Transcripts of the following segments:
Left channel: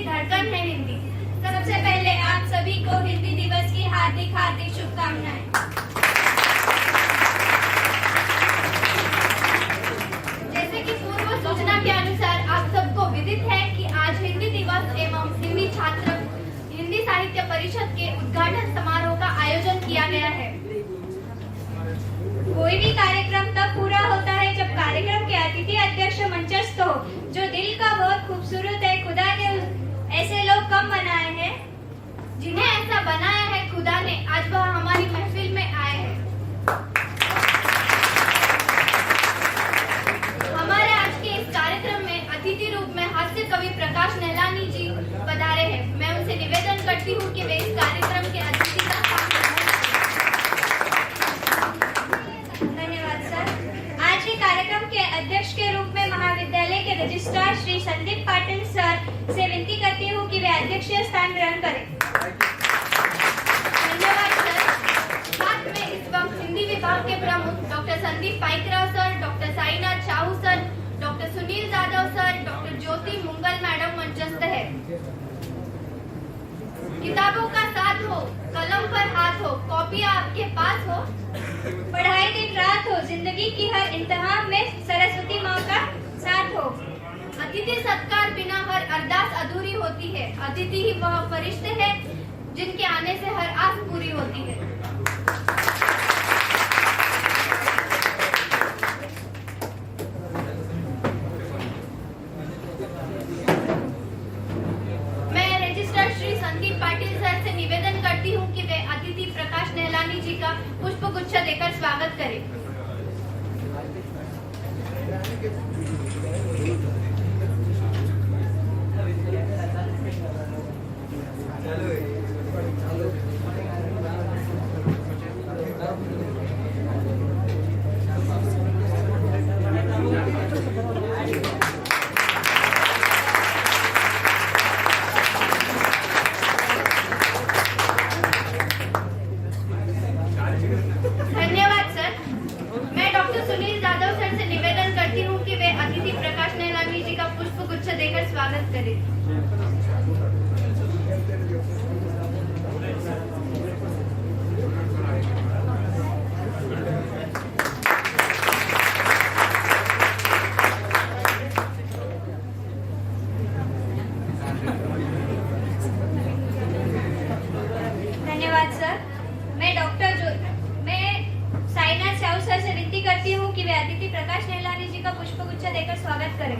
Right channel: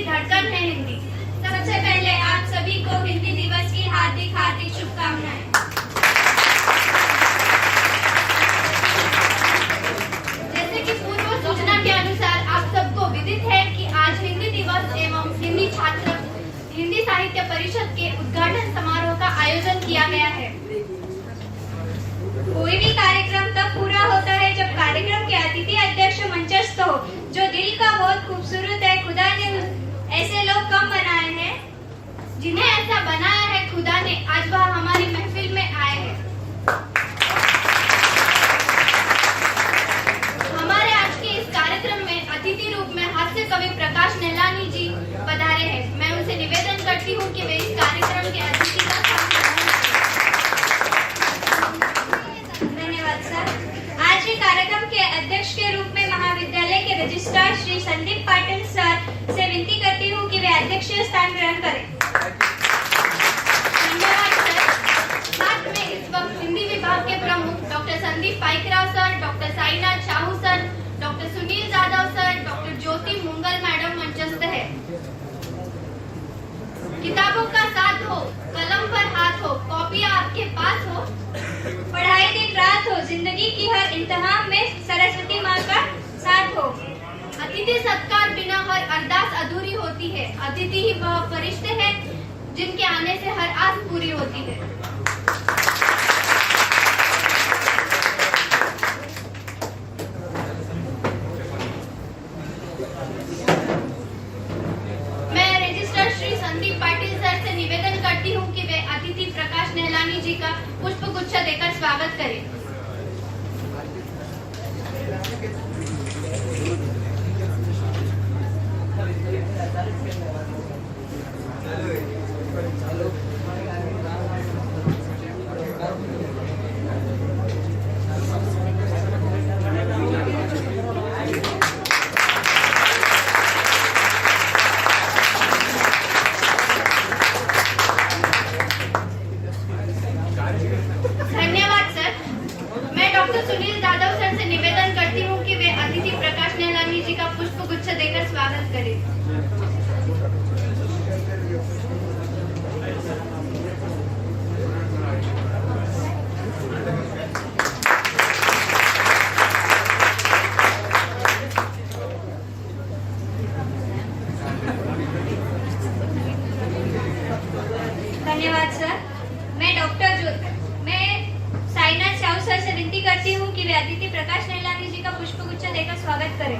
की धड़कन है हिंदी। सबसे पहले आप सभी को हिंदी दिवस की हार्दिक हार्दिक शुभकामनाएं। जैसे कि पूर्व सूचना के अनुसार आप सबको विदित है कि आज हिंदी दिवस एवं हिंदी साहित्य परिषद के उद्घाटन समारोह का आयोजन किया गया है। कोई भी कार्यक्रम तब पूरा होता है जब कार्यक्रम के अतिथि अध्यक्ष मंचस्थ हो। जो दिल का बहुत खूबसूरत है, खुदा ने ऐसे लोग कम बनाए हैं जिन्हें ऐसा बनाया है खुदा ने, आज वह हमारी महफिल में आए हैं। हमारे आज के इस कार्यक्रम में अतिथि रूप में हास्य कवि प्रकाश नेलानी जी पधारे हैं। मैं उनसे निवेदन करती हूँ कि वे इस कार्यक्रम के अतिथि का स्थान ग्रहण करें। धन्यवाद सर। आज के कार्यक्रम के अध्यक्ष के रूप में महाविद्यालय के रजिस्ट्रार श्री संदीप पाटिल सर से विनती करती हूँ कि वे अध्यक्षीय स्थान ग्रहण करें। धन्यवाद सर। साथ में इस वक्त हिंदी विभाग के प्रमुख doctor Sandeep Paikrao sir, doctor Sainath Sahu sir, doctor Sunil Jadhav sir, doctor Jyoti Mungal madam मंचस्थ है। किताबों का साथ हो, कलम पर हाथ हो, कॉपियां आपके पास हो, पढ़ाई दिन रात हो, जिंदगी की हर इम्तिहान में सरस्वती माँ का साथ हो। अतिथि सत्कार बिना हर अरदास अधूरी होती है। अतिथि ही वह फरिश्ते हैं जिनके आने से हर आस पूरी होती है। मैं रजिस्ट्रार श्री संदीप पाटिल सर से निवेदन करती हूँ कि वे अतिथि प्रकाश नेहलानी जी का पुष्प गुच्छ देकर स्वागत करें। सुनील जाधव सर से निवेदन करती हूँ कि वे अतिथि प्रकाश नेहलानी जी का पुष्प गुच्छ देकर स्वागत करें। धन्यवाद सर। मैं साईनाथ साहू सर से विनती करती हूँ कि वे अतिथि प्रकाश नेहलानी जी का पुष्प गुच्छ देकर स्वागत करें।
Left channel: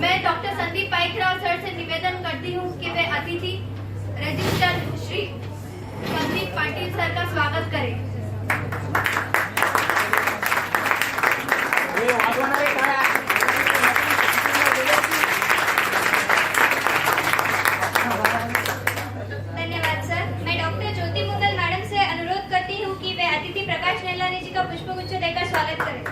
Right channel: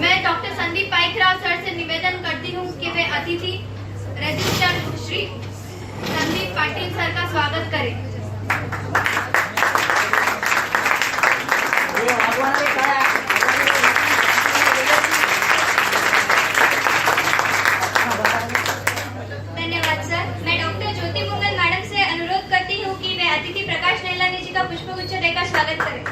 मैं डॉक्टर संदीप पाइकराव सर से निवेदन करती हूँ कि वे अतिथि रजिस्ट्रार श्री संदीप पाटिल सर का स्वागत करें। धन्यवाद सर। मैं डॉक्टर ज्योति मुंगल मैडम से अनुरोध करती हूँ कि वे अतिथि प्रकाश नेहलानी जी का पुष्प गुच्छ देकर स्वागत करें।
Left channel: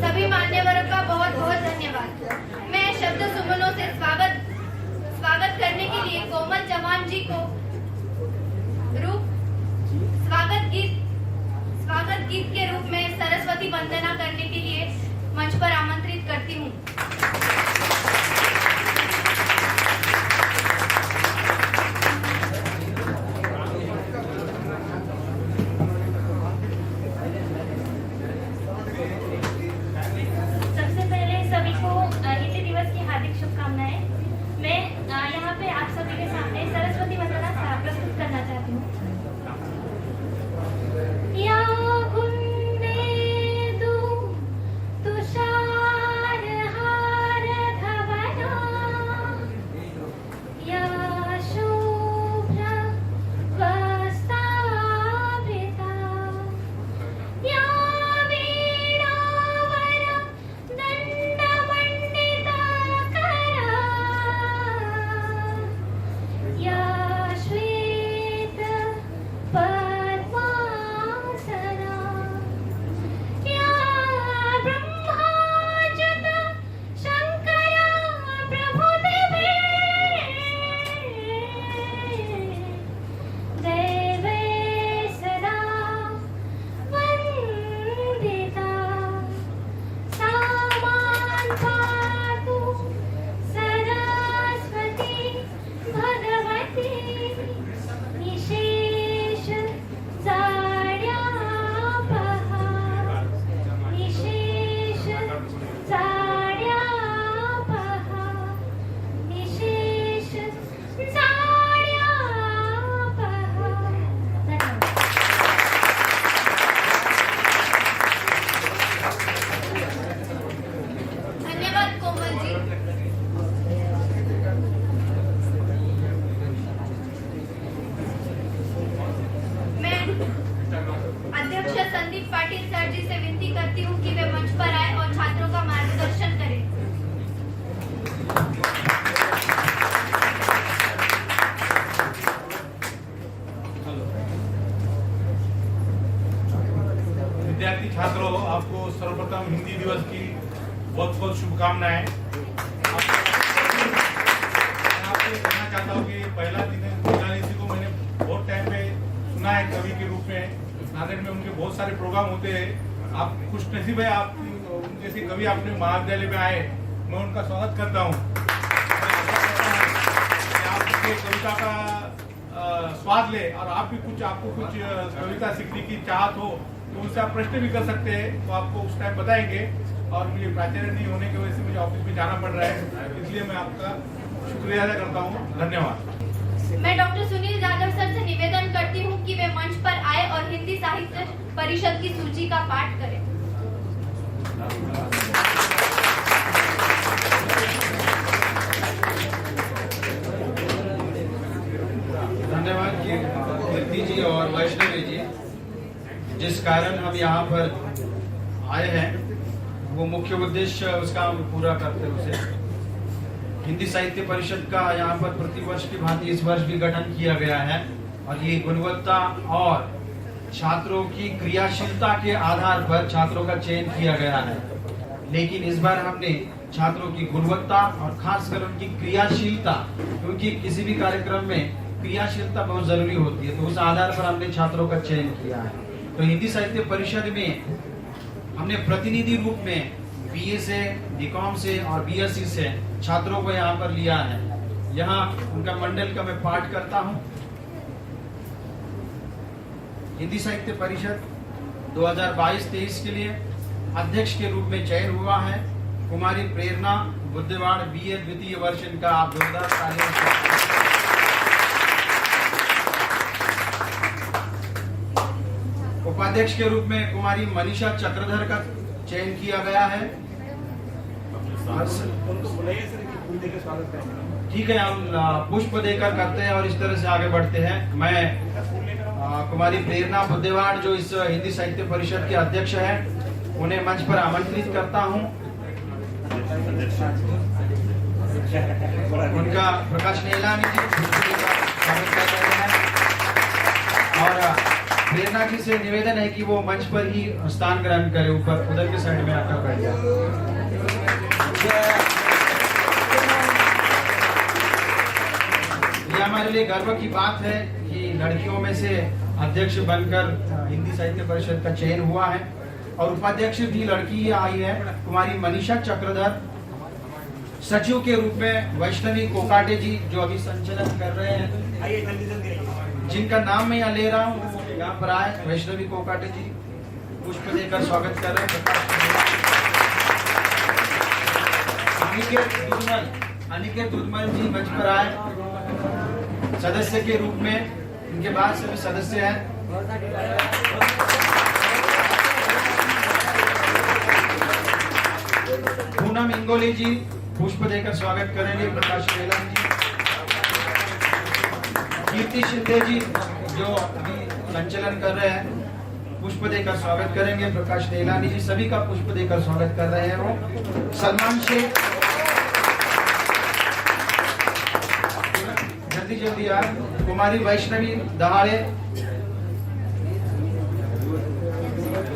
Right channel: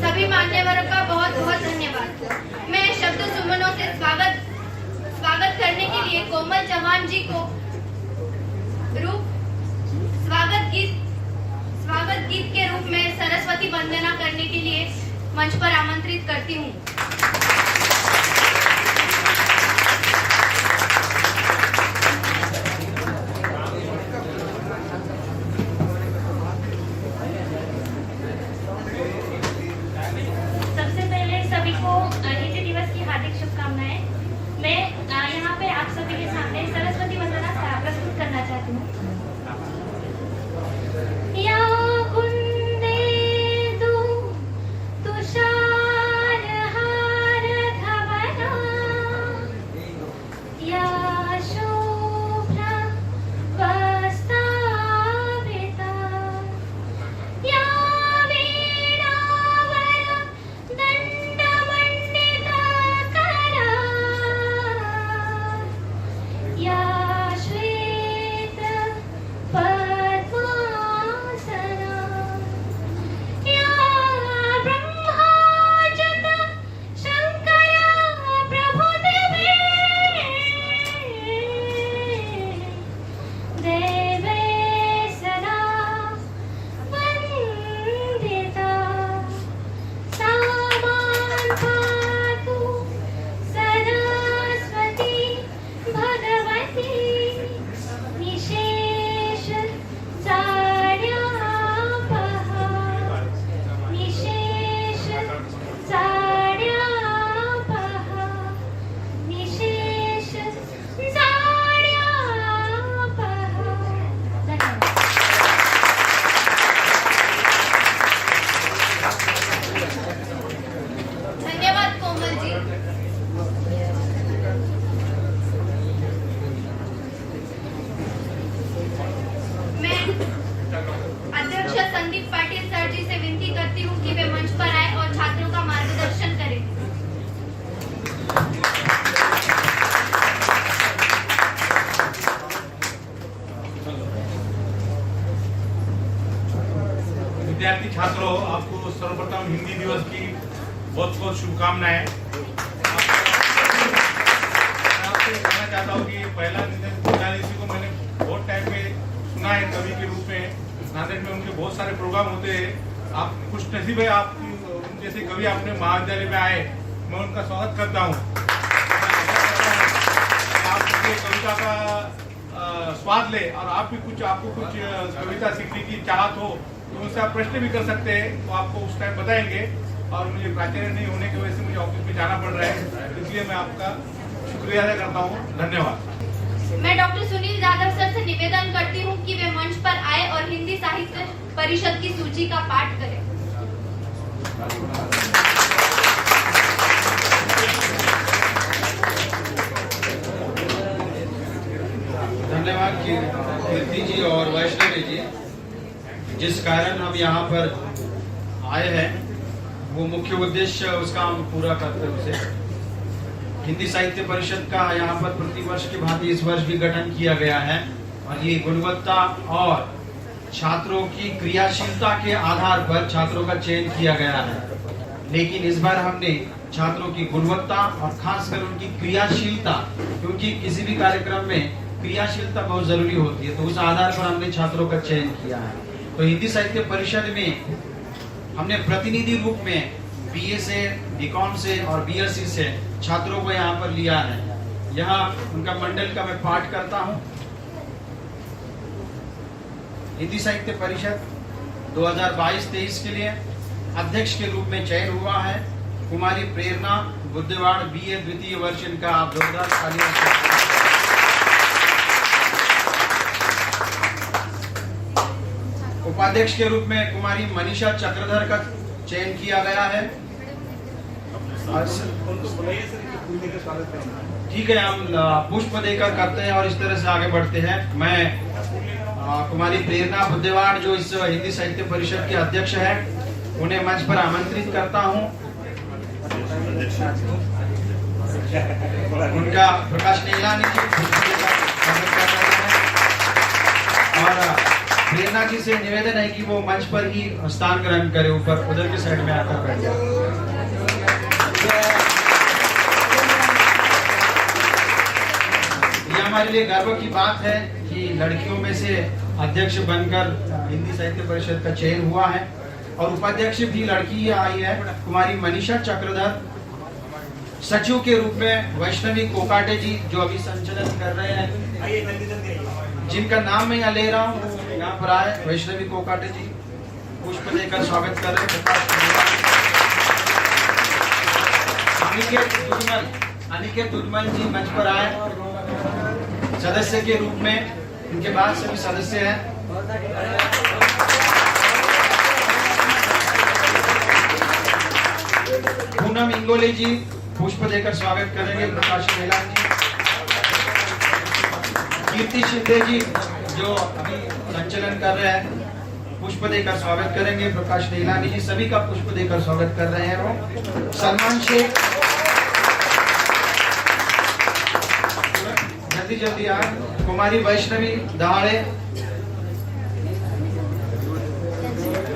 सभी मान्यवरों का बहुत बहुत धन्यवाद। मैं शब्द सुमनों से स्वागत करने के लिए कोमल चौहान जी को स्वागत गीत के रूप में सरस्वती वंदना करने के लिए मंच पर आमंत्रित करती हूँ। तुषार हार छात्रों, आपको सर्वप्रथम हिंदी दिवस की बहुत बहुत शुभकामनाएं। आपको कहना चाहता हूँ कि पहला जी को मैंने बहुत टाइम पे सुना है कवि के रूप में। नांदेड़ में उनके बहुत सारे प्रोग्राम होते हैं। आप खुश नसीब है, आप जैसे कवि अपने महाविद्यालय में आए, मैं उनका स्वागत करता हूँ। आप कविता का स्वाद ले और आप भी आपको कुछ कविता सीखने की चाहत हो तो उनसे आप प्रश्न भी कर सकते हैं, वो आपको उस टाइम बताएंगे। और मुझे प्राचार्य नहीं होने की वजह से मुझे ऑफिस में जाना पड़ रहा है, इसलिए मैं आपका शुक्रिया अदा करता हूँ। धन्यवाद। मैं डॉक्टर सुनील यादव सर से निवेदन करती हूँ कि वे मंच पर आए और हिंदी साहित्य परिषद की सूची का पाठ करें। धन्यवाद कीर्ति जी और वैष्णवी जी। जिस कारण हम यहाँ पर आए हैं वो मुख्य उद्देश्य उसका हम पूरा करते हुए हिंदी साहित्य परिषद का यहाँ पर प्रतिवर्ष की भांति इस वर्ष भी गठन किया गया है और ये गुणवत्ता और छात्रों की क्रियाशीलता के आधार पर छात्रों का चयन किया गया है। लेकिन इस बार हमने छात्रों की गुणवत्ता और खासकर उनकी क्रियाशीलता, क्योंकि किसी भी कार्यक्रम में क्रियाशीलता बहुत जरूरी होती है, तो उस आधार पर हमने छात्रों का चयन किया है। तो हिंदी साहित्य परिषद में हमने प्रतिनिधि रूप में बीए से, बीकॉम से और बीएससी से छात्रों को यहाँ पर लिया है। यहाँ उनका मंडल का मैं पाठ करता हूँ। हिंदी साहित्य परिषद 2022-23 के लिए अध्यक्ष के रूप में चयन हुआ है कुमारी प्रेरणा बुद्धवाड़, बीए द्वितीय वर्ष। इनका आप जोरदार तालियां। उपाध्यक्ष के रूप में कुमारी मनीषा चक्रधर का चयन किया गया है। ठीक है, हम पुष्प देकर करते हैं और इस तरह से आगे बढ़ते हैं। मैं कुमारी प्रेरणा बुद्धवाड़ जो इस हिंदी साहित्य परिषद के अध्यक्ष है, उन्हें मंच पर आमंत्रित करता हूं। उनका प्रकाश नीलानी जी स्वागत कर रहे हैं और प्रेरणा जी से निवेदन है कि वो मंच पर ही स्थान ग्रहण करे, ऊपर उधर की साइड में आकर बैठ जाए। ये हमारे लिए गर्व की बात है कि लड़कियों में से अध्यक्ष बनकर हिंदी साहित्य परिषद का चयन हुआ है और उपाध्यक्ष भी लड़की ही आई है, कुमारी मनीषा चक्रधर। सचिव के रूप में वैष्णवी कोकाटे जी जो अभी संचालन कर रहे हैं, जिनका नाम मैं यहाँ ले रहा हूँ, यहाँ पर आए। वैष्णवी कोकाटे जी पुष्प देकर स्वागत कर रहे हैं। अनिकेत दुधमल जी मंच पर आए सदस्य के रूप में, इनके बाद सभी सदस्य हैं। पूनम इंगोले जी पुष्प देकर स्वागत करेंगे। प्रकाश नीलानी जी, कीर्ति शिंदे जी जो अभी संचालन कर रहे हैं, पुष्प देकर स्वागत करेंगे। प्रकाश नीलानी जी सभी का पुष्प देकर स्वागत कर रहे हैं। वो सलमान शेख जल्दी जल्दी आए। कुमारी वैष्णवी दहाड़े,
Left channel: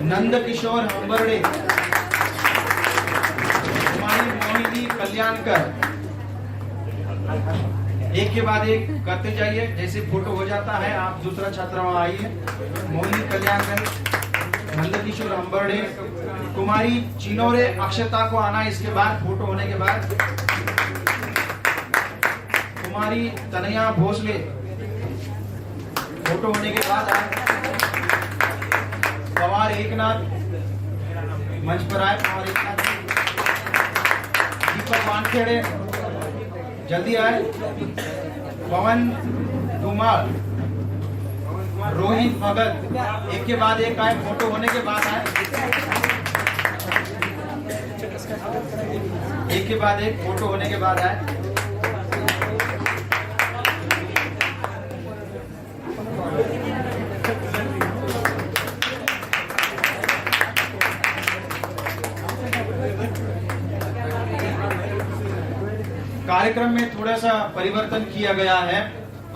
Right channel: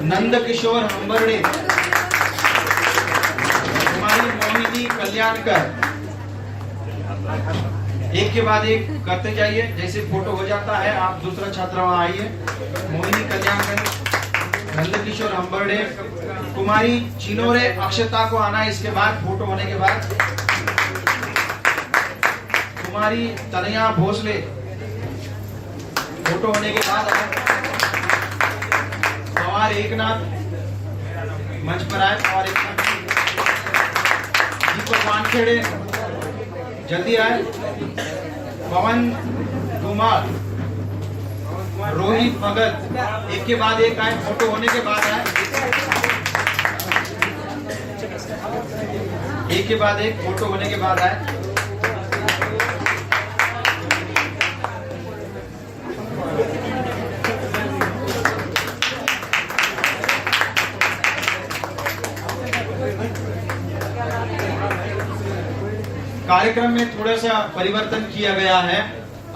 नंद किशोर हम्बरडे, कुमारी मोहिनी कल्याणकर। एक के बाद एक करते जाइए, जैसे फोटो हो जाता है आप दूसरा छात्र वहां आइए। मोहिनी कल्याणकर, नंदकिशोर हम्बरडे, कुमारी चिनोरे अक्षता को आना इसके बाद फोटो होने के बाद। कुमारी तनया भोसले फोटो होने के बाद आए। पवार एकनाथ मंच पर आए। पवार एकनाथ, दीपक वानखेड़े जल्दी आए। पवन धुमाल, रोहित भगत एक के बाद एक आए, फोटो होने के बाद आए। एक के बाद एक फोटो होने के बाद आए। कार्यक्रम में थोड़ा सा परिवर्तन किया गया है।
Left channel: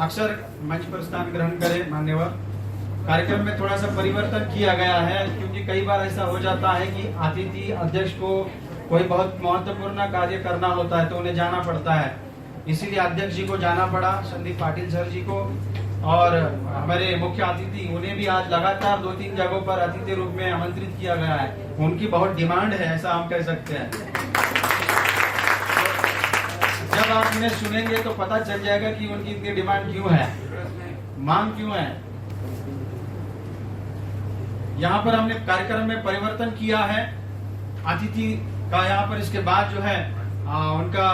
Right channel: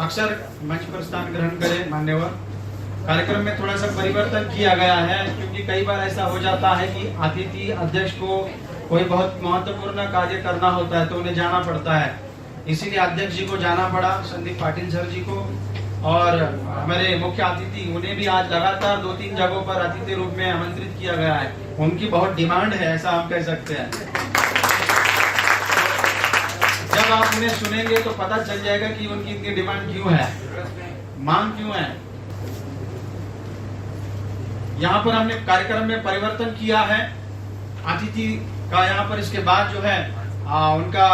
अक्सर मंच पर स्थान ग्रहण करें मान्यवर। कार्यक्रम में थोड़ा सा परिवर्तन किया गया है, क्योंकि कई बार ऐसा हो जाता है कि अतिथि अध्यक्ष को कोई बहुत महत्वपूर्ण कार्य करना होता है तो उन्हें जाना पड़ता है, इसीलिए अध्यक्ष जी को जाना पड़ा, संदीप पाटिल सर जी को, और हमारे मुख्य अतिथि उन्हें भी आज लगातार 2-3 जगहों पर अतिथि रूप में आमंत्रित किया गया है। उनकी बहुत डिमांड है, ऐसा हम कह सकते हैं। जब आप इन्हें सुनेंगे तो पता चल जाएगा कि उनकी इतनी डिमांड क्यों है, मांग क्यों है। यहाँ पर हमने कार्यक्रम में परिवर्तन किया है, अतिथि का यहाँ पर इसके बाद जो है उनका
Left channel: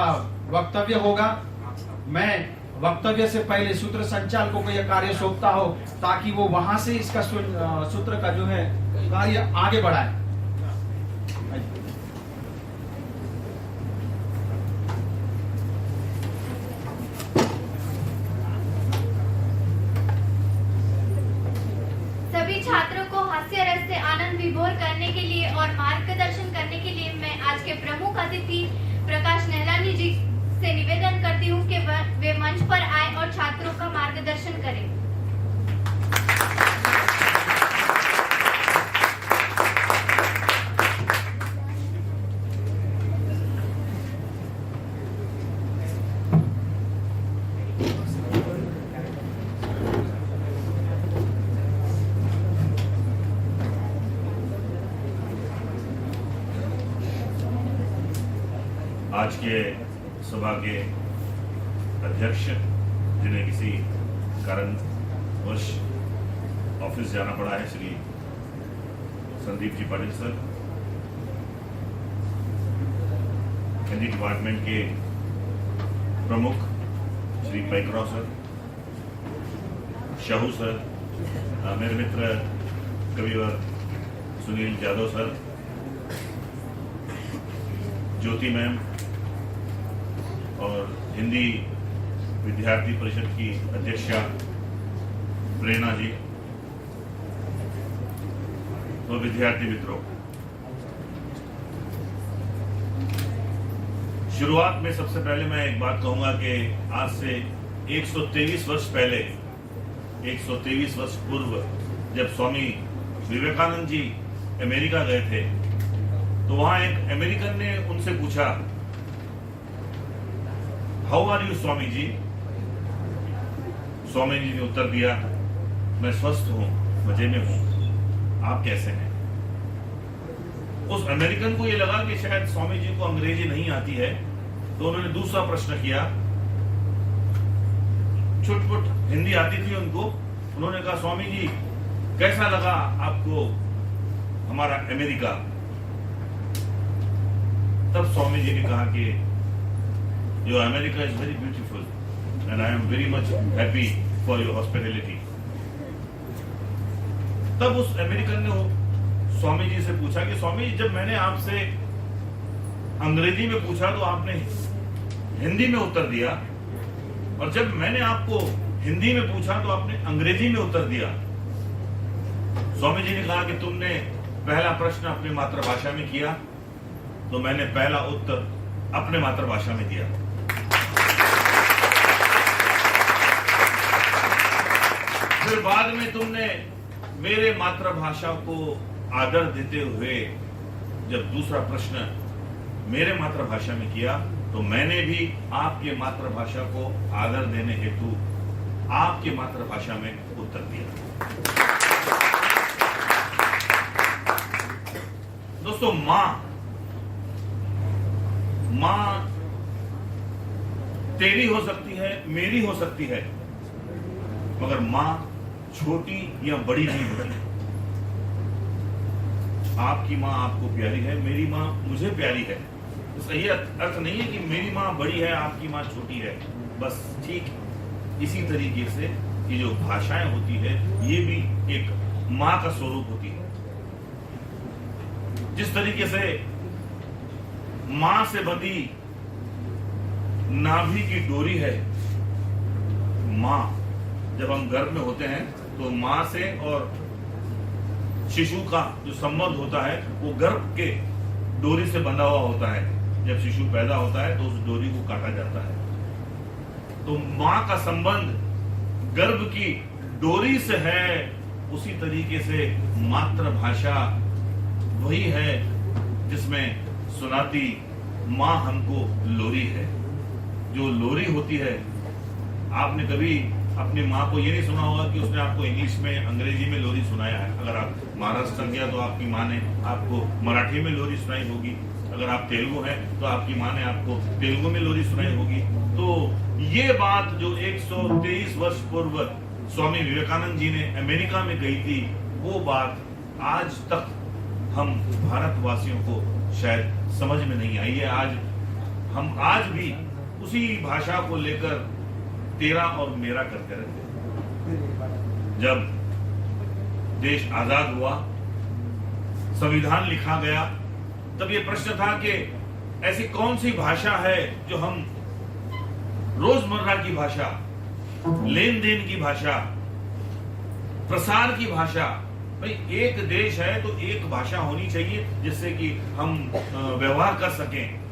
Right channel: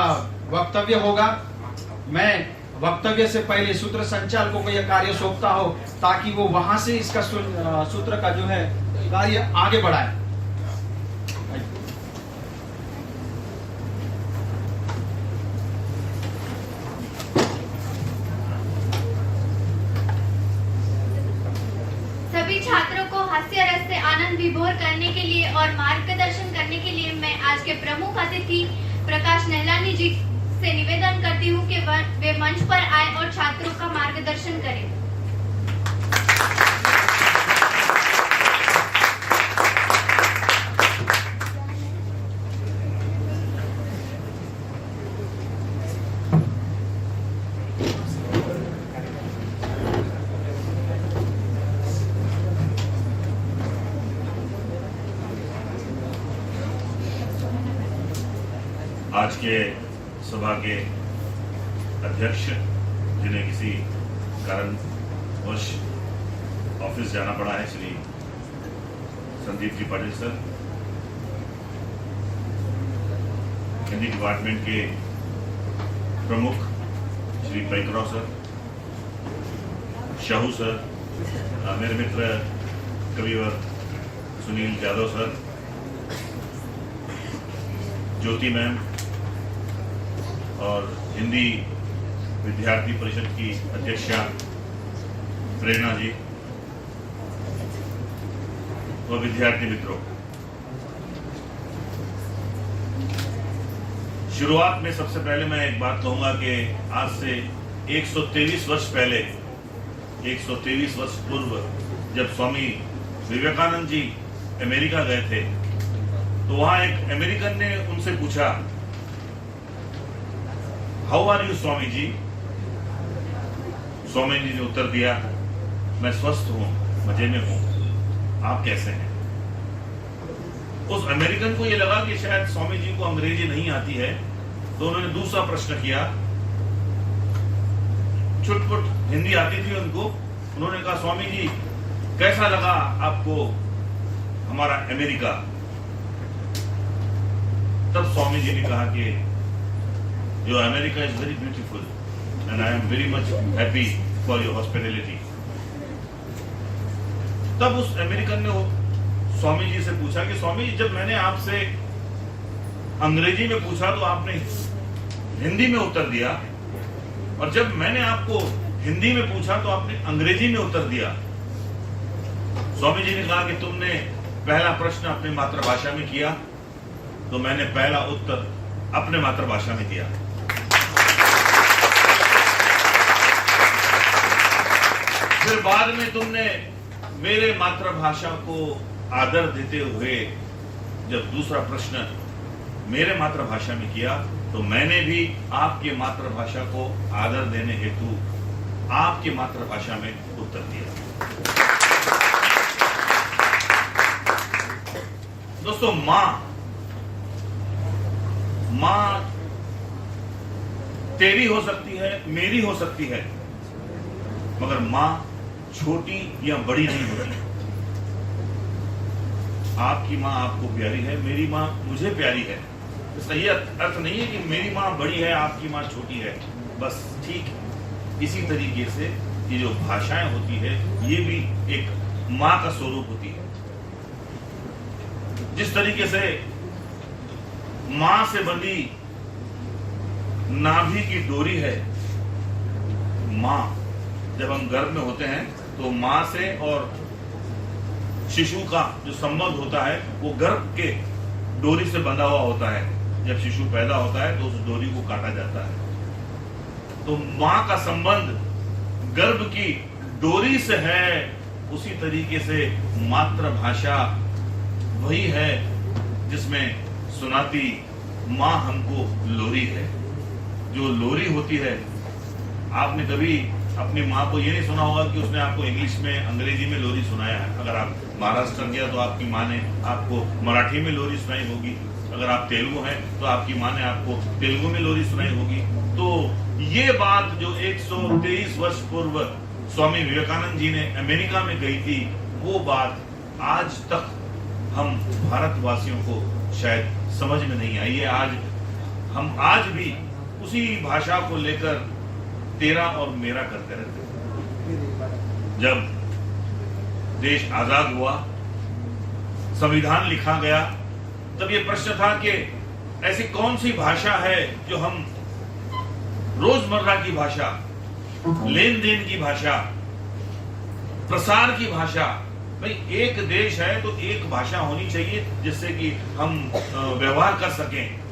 वक्तव्य होगा। मैं वक्तव्य से पहले सूत्र संचालकों को यह कार्य सौंपता हो ताकि वो वहां से इसका सूत्र का जो है कार्य आगे बढ़ाए। सभी छात्रों को हास्य रस से आनंद विभोर करने के लिए और मार्गदर्शन करने के लिए मैं आज के प्रमुख अतिथि प्रकाश नहलानी जी से निवेदन करती हूँ कि वे मंच पर आए और छात्रों का मार्गदर्शन करें। आज के सभा के अध्यक्ष, जिन्हें किसी कारणवश ऑफिस जाना पड़ा है, श्री संदीप जी पाटिल सर, हिंदी डिपार्टमेंट के प्रमुख श्री पैकराव सर, शाहू सर, मेरे मित्र कविवर सुनील यादव सर, ज्योति मैम और हिंदी विद्यार्थी परिषद की अध्यक्षा प्रेरणा जी और विद्यार्थी मित्रों, शुरुआत में सबसे पहले मैं एक बात कहूंगा कि आज से 123 वर्ष पहले, 123 वर्ष पूर्व जब स्वामी विवेकानंद जी अमेरिका गए थे तो वहां एक अमेरिकन ने उनसे पूछा, how are you Swami ji? Swami ji ने उत्तर दिया, मैं स्वस्थ हूं, मजे में हूं, आप कैसे हैं? उस अमेरिकन को यह लगा कि शायद स्वामी जी को अंग्रेजी नहीं आती है, तो उन्होंने दूसरा प्रश्न किया। छुटपुट हिंदी आती थी उनको। उन्होंने कहा, स्वामी जी कैसा लगा आपको हमारा अमेरिका? तब स्वामी जी ने कहा कि जो America is very beautiful and I am very much happy for your hospitality. तब उस अमेरिकन ने स्वामी जी से पूछा कि स्वामी जी, जब मैंने आपसे अंग्रेजी में पूछा तो आपने हिंदी में उत्तर दिया, और जब मैंने आपको हिंदी में पूछा तो आपने अंग्रेजी में उत्तर दिया। स्वामी जी ने कहा कि तुमने पहला प्रश्न अपनी मातृभाषा में किया, तो मैंने पहला उत्तर अपने मातृभाषा में दिया। फिर बाद में तुमने मेरे मातृभाषा को आदर देते हुए जब दूसरा प्रश्न मेरे मातृभाषा में किया, तो मैंने भी आपके मातृभाषा को आदर देने हेतु आपके मातृभाषा में उत्तर दिया। दोस्तों, मां तेरी हो सकती है, मेरी हो सकती है, मगर मां छोटी या बड़ी नहीं होती। आपकी मां आपको प्यारी है, मेरी मां मुझे प्यारी है। इसका ये अर्थ नहीं है कि मेरी मां बड़ी है, आपकी मां छोटी है। बस ठीक इसी तरीके से ये जो भाषाएं होती है, ये भी एक मां का स्वरूप होती है। जिस तरीके से मां से बंधी नाभि की डोरी है, मां जब हम गर्भ में होते हैं तो मां से और शिशु का जो संबंध होता है वो गर्भ के डोरी से बंधा हुआ होता है। जब शिशु पैदा होता है तो उस डोरी को काटा जाता है। तो मां का संबंध गर्भ की डोरी से है, उसी तरीके से मातृभाषा वही है जिसमें सुनाती माँ हमको लोरी है। जो लोरी होती है, आपने कभी अपनी माँ को ये नहीं सुना होगा कि उसने आपको इंग्लिश में, अंग्रेजी में लोरी सुनाया है। अगर आप महाराष्ट्र गया तो आपकी माँ ने आपको मराठी में लोरी सुनाई होगी। अगर आप तेलुगु हैं तो आपकी माँ ने आपको तेलुगु में लोरी सुनाई होगी। तो ये बात जो 123 वर्ष पूर्व स्वामी विवेकानंद जी ने अमेरिका में कही थी, वो बात आज तक हम भारतवासियों को शायद समझ में नहीं आई है। आज भी उसी भाषा को लेकर तेरा और मेरा करते रहते हैं। जब देश आजाद हुआ, संविधान लिखा गया, तब ये प्रश्न था कि ऐसी कौन सी भाषा है जो हम रोजमर्रा की भाषा, लेन देन की भाषा, प्रसार की भाषा, भाई एक देश है तो एक भाषा होनी चाहिए जिससे कि हम व्यवहार कर सकें।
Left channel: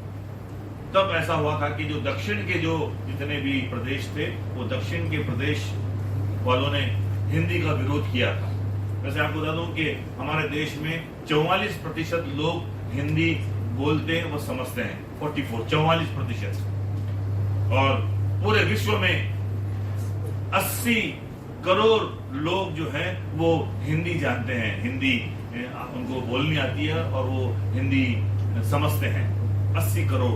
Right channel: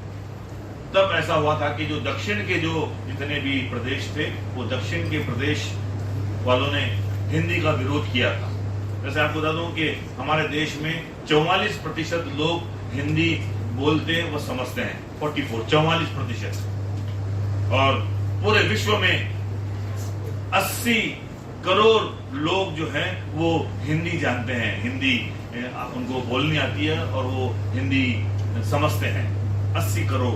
तब ऐसा हुआ था कि जो दक्षिण के जो जितने भी प्रदेश थे, वो दक्षिण के प्रदेश वालों ने हिंदी का विरोध किया था। वैसे आपको बता दूं कि हमारे देश में 44% लोग हिंदी बोलते व समझते हैं। 44% और पूरे विश्व में 80 करोड़ लोग जो हैं वो हिंदी जानते हैं, हिंदी उनको बोलनी आती है और वो हिंदी समझते हैं। 80 करोड़।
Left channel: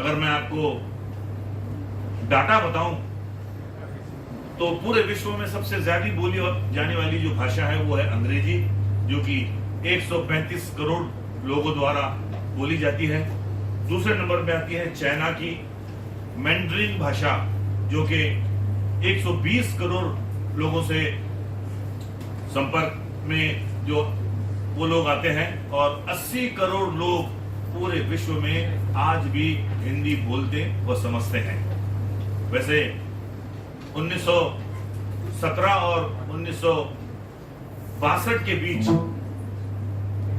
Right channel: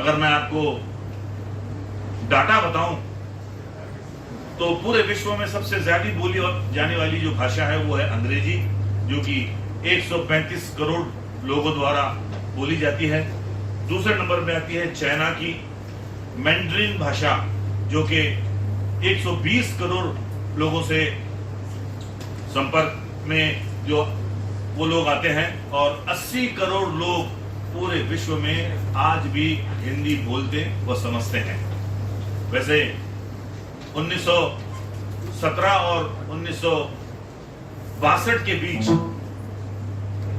अगर मैं आपको डाटा बताऊं तो पूरे विश्व में सबसे ज्यादा बोली जाने वाली जो भाषा है वो है अंग्रेजी, जो कि 135 करोड़ लोगों द्वारा बोली जाती है। दूसरे नंबर पे आती है चाइना की मैंड्रिन भाषा, जो कि 120 करोड़ लोगों से संपर्क में जो वो लोग आते हैं, और 80 करोड़ लोग पूरे विश्व में आज भी हिंदी बोलते व समझते हैं। वैसे 1917 और 1962 के बीच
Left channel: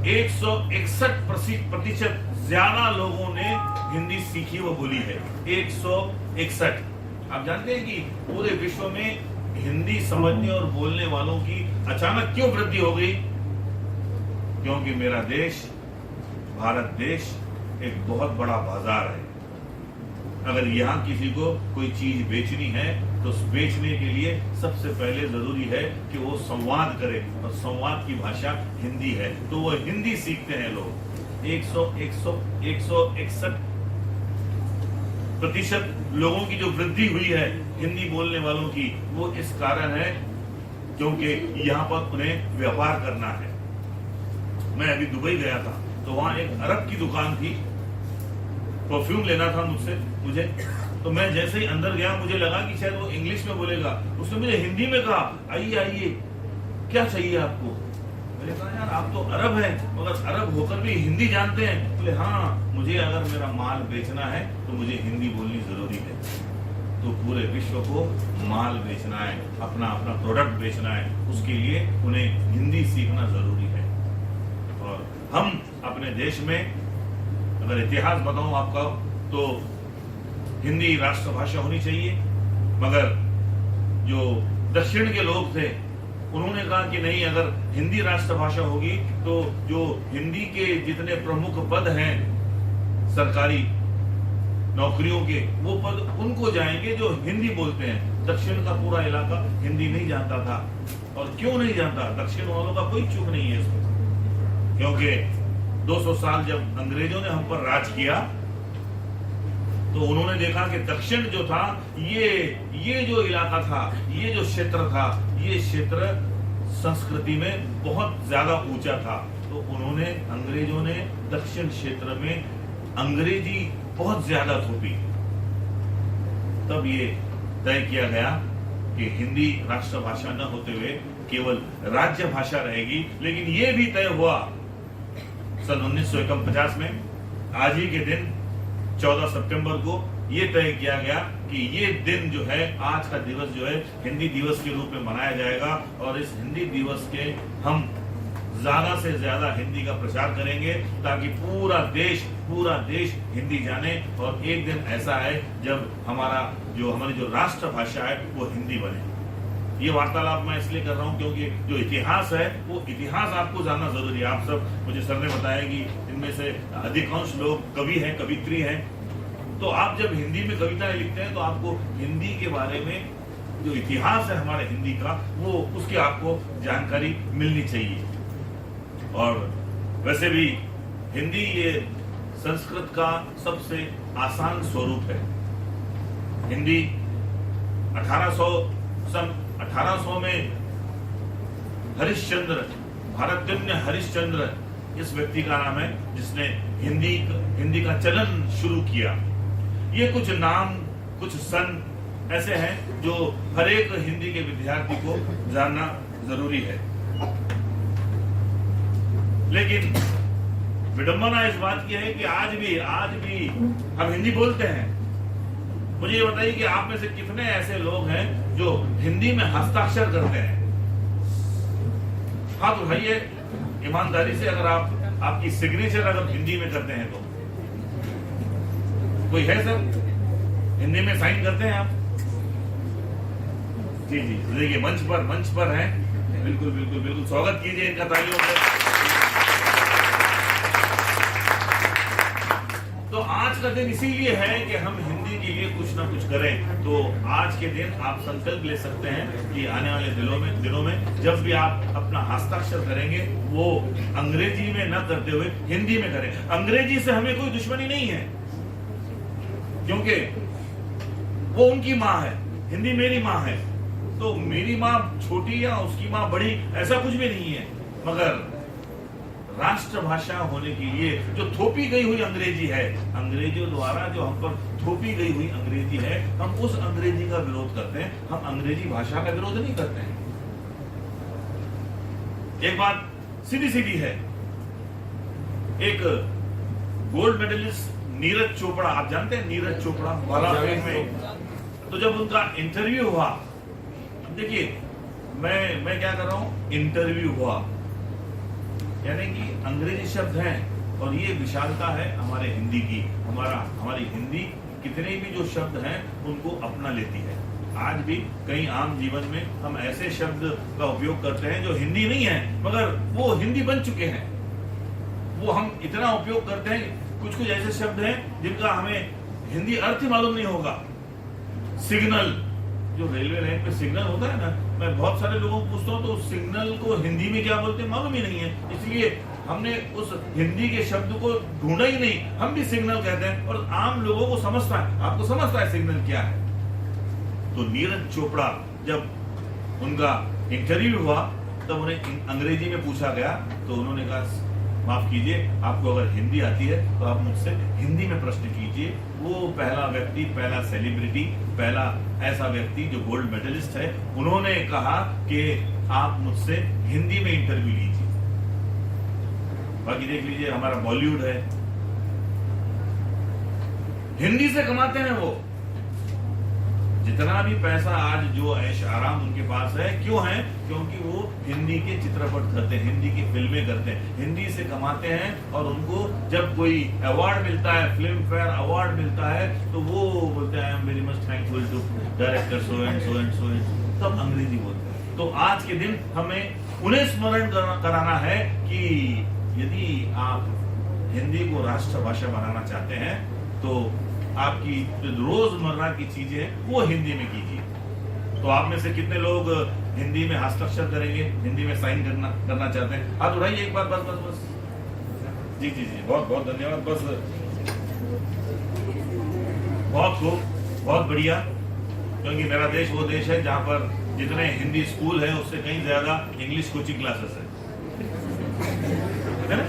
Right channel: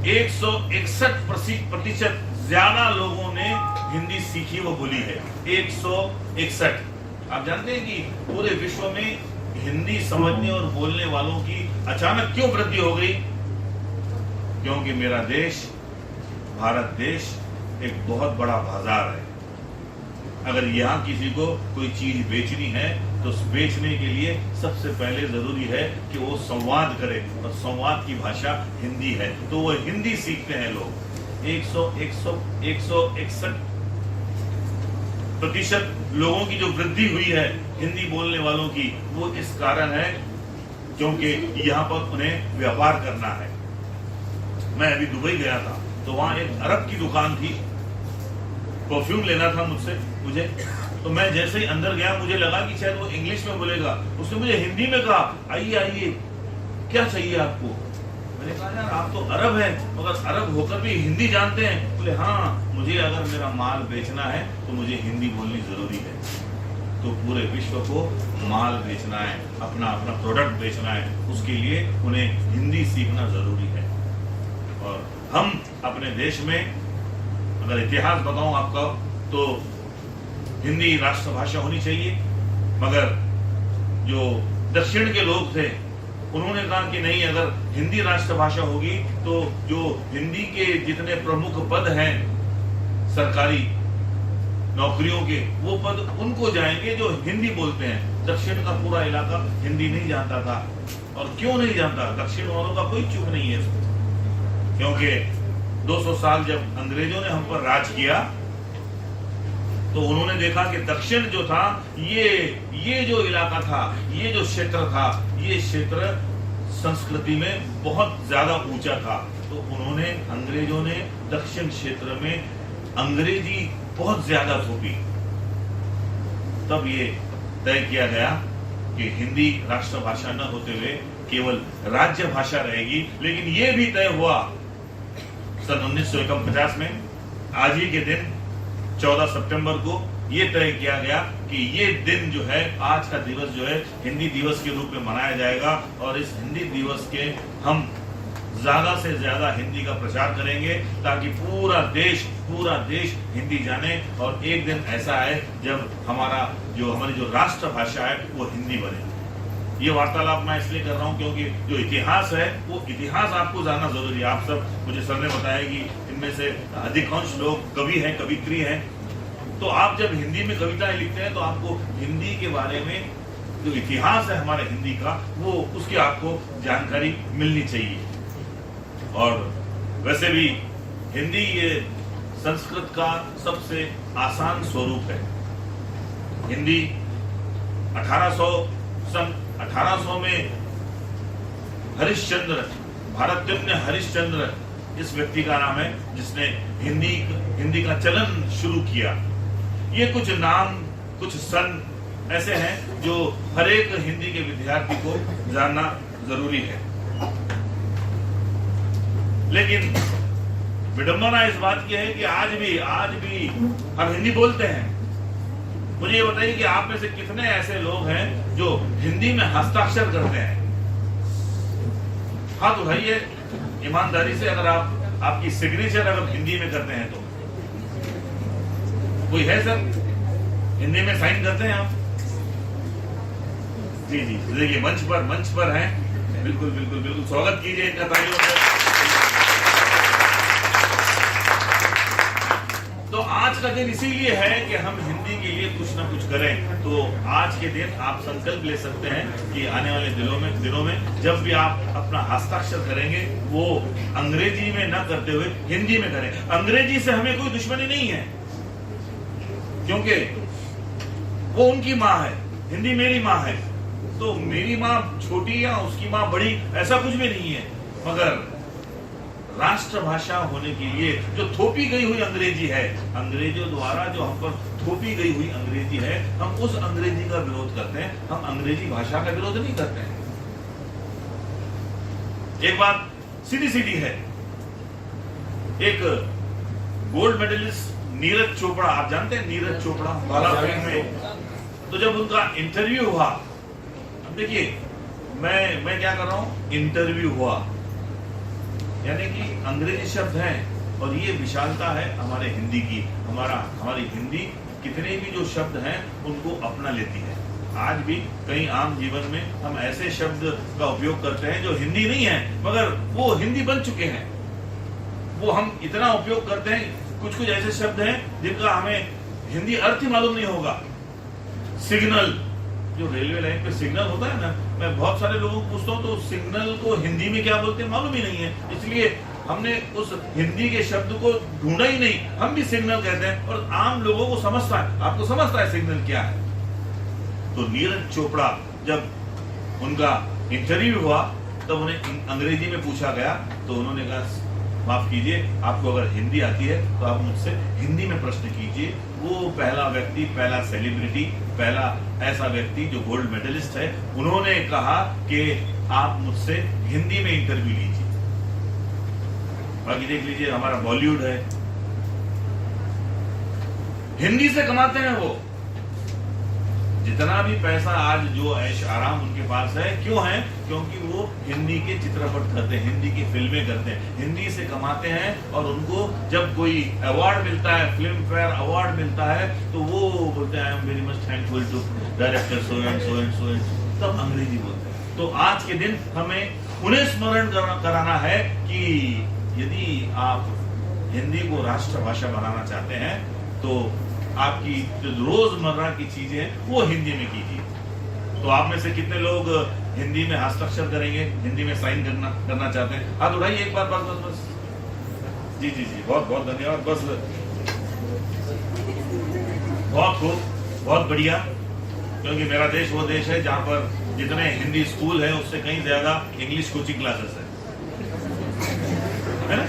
161% ज्यादा लोगों ने हिंदी सीखी व बोली है। 161। आप जानते हैं कि पूरे विश्व में हिंदी समझने और बोलने वालों की अचानक क्यों वृद्धि हो गई? क्योंकि मेरा देश, भारत देश एक बहुत बड़ा बाजार है। अगर यहाँ किसी को कोई चीज बेचनी है तो बेचने के लिए सबसे पहले जरूरी है कि वो संवाद करे, और संवाद की भाषा हिंदी है, तो वो हिंदी सीखते हैं लोग। 161% लोगों की जो वृद्धि हुई है हिंदी बोलने वालों की, वो इस कारण है क्योंकि यहाँ पर उन्हें व्यापार करना है। मैं अभी दुबई गया था तो वहां एक अरब की दुकान थी, परफ्यूम लेना था मुझे, तो मैं जैसे ही अंदर गया मुझे लगा कि शायद वो इंग्लिश में बोलेगा। उसने मुझे हिंदी में कहा, आइए आइए, क्या चाहिए आपको? मैंने कहा यार आप तो अरब हैं, मगर अरब होकर भी हिंदी जानते हैं? बोले हाँ, मुझे अगर मेरा माल बेचना है तो मुझे हिंदी बोलनी जरूरी है। तो पूरे विश्व को माल बेचना है, अपना प्रोडक्ट बेचना है, उसके लिए उन्हें हिंदी सीखना जरूरी है। और हम अपने देश में अगर इतिहास बताऊं आपका तो हिंदी राष्ट्रभाषा होनी चाहिए, मगर जो दक्षिण के लोग थे उन्होंने कहा कि नहीं, अगर हिंदी राष्ट्रभाषा होगी तो जो हिंदी के जितने प्रमुख पद हैं सरकारी नौकरियों के, वो पद उनको जाएंगे जो हिंदी बोलते हैं। दक्षिण का पूरा इलाका हिंदी नहीं जानता था। और क्यों नहीं जानता? दक्षिण वालों का कोई चूक नहीं है इसमें, क्योंकि 200 साल जब अंग्रेजों ने हम पर राज किया तो उन्होंने देखा कि दक्षिण जो था, ये जो इलाका था, ये जो क्षेत्र था, ये क्षेत्र संस्कृति में बहुत ज्यादा ऊंचा था। तो उन्होंने, अंग्रेजों ने दक्षिण क्षेत्र में अंग्रेजी बहुत ज्यादा थोपी। तब ये तय किया गया कि हिंदी राष्ट्रभाषा न होते हुए केवल राज्य भाषा रहेगी। लेकिन ये भी तय हुआ सन 1949 में, आज ही के दिन 14 सितंबर को ये तय किया गया कि ये दिन जो है, आज का दिवस जो है, हिंदी दिवस के रूप में मनाया जाएगा। और इस हिंदी दिवस के हम ज्यादा से ज्यादा हिंदी का प्रचार करेंगे ताकि पूरा देश हिंदी जाने। और एक दिन ऐसा है जब हमारी जो राष्ट्रभाषा है वो हिंदी बने। ये वार्तालाप मैं इसलिए कर रहा हूँ क्योंकि जो इतिहास है वो इतिहास आपको जानना जरूरी है। आप सब, मुझे सर ने बताया कि इनमें से अधिकांश लोग कवि हैं, कवित्री हैं, तो आप जब हिंदी में कविताएं लिखते हैं तो आपको हिंदी के बारे में जो इतिहास है हमारे हिंदी का, वो उसकी आपको जानकारी मिलनी चाहिए। और वैसे भी हिंदी ये संस्कृत का सबसे आसान स्वरूप है। हिंदी 1800 में हरिश्चंद्र, भारतज्ञ हरिश्चंद्र इस व्यक्ति का नाम है जिसने हिंदी का चलन शुरू किया। ये कुछ नाम, कुछ सन ऐसे हैं जो हर एक हिंदी के विद्यार्थी को जानना जरूरी है। लेकिन विडंबना इस बात की है कि आज भी हम हिंदी बोलते हैं। मुझे ये बताइए कि आप में से कितने ऐसे लोग हैं जो हिंदी में हस्ताक्षर करते हैं? हाथ उठाइए ईमानदारी से, अगर आपकी सिग्नेचर अगर हिंदी में करते हैं तो। कोई है सर, हिंदी में साइन करते हैं आप? जी जी, देखिए मंच पर हैं। बिल्कुल स्वागत कीजिए इनका तालियों से। तो आज का दिन इसीलिए है कि हम हिंदी के लिए कुछ ना कुछ करें। तो आज के दिन आप संकल्प ले सकते हैं कि आने वाले दिनों में जब भी आप अपना हस्ताक्षर करेंगे वो अंग्रेजी में ना करते हुए हिंदी में करें। अंग्रेजी से हमें कोई दुश्मनी नहीं है, क्योंकि वो उनकी माँ है, हिंदी मेरी माँ है। तो मेरी माँ छोटी या उसकी माँ बड़ी, ऐसा कुछ भी नहीं है। मगर राष्ट्रभाषा होने के लिए जो थोपी गई हुई अंग्रेजी है, अंग्रेजों द्वारा जो हम पर थोपी गई हुई अंग्रेजी है, हम उस अंग्रेजी का विरोध करते हैं। हम अंग्रेजी भाषा का विरोध नहीं करते हैं। एक बात सीधी है, एक गोल्ड मेडलिस्ट नीरज चोपड़ा, आप जानते हैं नीरज चोपड़ा, ओलंपिक में, तो जब उनका इंटरव्यू हुआ, देखिए मैं क्या कर रहा हूं, इंटरव्यू हुआ, यानी कि अंग्रेजी शब्द हैं और ये विशालता है हमारे हिंदी की। हमारी हिंदी कितने भी जो शब्द हैं उनको अपना लेती है। आज भी कई आम जीवन में हम ऐसे शब्द का उपयोग करते हैं जो हिंदी नहीं है, मगर वो हिंदी बन चुके हैं। वो हम इतना उपयोग करते हैं, कुछ ऐसे शब्द हैं जिनका हमें हिंदी अर्थ ही मालूम नहीं होगा। सिग्नल, जो रेलवे लाइन पे सिग्नल होता है ना, मैं बहुत सारे लोगों को पूछता हूँ तो सिग्नल को हिंदी में क्या बोलते हैं मालूम ही नहीं है। इसलिए हमने उस हिंदी के शब्द को ढूंढा ही नहीं, हम भी सिग्नल कहते हैं और आम लोगों को समझता है। आपको समझता है सिग्नल क्या है? तो नीरज चोपड़ा जब उनका इंटरव्यू हुआ तब उन्हें अंग्रेजी में पूछा गया तो उन्होंने कहा माफ कीजिए, आपको अगर हिंदी आती है तो आप मुझसे हिंदी में प्रश्न कीजिए। वो पहला व्यक्ति, पहला सेलिब्रिटी, पहला ऐसा व्यक्ति जो गोल्ड मेडलिस्ट है, उन्होंने कहा कि आप मुझसे हिंदी में इंटरव्यू लीजिए। बाकी देख लीजिए हमारा बॉलीवुड है, हिंदी से कमाते हैं वो। जितना भी पैसा आज जो ऐश आराम उनके पास है, क्यों है? क्योंकि वो हिंदी के चित्रपट करते हैं, हिंदी की फिल्में करते हैं, हिंदी से कमाते हैं। और उनको जब कोई अवार्ड मिलता है, फिल्म फेयर अवार्ड मिलता है, तो वो बोलते हैं I am very much thankful to director so and so and so and, तब अंग्रेजी बोलते हैं। तो आज के दिन हमें उन्हें स्मरण कराना है कि यदि आप हिंदी को राष्ट्रभाषा बनाना चाहते हैं तो आपकी जो रोजमर्रा की चीजें हैं वो हिंदी में कीजिए। तो आप में से कितने लोग हिंदी में हस्ताक्षर करेंगे, हिंदी में साइन करना चाहते हैं? हाथ उठाइए एक बार, बस। जी जी जी, बहुत धन्यवाद। बस बहुत खूब, बहुत बढ़िया। क्योंकि मेरा देश वो देश है जहाँ पर जितने हिंदी स्कूल है उससे कहीं ज्यादा इंग्लिश कोचिंग क्लासेस है ना?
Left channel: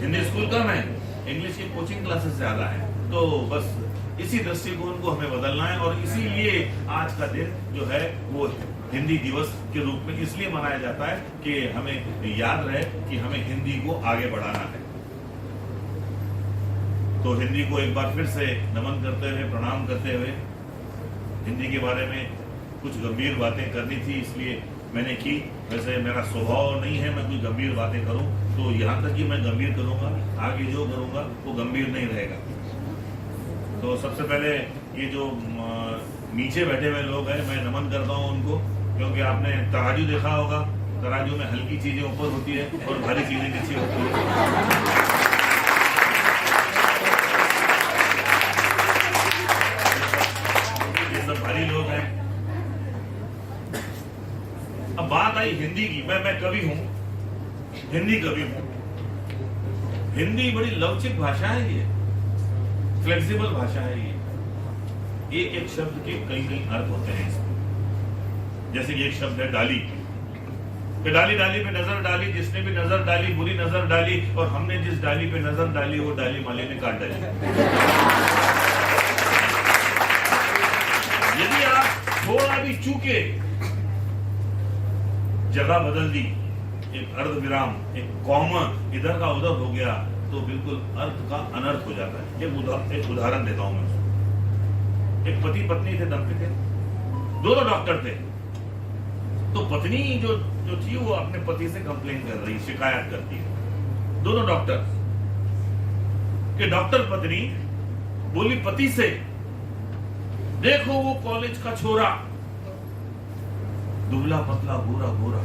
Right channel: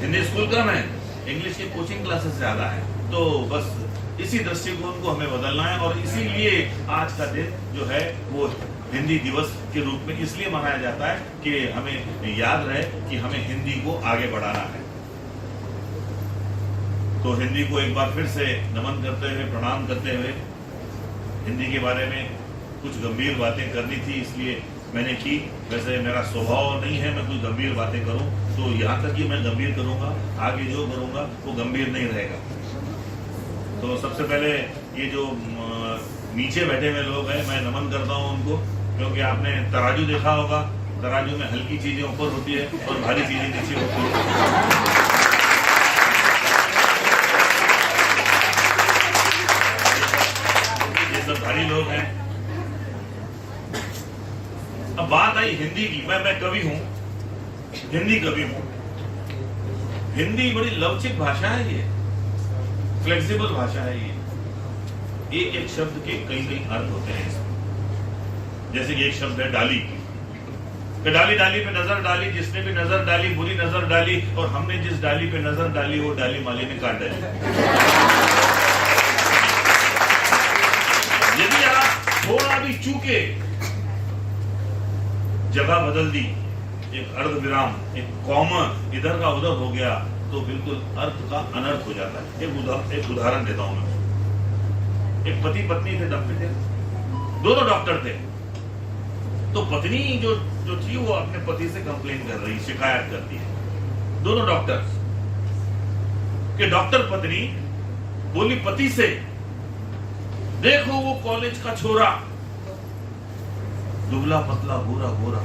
हिंदी स्कूल कम है, इंग्लिश की कोचिंग क्लासेस ज्यादा है। तो बस इसी दृष्टिकोण को हमें बदलना है और इसीलिए आज का दिन जो है वो हिंदी दिवस के रूप में इसलिए मनाया जाता है कि हमें याद रहे कि हमें हिंदी को आगे बढ़ाना है। तो हिंदी को एक बार फिर से नमन करते हुए, प्रणाम करते हुए, हिंदी के बारे में कुछ गंभीर बातें करनी थी इसलिए मैंने की। वैसे मेरा स्वभाव नहीं है मैं कुछ गंभीर बातें करूं, तो यहाँ तक कि मैं गंभीर करूंगा, आगे जो करूंगा वो गंभीर नहीं रहेगा। तो सबसे पहले ये जो नीचे बैठे हुए लोग हैं, मैं नमन करता हूं उनको। क्योंकि आपने तराजू देखा होगा, तराजू में हल्की चीजें ऊपर होती है और भारी चीजें नीचे होती है। ये सब भारी लोग हैं। अब बात आई हिंदी की। मैं कवि हूं, हिंदी कवि हूं। हिंदी बड़ी लवचिक भाषा है, ये फ्लेक्सिबल भाषा है। ये एक शब्द के कई अर्थ होते हैं। जैसे कि एक शब्द है डाली, कि डाली डाली पे नजर डाली, जिसने भी नजर डाली बुरी नजर डाली, और हमने जिस डाली पे नजर डाली वो डाली माली ने काट डाली। यदि आप थोड़ा भी चूके, जगह बदल दी, एक अर्ध विराम, एक कॉमा इधर का उधर हो गया, तो बिल्कुल अर्थ का अनर्थ हो जाता है। एक उदाहरण देता हूं मैं। एक पति पत्नी थे, डॉक्टर थे, दोनों डॉक्टर थे। तो पत्नी जो थी वो अपने पति से कंप्लेन कर रही, शिकायत करती है। दोनों डॉक्टर के डॉक्टर पत्नी बोली पति से, देखो वो कॉलेज का छोरा, दुबला पतला गोरा गोरा,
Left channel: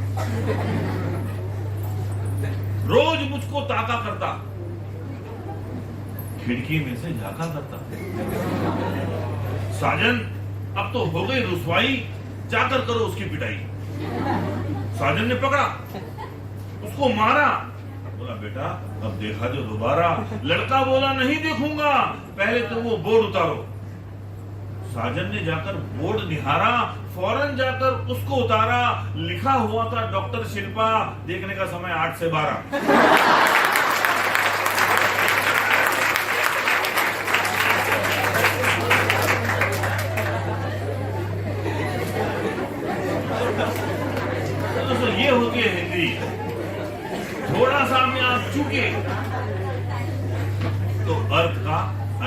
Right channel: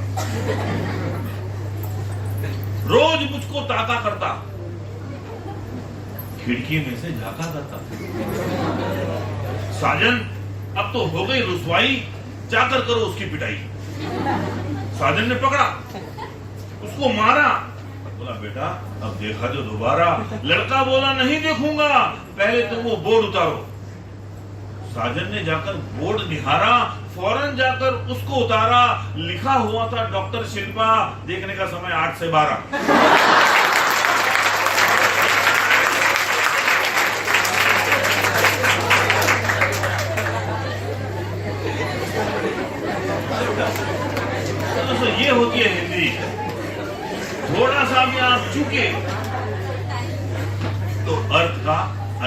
रोज मुझको ताका करता, खिड़की में से झांका करता। साजन अब तो हो गई रुसवाई, जाकर करो उसकी पिटाई। साजन ने पकड़ा, उसको मारा। बोला बेटा अब देखा जो दोबारा। लड़का बोला नहीं देखूंगा, पहले तो वो बोर्ड उतारो। साजन ने जाकर बोर्ड निहारा, फौरन जाकर उसको उतारा। लिखा हुआ था डॉक्टर शिल्पा, देखने का समय 8 से 12। ये होती है हिंदी। थोड़ा सा भी आप चूके तो अर्थ का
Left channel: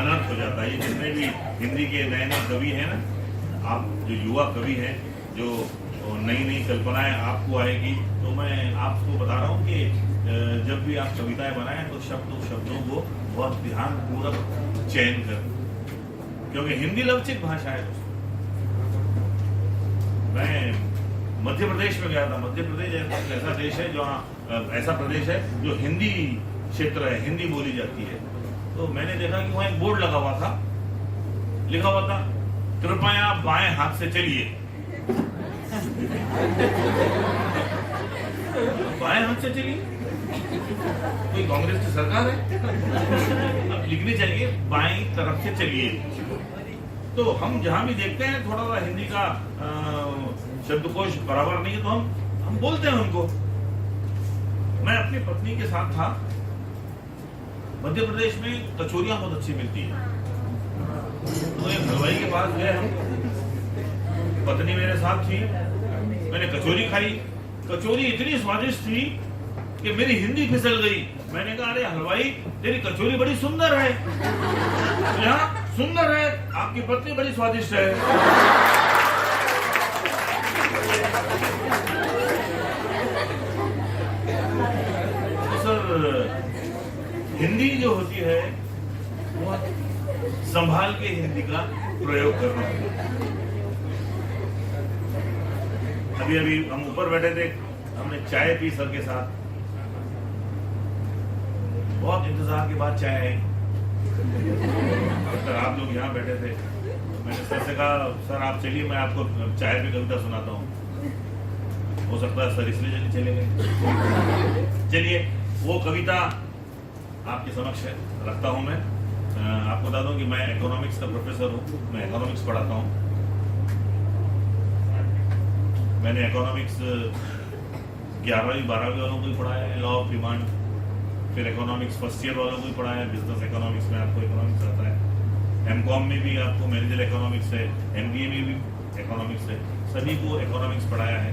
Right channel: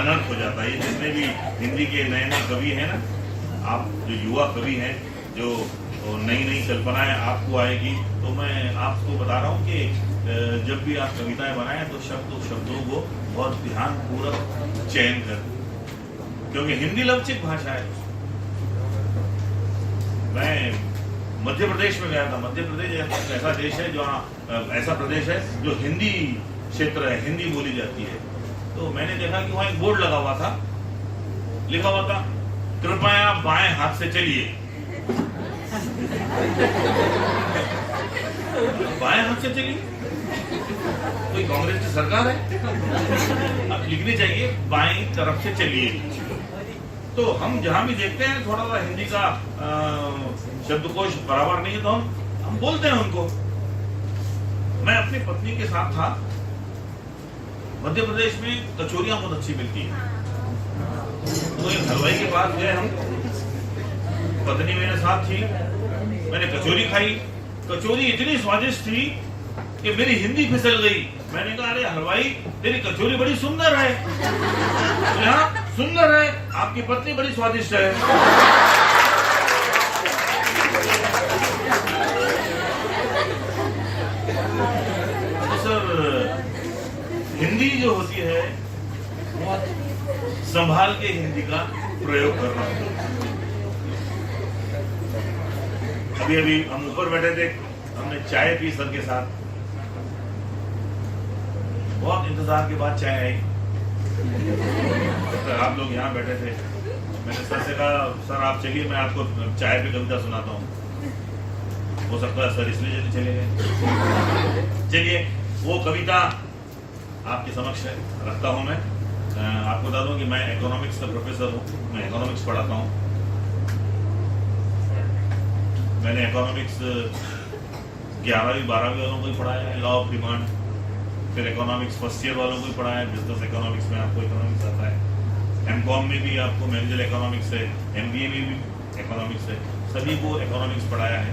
अनर्थ हो जाता है। जितने भी हिंदी के नए नए कवि हैं ना, आप जो युवा कवि हैं, जो नई नई कल्पनाएं आपको आएगी, तो मैं आपको बता रहा हूं कि जब भी आप कविताएं बनाएं तो शब्दों को बहुत ध्यानपूर्वक चयन कर, क्योंकि हिंदी लवचिक भाषा है। मैं मध्य प्रदेश में गया था। मध्य प्रदेश ऐसा देश है जो ऐसा प्रदेश है जो हिंदी क्षेत्र है, हिंदी बोली जाती है। तो मैंने देखा कि वहां एक बोर्ड लगा हुआ था, लिखा हुआ था कृपया बाएं हाथ से चलिए। बाएं हाथ से चलिए, कोई कांग्रेस की सरकार है? अब लिखनी चाहिए बाएं तरफ से चलिए। तो हम जहां भी देखते हैं थोड़ा सा हिंदी का शब्दकोश बराबर नहीं है, तो हम बोलते हैं उनको। मैं अपनी पत्नी के साथ था, मध्य प्रदेश में कचौरियां बहुत अच्छी मिलती है। तो एक हलवाई के पास गए हम, पत्नी मेरे साथ थी, मैंने कचौरी खाई। कचौरी इतनी स्वादिष्ट थी कि मेरी हिंदी फिसल गई। मैंने कहा अरे हलवाई तेरी कचौरी बड़ी सुंदर है। हाँ सुंदर है, आपकी पत्नी बड़ी स्वादिष्ट है। तो सर हिंदी जो होती है बहुत संभाल के हिंदी का प्रयोग करना होता है। अभी हम ऊपर बैठे थे, हमने चाय पी सर के साथ, बहुत इंतजार के बाद चाय आई। तो आप लोग यहाँ बैठे थे, मैंने सर से कहा सर आप चलिए मैं आपको चाय पे कविता सुनाता हूँ। हो सकता है सर इसलिए जल्दी चले गए। चलिए वो कविता आपके समक्ष रखता हूँ। मैं आपको बता दूं कि मैं इकोनॉमिक्स का प्रोफेसर हूँ, मैं इकोनॉमिक्स पढ़ाता हूँ। मैंने इकोनॉमिक्स 11वीं 12वीं वालों को ही पढ़ाया है, लॉ ऑफ डिमांड। फिर इकोनॉमिक्स फर्स्ट ईयर वालों को ही पढ़ाया है, बिजनेस इकोनॉमिक्स में आपको इकोनॉमिक्स आता है। एमकॉम में भी आपको मैनेजर इकोनॉमिक्स है, एमबीए में भी इकोनॉमिक्स है, सभी को इकोनॉमिक्स पढ़ाया है।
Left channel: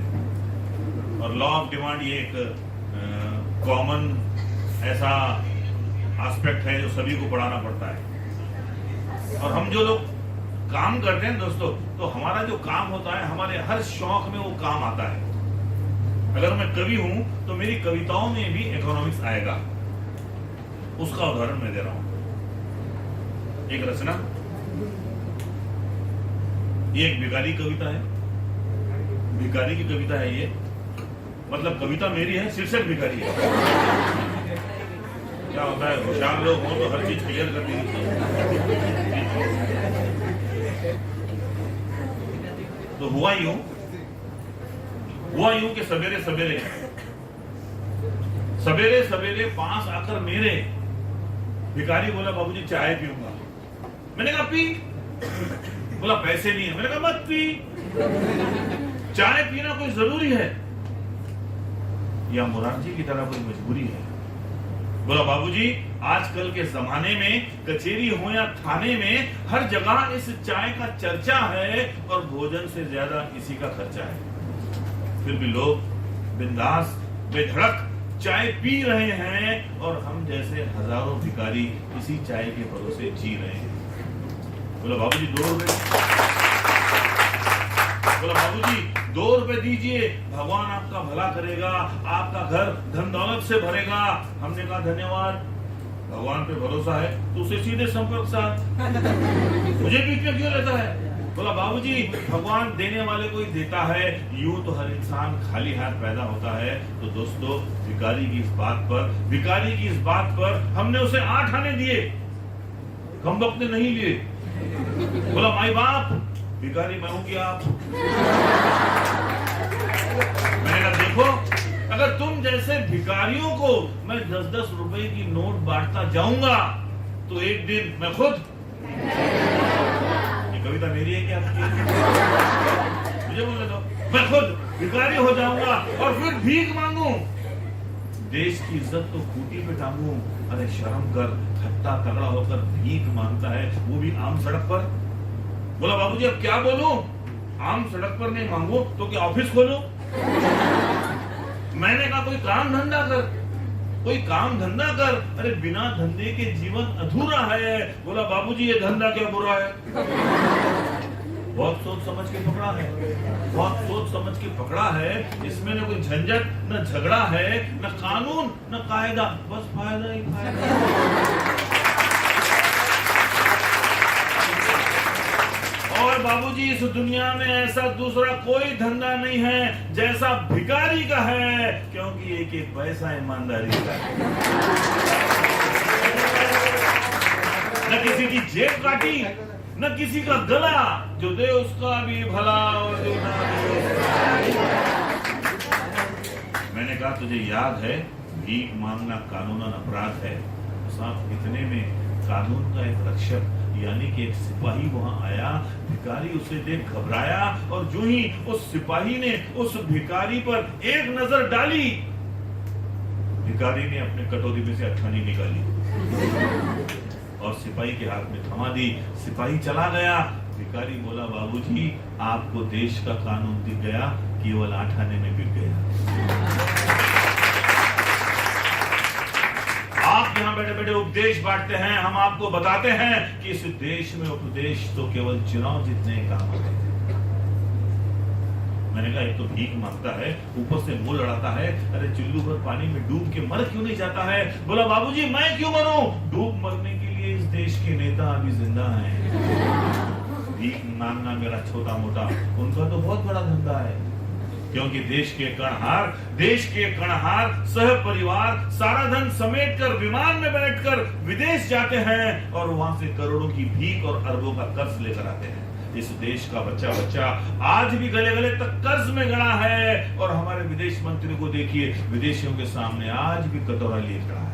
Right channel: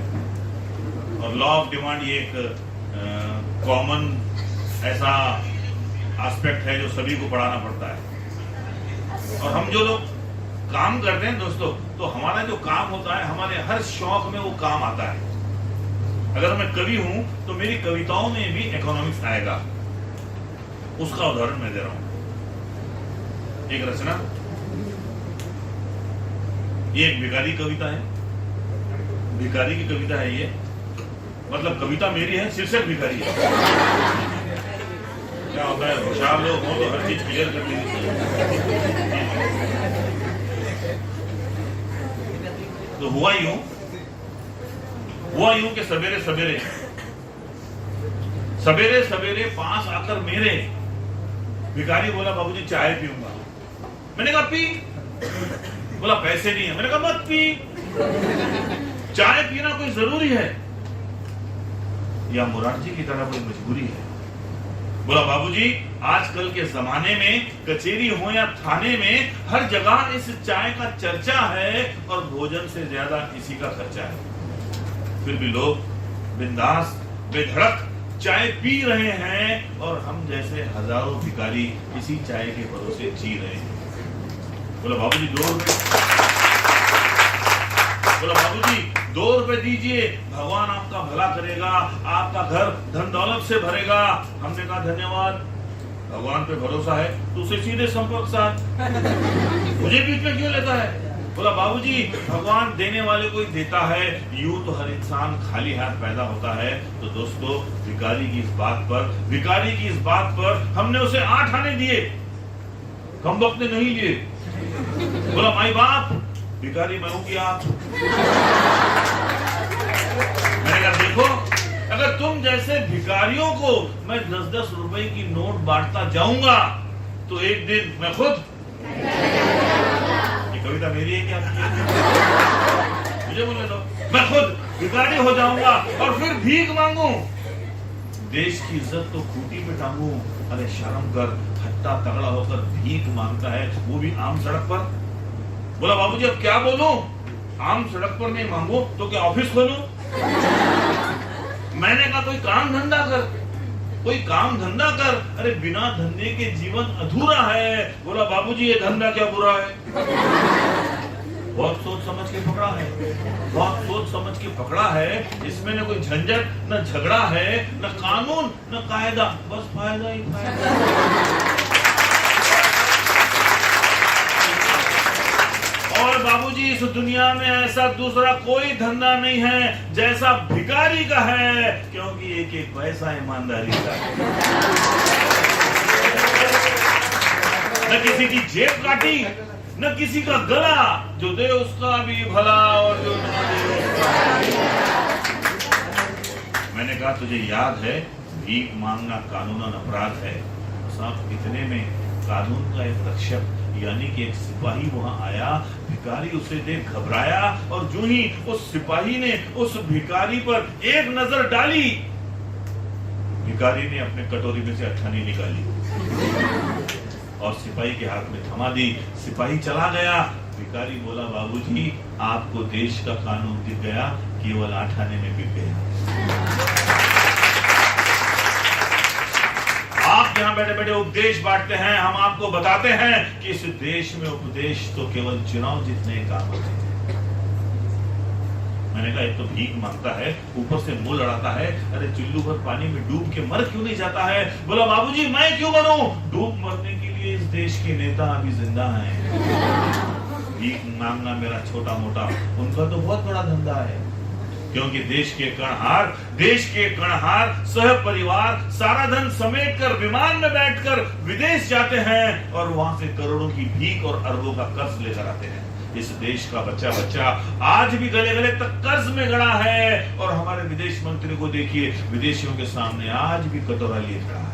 और लॉ ऑफ डिमांड ये एक कॉमन ऐसा एस्पेक्ट है जो सभी को पढ़ाना पड़ता है। और हम जो लोग काम करते हैं दोस्तों, तो हमारा जो काम होता है, हमारे हर शौक में वो काम आता है। अगर मैं कवि हूं तो मेरी कविताओं में भी इकोनॉमिक्स आएगा। उसका उदाहरण मैं दे रहा हूं। एक रचना, ये एक बिगारी कविता है। भिखारी की कविता है ये, मतलब कविता मेरी है, शीर्षक भिखारी है। क्या होता है, होशियार लोग हो तो हर चीज क्लियर कर देनी चाहिए। तो हुआ यूं कि सवेरे सवेरे पास आकर मेरे भिखारी बोला, बाबूजी चाय पीऊंगा। मैंने कहा पी। बोला पैसे नहीं है। मैंने कहा मत पी, चाय पीना कोई जरूरी है या मुरारजी की तरह कोई मजबूरी है? बोला बाबूजी आजकल के जमाने में कचेरी हो या थाने में हर जगह इस चाय का चर्चा है और भोजन से ज्यादा इसी का खर्चा है। फिर भी लोग बिंदास बेधड़क चाय पी रहे हैं और हम जैसे हजारों भिखारी इसी चाय के भरोसे जी रहे हैं। बोला बाबूजी 2 रुपए। बोला बाबूजी 2 रुपए दीजिए, भगवान आपका भला करेगा, आपका घर धन दौलत से भरेगा। हमने कहा धन्यवाद, भगवान पे भरोसा है तो उसे सीधे संपर्क साध, मुझे बीच में क्यों लेता है? बोला बाबूजी भगवान देने वाले को ही देता है, यूं तो हर इंसान खाली हाथ पैदा होता है। तो दोस्तों भिखारी की इस बात पर हमने उसे 8 आने दिए, कम वक्त ने नहीं लिए। बोला माई बाप भिखारी मैं हूं कि आप? मैंने कहा देखो, अगर तुम जैसे भिखारियों को मैं 10-10 रुपए की नोट बांटता जाऊंगा तो एक दिन मैं खुद, ये कविता मेरी है क्या? मुझे बोले दो, मैं खुद भिखारी हो जाऊंगा और फिर भीख मांगू, देश की इज्जत तो खूंटी पे टांगू। अरे शर्म कर, हट्टा तगड़ा होकर भीख मांगता है, वो भी आम सड़क पर। बोला बाबूजी अब क्या बोलूं, आम सड़क पर नहीं मांगू तो क्या ऑफिस खोलूं? मैंने कहा कोई काम धंधा कर। अरे बिना धंधे के जीवन अधूरा है। बोला बाबूजी ये धंधा क्या बुरा है? बहुत सोच समझ के पकड़ा है, इसमें न कोई झंझट न झगड़ा है, न कानून न कायदा, बस फायदा ही फायदा। और बाबूजी इस दुनिया में ऐसा दूसरा कोई धंधा नहीं है जैसा भिखारी का है, क्योंकि एक पैसा ईमानदारी का है। न किसी की जेब काटी न किसी का गला, जो दे उसका भी भला और जो ना दे उसका। मैंने कहा तुझे याद है भीख मांगना कानूनन अपराध है। साथ इतने में कानून का एक रक्षक यानी कि एक सिपाही वहां आया, भिखारी उसे देख घबराया और जो ही उस सिपाही ने उस भिखारी पर एक नजर डाली, भिखारी ने अपने कटोरी में से अट्ठानी निकाली और सिपाही के हाथ में थमा दी। सिपाही चला गया। भिखारी बोला बाबूजी आपको देश का कानून दिख गया, केवल 8 आने में बिक गया। आप यहाँ बैठे बैठे उपदेश बांटते हैं, हम आपको बताते हैं कि इस देश में उपदेश तो केवल चुनाव जीतने काम आते हैं। मैंने कहा एक तो भीख मांगता है, ऊपर से मुंह लड़ाता है, अरे चुल्लू भर पानी में डूब के मर क्यों नहीं जाता है? बोला बाबूजी मैं क्यों मरूं, डूब मरने के लिए इस देश के नेता अभी जिंदा हैं। भीख मांगना मेरा छोटा मोटा, उनका तो बहुत बड़ा धंधा है, क्योंकि देश के कणहार सह परिवार सारा धन समेटकर विमान में बैठकर विदेश जाते हैं और वहां से करोड़ों की भीख और अरबों का कर्ज लेकर आते हैं। इस देश का बच्चा आज भी गले गले तक कर्ज में गड़ा है और हमारे विदेश मंत्री को देखिए, विदेशियों के सामने आज भी कटोरा लिए खड़ा है।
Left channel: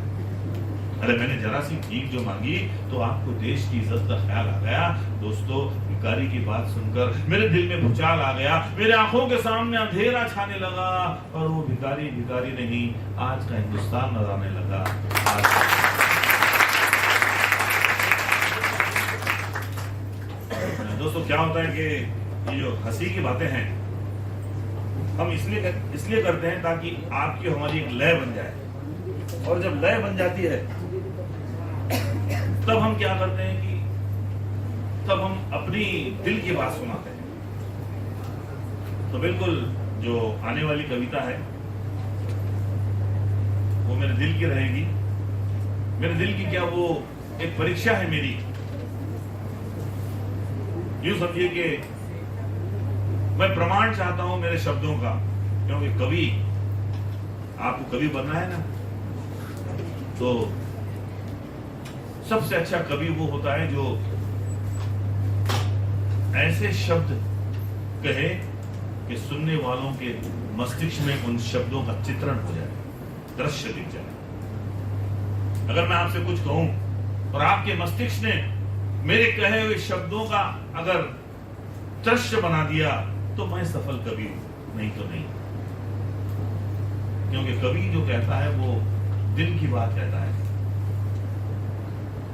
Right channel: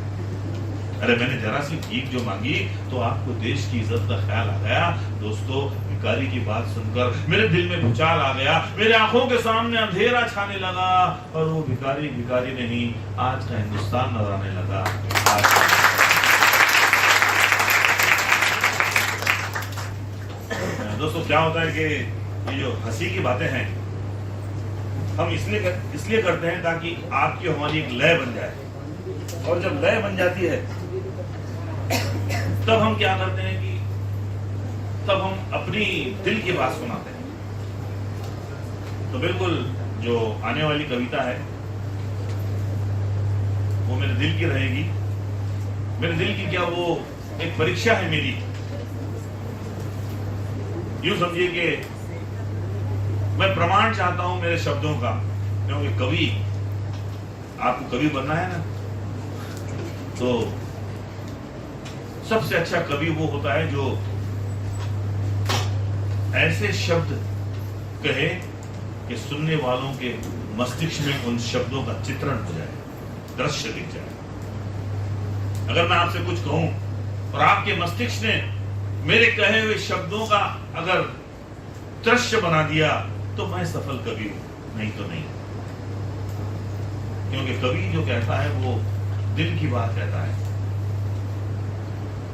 अरे मैंने जरा सी भीख जो मांगी तो आपको देश की इज्जत का ख्याल आ गया। दोस्तों भिखारी की बात सुनकर मेरे दिल में भूचाल आ गया, मेरे आंखों के सामने अंधेरा छाने लगा और वो भिखारी नहीं, आज का हिंदुस्तान नजर आने लगा। दोस्तों क्या होता है कि ये जो हंसी की बातें हैं हम इसलिए करते हैं ताकि आपकी हमारी एक लय बन जाए, और जब लय बन जाती है तब हम क्या करते हैं कि तब हम अपनी दिल की बात सुनाते हैं। तो बिल्कुल जो आने वाली कविता है वो मेरे दिल की रहेगी। मेरे दिल की क्या, वो एक परीक्षा है मेरी। यूं समझिए कि मैं प्रमाण चाहता हूं मेरे मेरे शब्दों का, क्योंकि कवि, आपको कवि बनना है ना, तो सबसे अच्छा कवि वो होता है जो ऐसे शब्द कहे कि सुनने वालों के मस्तिष्क में उन शब्दों का चित्रण हो जाए, दृश्य दिख जाए। अगर मैं आपसे कुछ कहूं और आपके मस्तिष्क ने मेरे कहे हुए शब्दों का अगर दृश्य बना दिया तो मैं सफल कवि हूं, नहीं तो नहीं। क्योंकि कवि जो कहता है वो दिल की बात कहता है।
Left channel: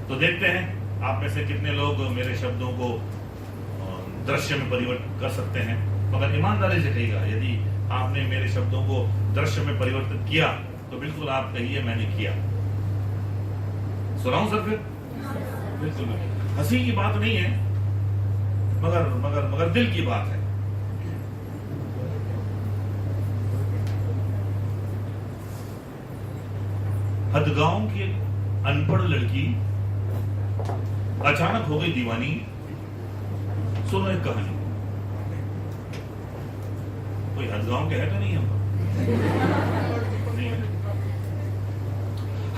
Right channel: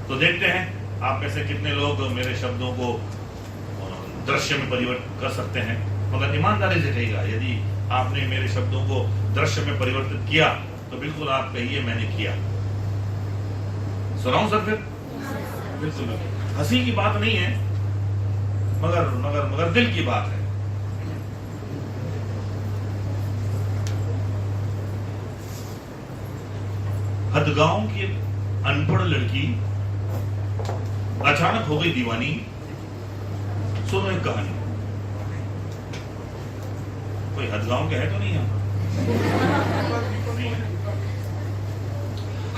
तो देखते हैं आप में से कितने लोग मेरे शब्दों को दृश्य में परिवर्तित कर सकते हैं। मगर ईमानदारी से कहिएगा, यदि आपने मेरे शब्दों को दृश्य में परिवर्तित किया तो बिल्कुल आप कहिए मैंने किया। सुनाऊं सर? फिर बिल्कुल हंसी की बात नहीं है, मगर मगर मगर दिल की बात है। हदगांव की अनपढ़ लड़की अचानक हो गई दीवानी। सुनो एक कहानी। कोई हदगांव के है तो नहीं यहाँ?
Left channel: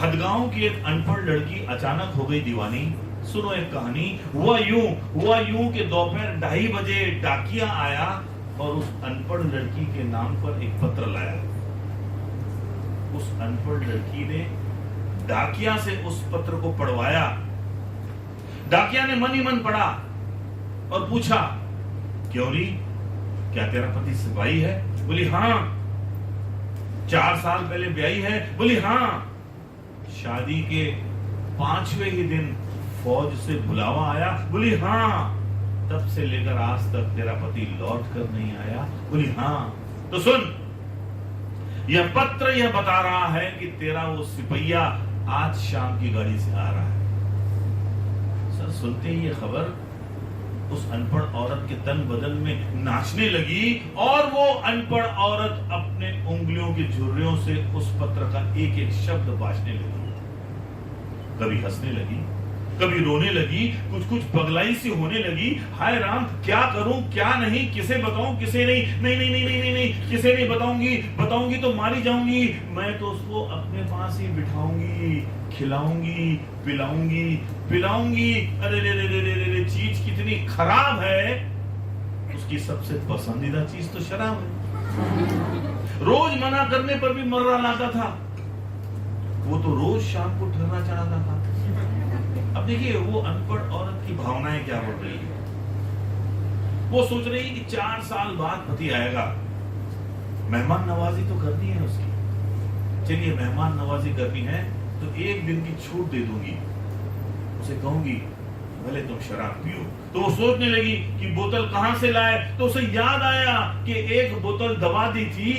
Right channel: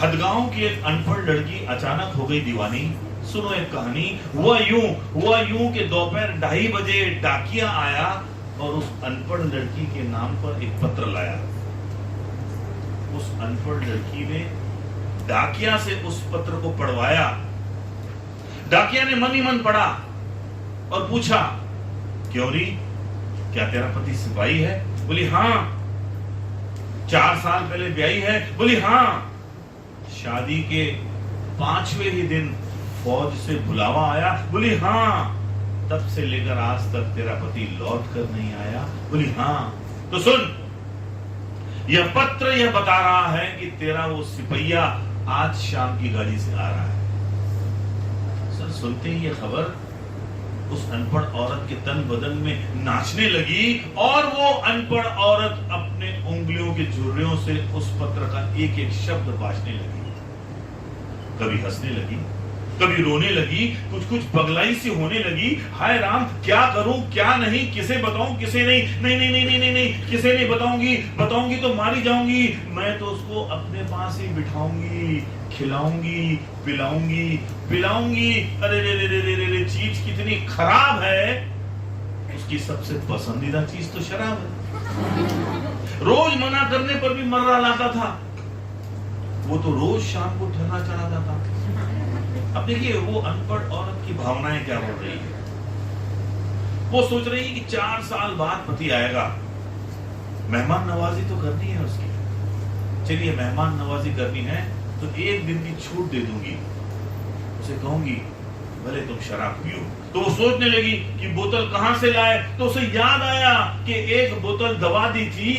हदगांव की एक अनपढ़ लड़की अचानक हो गई दीवानी। सुनो एक कहानी। हुआ यूं कि दोपहर 2:30 बजे डाकिया आया और उस अनपढ़ लड़की के नाम पर एक पत्र लाया। उस अनपढ़ लड़की ने डाकिया से उस पत्र को पढ़वाया। डाकिया ने मन ही मन पढ़ा और पूछा, क्यों री, क्या तेरा पति सिपाही है? बोली हाँ। 4 साल पहले ब्याही है? बोली हाँ। शादी के 5वें ही दिन फौज से बुलावा आया? बोली हाँ। तब से लेकर आज तक तेरा पति लौट कर नहीं आया? बोली हाँ। तो सुन, यह पत्र यह बता रहा है कि तेरा वो सिपहिया आज शाम की गाड़ी से आ रहा है। सर सुनते ही यह खबर उस अनपढ़ औरत के तन बदन में नाचने लगी और वो अनपढ़ औरत अपने उंगलियों के झुर्रियों से उस पत्र का एक एक शब्द बांटने लगी। कभी हंसने लगी, कभी रोने लगी, कुछ कुछ पगलाई सी होने लगी। हाय राम, क्या करूं क्या नहीं, किसे बताऊं किसे नहीं, नहीं नहीं नहीं नहीं नहीं, नहीं किसे नहीं बताऊंगी तो मारी जाऊंगी। मैं तो उसको अपने पास ही बिठाऊंगी, खिलाऊंगी, पिलाऊंगी। अरे रे रे रे रे रे रे, चीज कितनी खराब है। उसकी सबसे पसंदीदा चीज तो शराब है। रोज मना करने पर भी मर्रा लाता था। वो तो रोज शाम को ठर्रा चढ़ाता था। अब देखिए वो अनपढ़ औरत की भावनाएं क्या बोल रही है। वो सोच रही है कि 4 साल बाद पति आएगा, मेहमान नवाजी तो करनी है उसकी। चलिए मेहमान नवाजी करनी है तो 1 दिन की छूट दे दूंगी। उसे कहूंगी भले तुम शराब पियो। तो वो सोचने लगी कि बोतल कहां से लाए। तो उसे याद आया कि एक बोतल दवा दी थी,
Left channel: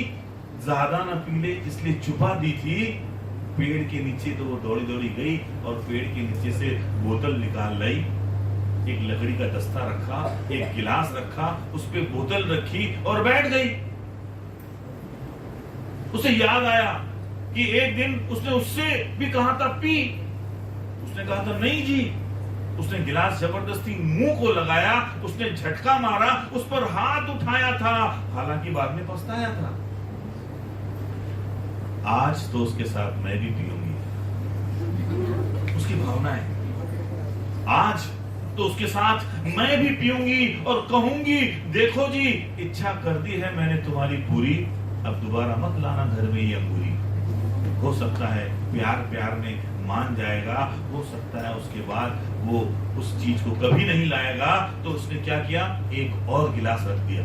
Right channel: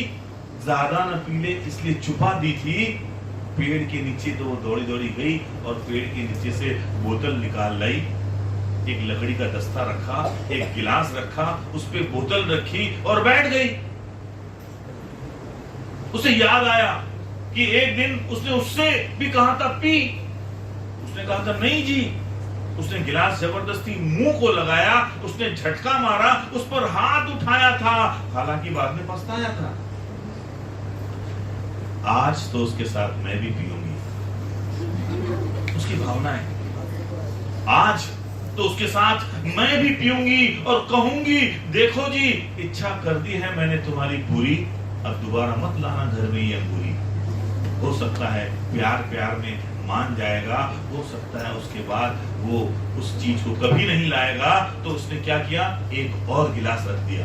ज्यादा न पी ले इसलिए छुपा दी थी। पेड़ के नीचे तो वो दौड़ी दौड़ी गई और पेड़ के नीचे से बोतल निकाल लाई। एक लकड़ी का दस्ता रखा, एक गिलास रखा, उस पे बोतल रखी और बैठ गई। उसे याद आया कि एक दिन उसने उससे भी कहा था पी। उसने कहा था नहीं जी। उसने गिलास जबरदस्ती मुंह को लगाया, उसने झटका मारा, उस पर हाथ उठाया था, हालांकि बाद में पछताया था। आज तो उसके साथ मैं भी पीऊंगी। उसकी भावना है आज तो उसके साथ मैं भी पीऊंगी और कहूंगी देखो जी, इच्छा कर दी है मैंने तुम्हारी पूरी, अब दोबारा मत लाना घर में ये अंगूरी। हो सकता है प्यार में मान जाएगा, हो सकता है उसके बाद वो उस चीज को कभी नहीं लाएगा। तो उसने क्या किया, एक और गिलास रख दिया।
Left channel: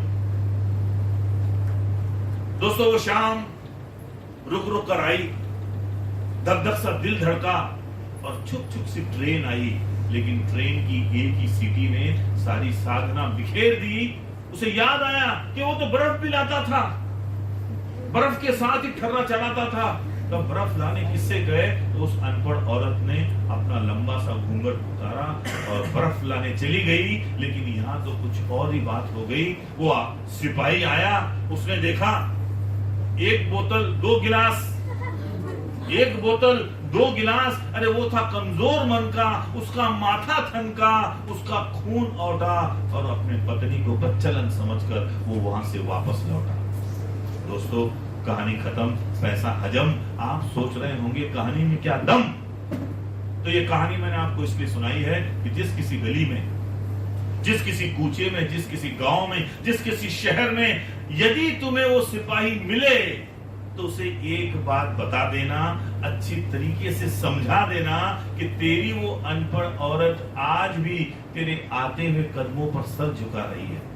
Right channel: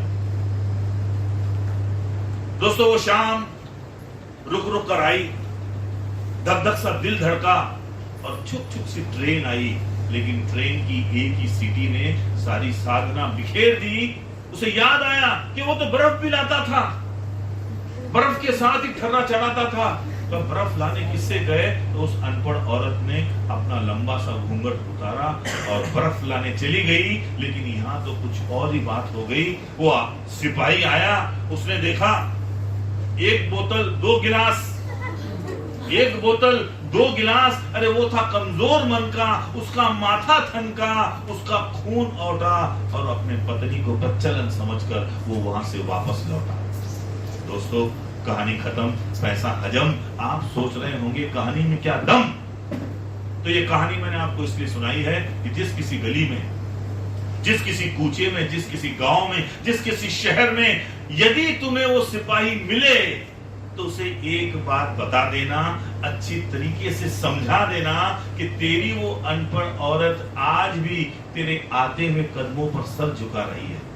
दोस्तों वो शाम रुक रुक कर आई, धक धक सा दिल धड़का और छुप छुप सी ट्रेन आई। लेकिन ट्रेन की एक ही सीटी ने सारी साधना बिखेर दी। उसे याद आया कि वो तो बर्फ भी लाता था, बर्फ के साथ ही ठर्रा चढ़ाता था। तो बर्फ लाने किससे गए तो उस अनपढ़ औरत ने अपना लंबा सा घूंघट उतारा और बर्फ लाने चली गई। लेकिन यहाँ तो कुछ और ही बात हो गई। वो सिपाही आया, उसने देखा 1 बोतल 2 गिलास, 1 बोतल 2 गिलास। अरे वो था कमजोर मन का, उसका माथा थनका, उसका खून औटा और अपने पत्नी को बच्चलन समझकर वो वहां से वापस लौटा। दोस्तों कहानी खत्म, पैसा हजम। आप सोच रहे होंगे कहानी में क्या दम, तो ये कहानी मैंने आपको इसलिए सुनाई है कि जिस किसी गली में, जिस किसी कूचे में, जिस किसी गांव में, जिस किसी शहर में यदि तुम्हें वो सिपाही मिले तो उसे एक बात बता देना, अच्छी तरीके से समझा देना कि तेरी वो अनपढ़ औरत आज भी तेरे आते हुए कदमों पर सर झुका रही है।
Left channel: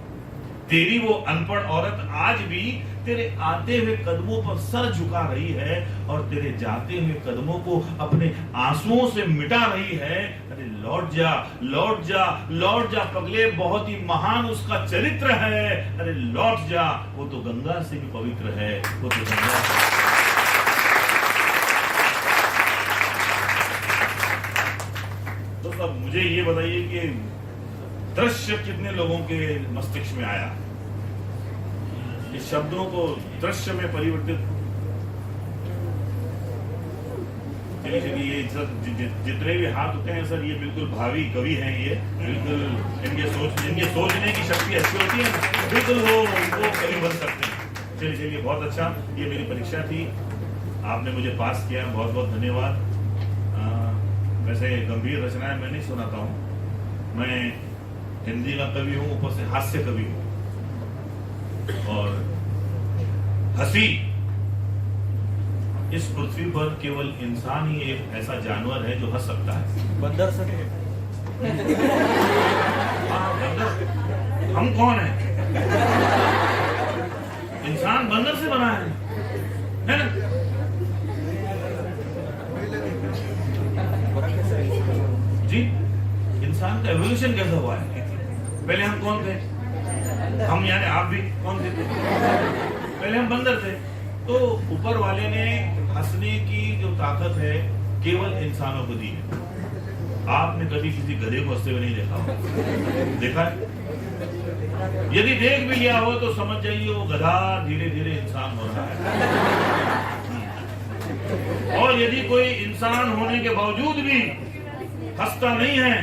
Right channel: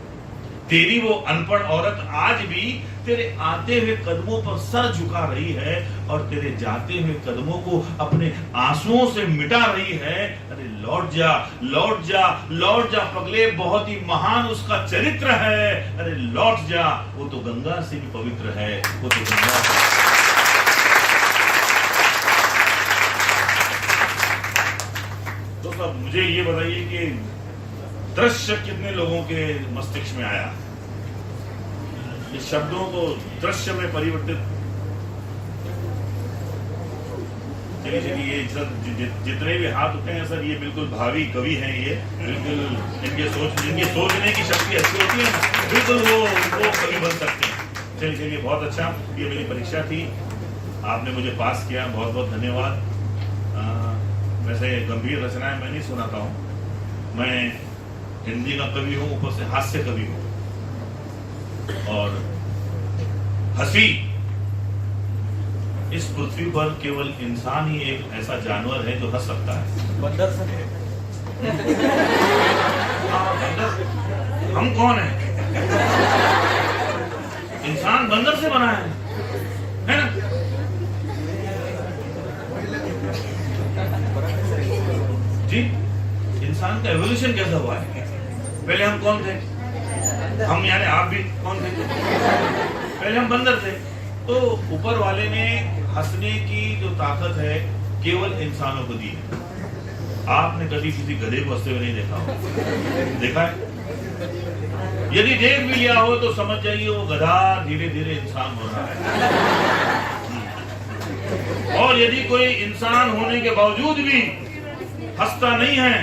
तेरी वो अनपढ़ औरत आज भी तेरे आते हुए कदमों पर सर झुका रही है और तेरे जाते हुए कदमों को अपने आंसुओं से मिटा रही है। अरे लौट जा, लौट जा, लौट जा पगले, बहुत ही महान उसका चरित्र है। अरे लौट जा, वो तो गंगा से भी पवित्र है, वो तो गंगा से। तो सब मुझे ये बताइए कि दृश्य कितने लोगों के मस्तिष्क में आया? ये शब्दों को दृश्य में परिवर्तित। चलिए ये जितने भी हाथ उठे हैं सर, ये बिल्कुल भावी कवि हैं। ये बिल्कुल इनके सोचने की शक्ति अच्छी होती है, बिल्कुल वो कवि बन सकते हैं। चलिए बहुत अच्छा, ये मेरी परीक्षा थी, आपने मुझे पास किया, बहुत बहुत धन्यवाद। वैसे गंभीर रचनाएं मैं नहीं सुनाता हूँ, मैं हिंदी का कवि हूँ, ऊपर से हास्य कवि हूँ। और हंसी, इस पृथ्वी पर केवल इंसान ही एक ऐसा जानवर है जो हंस सकता है। बंदर से बंदर हम कौन है? इंसान बंदर से बना है ना? जी, इंसान का एवोल्यूशन कैसा हुआ है? पहले हम कौन थे? हम यानी आप भी कौन थे? पहले हम बंदर थे। तो ऊपर वाले ने हंसने की जो ताकत है केवल इंसानों को दी है। आपने कभी किसी गधे को हंसते हुए नहीं देखा हो? देखा है? यदि देख भी लिया हो तो समझ जाइए वो गधा धीरे धीरे इंसान हो रहा है। और यदि कोई इंसान होने के बावजूद भी हंसता नहीं है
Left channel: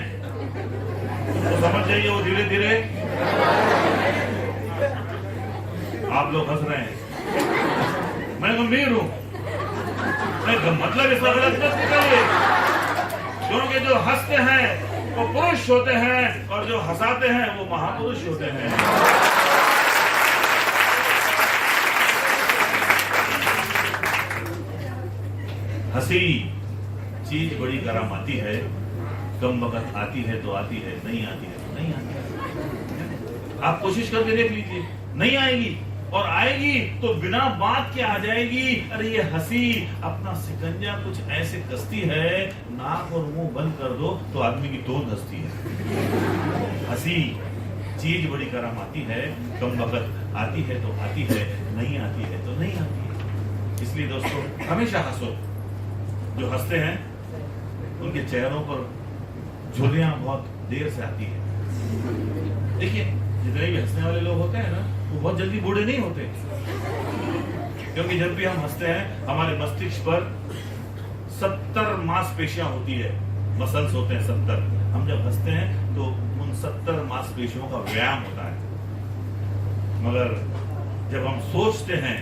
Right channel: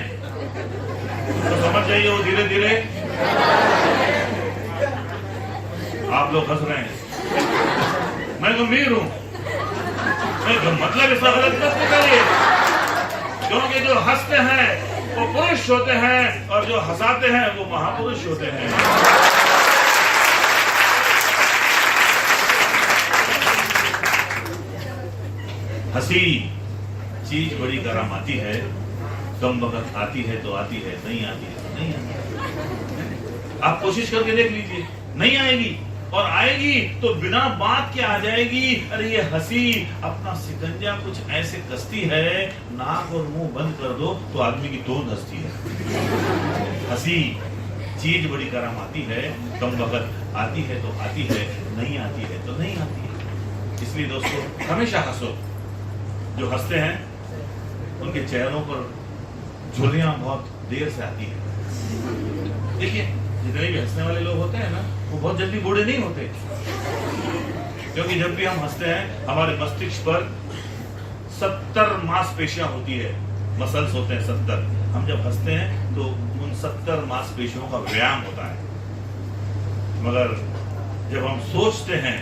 तो समझ जाइए वो धीरे धीरे। आप लोग हंस रहे हैं, मैं गंभीर हूं। मतलब इसका गलत मत निकालिए, क्योंकि जो हंसते हैं वो पुरुष होते हैं और जो हंसाते हैं वो महापुरुष होते हैं। हंसी चीज बड़ी गरम आती है, कम वक्त आती है तो आती है, नहीं आती है तो नहीं आती है। आप कोशिश करके देख लीजिए, नहीं आएगी, और आएगी तो बिना बात के आ जाएगी। अरे ये हंसी अपना सिकंजा कुछ ऐसे कसती है, नाक और मुंह बंद कर दो तो आदमी की तोंद हंसती है। हंसी चीज बड़ी गरम आती है, कम वक्त आती है तो आती है, नहीं आती है तो नहीं आती है। इसलिए दोस्तों हमेशा हंसो। जो हंसते हैं उनके चेहरों पर झुर्रियां बहुत देर से आती है। देखिए जितने भी हंसने वाले लोग होते हैं ना, वो बहुत जल्दी बूढ़े नहीं होते, क्योंकि जब भी हम हंसते हैं हमारे मस्तिष्क पर 70 मांसपेशियां होती है, मसल्स होते हैं 70। हम जब हंसते हैं तो उन 70 मांसपेशियों का व्यायाम होता है। मगर जब हम सोचते हैं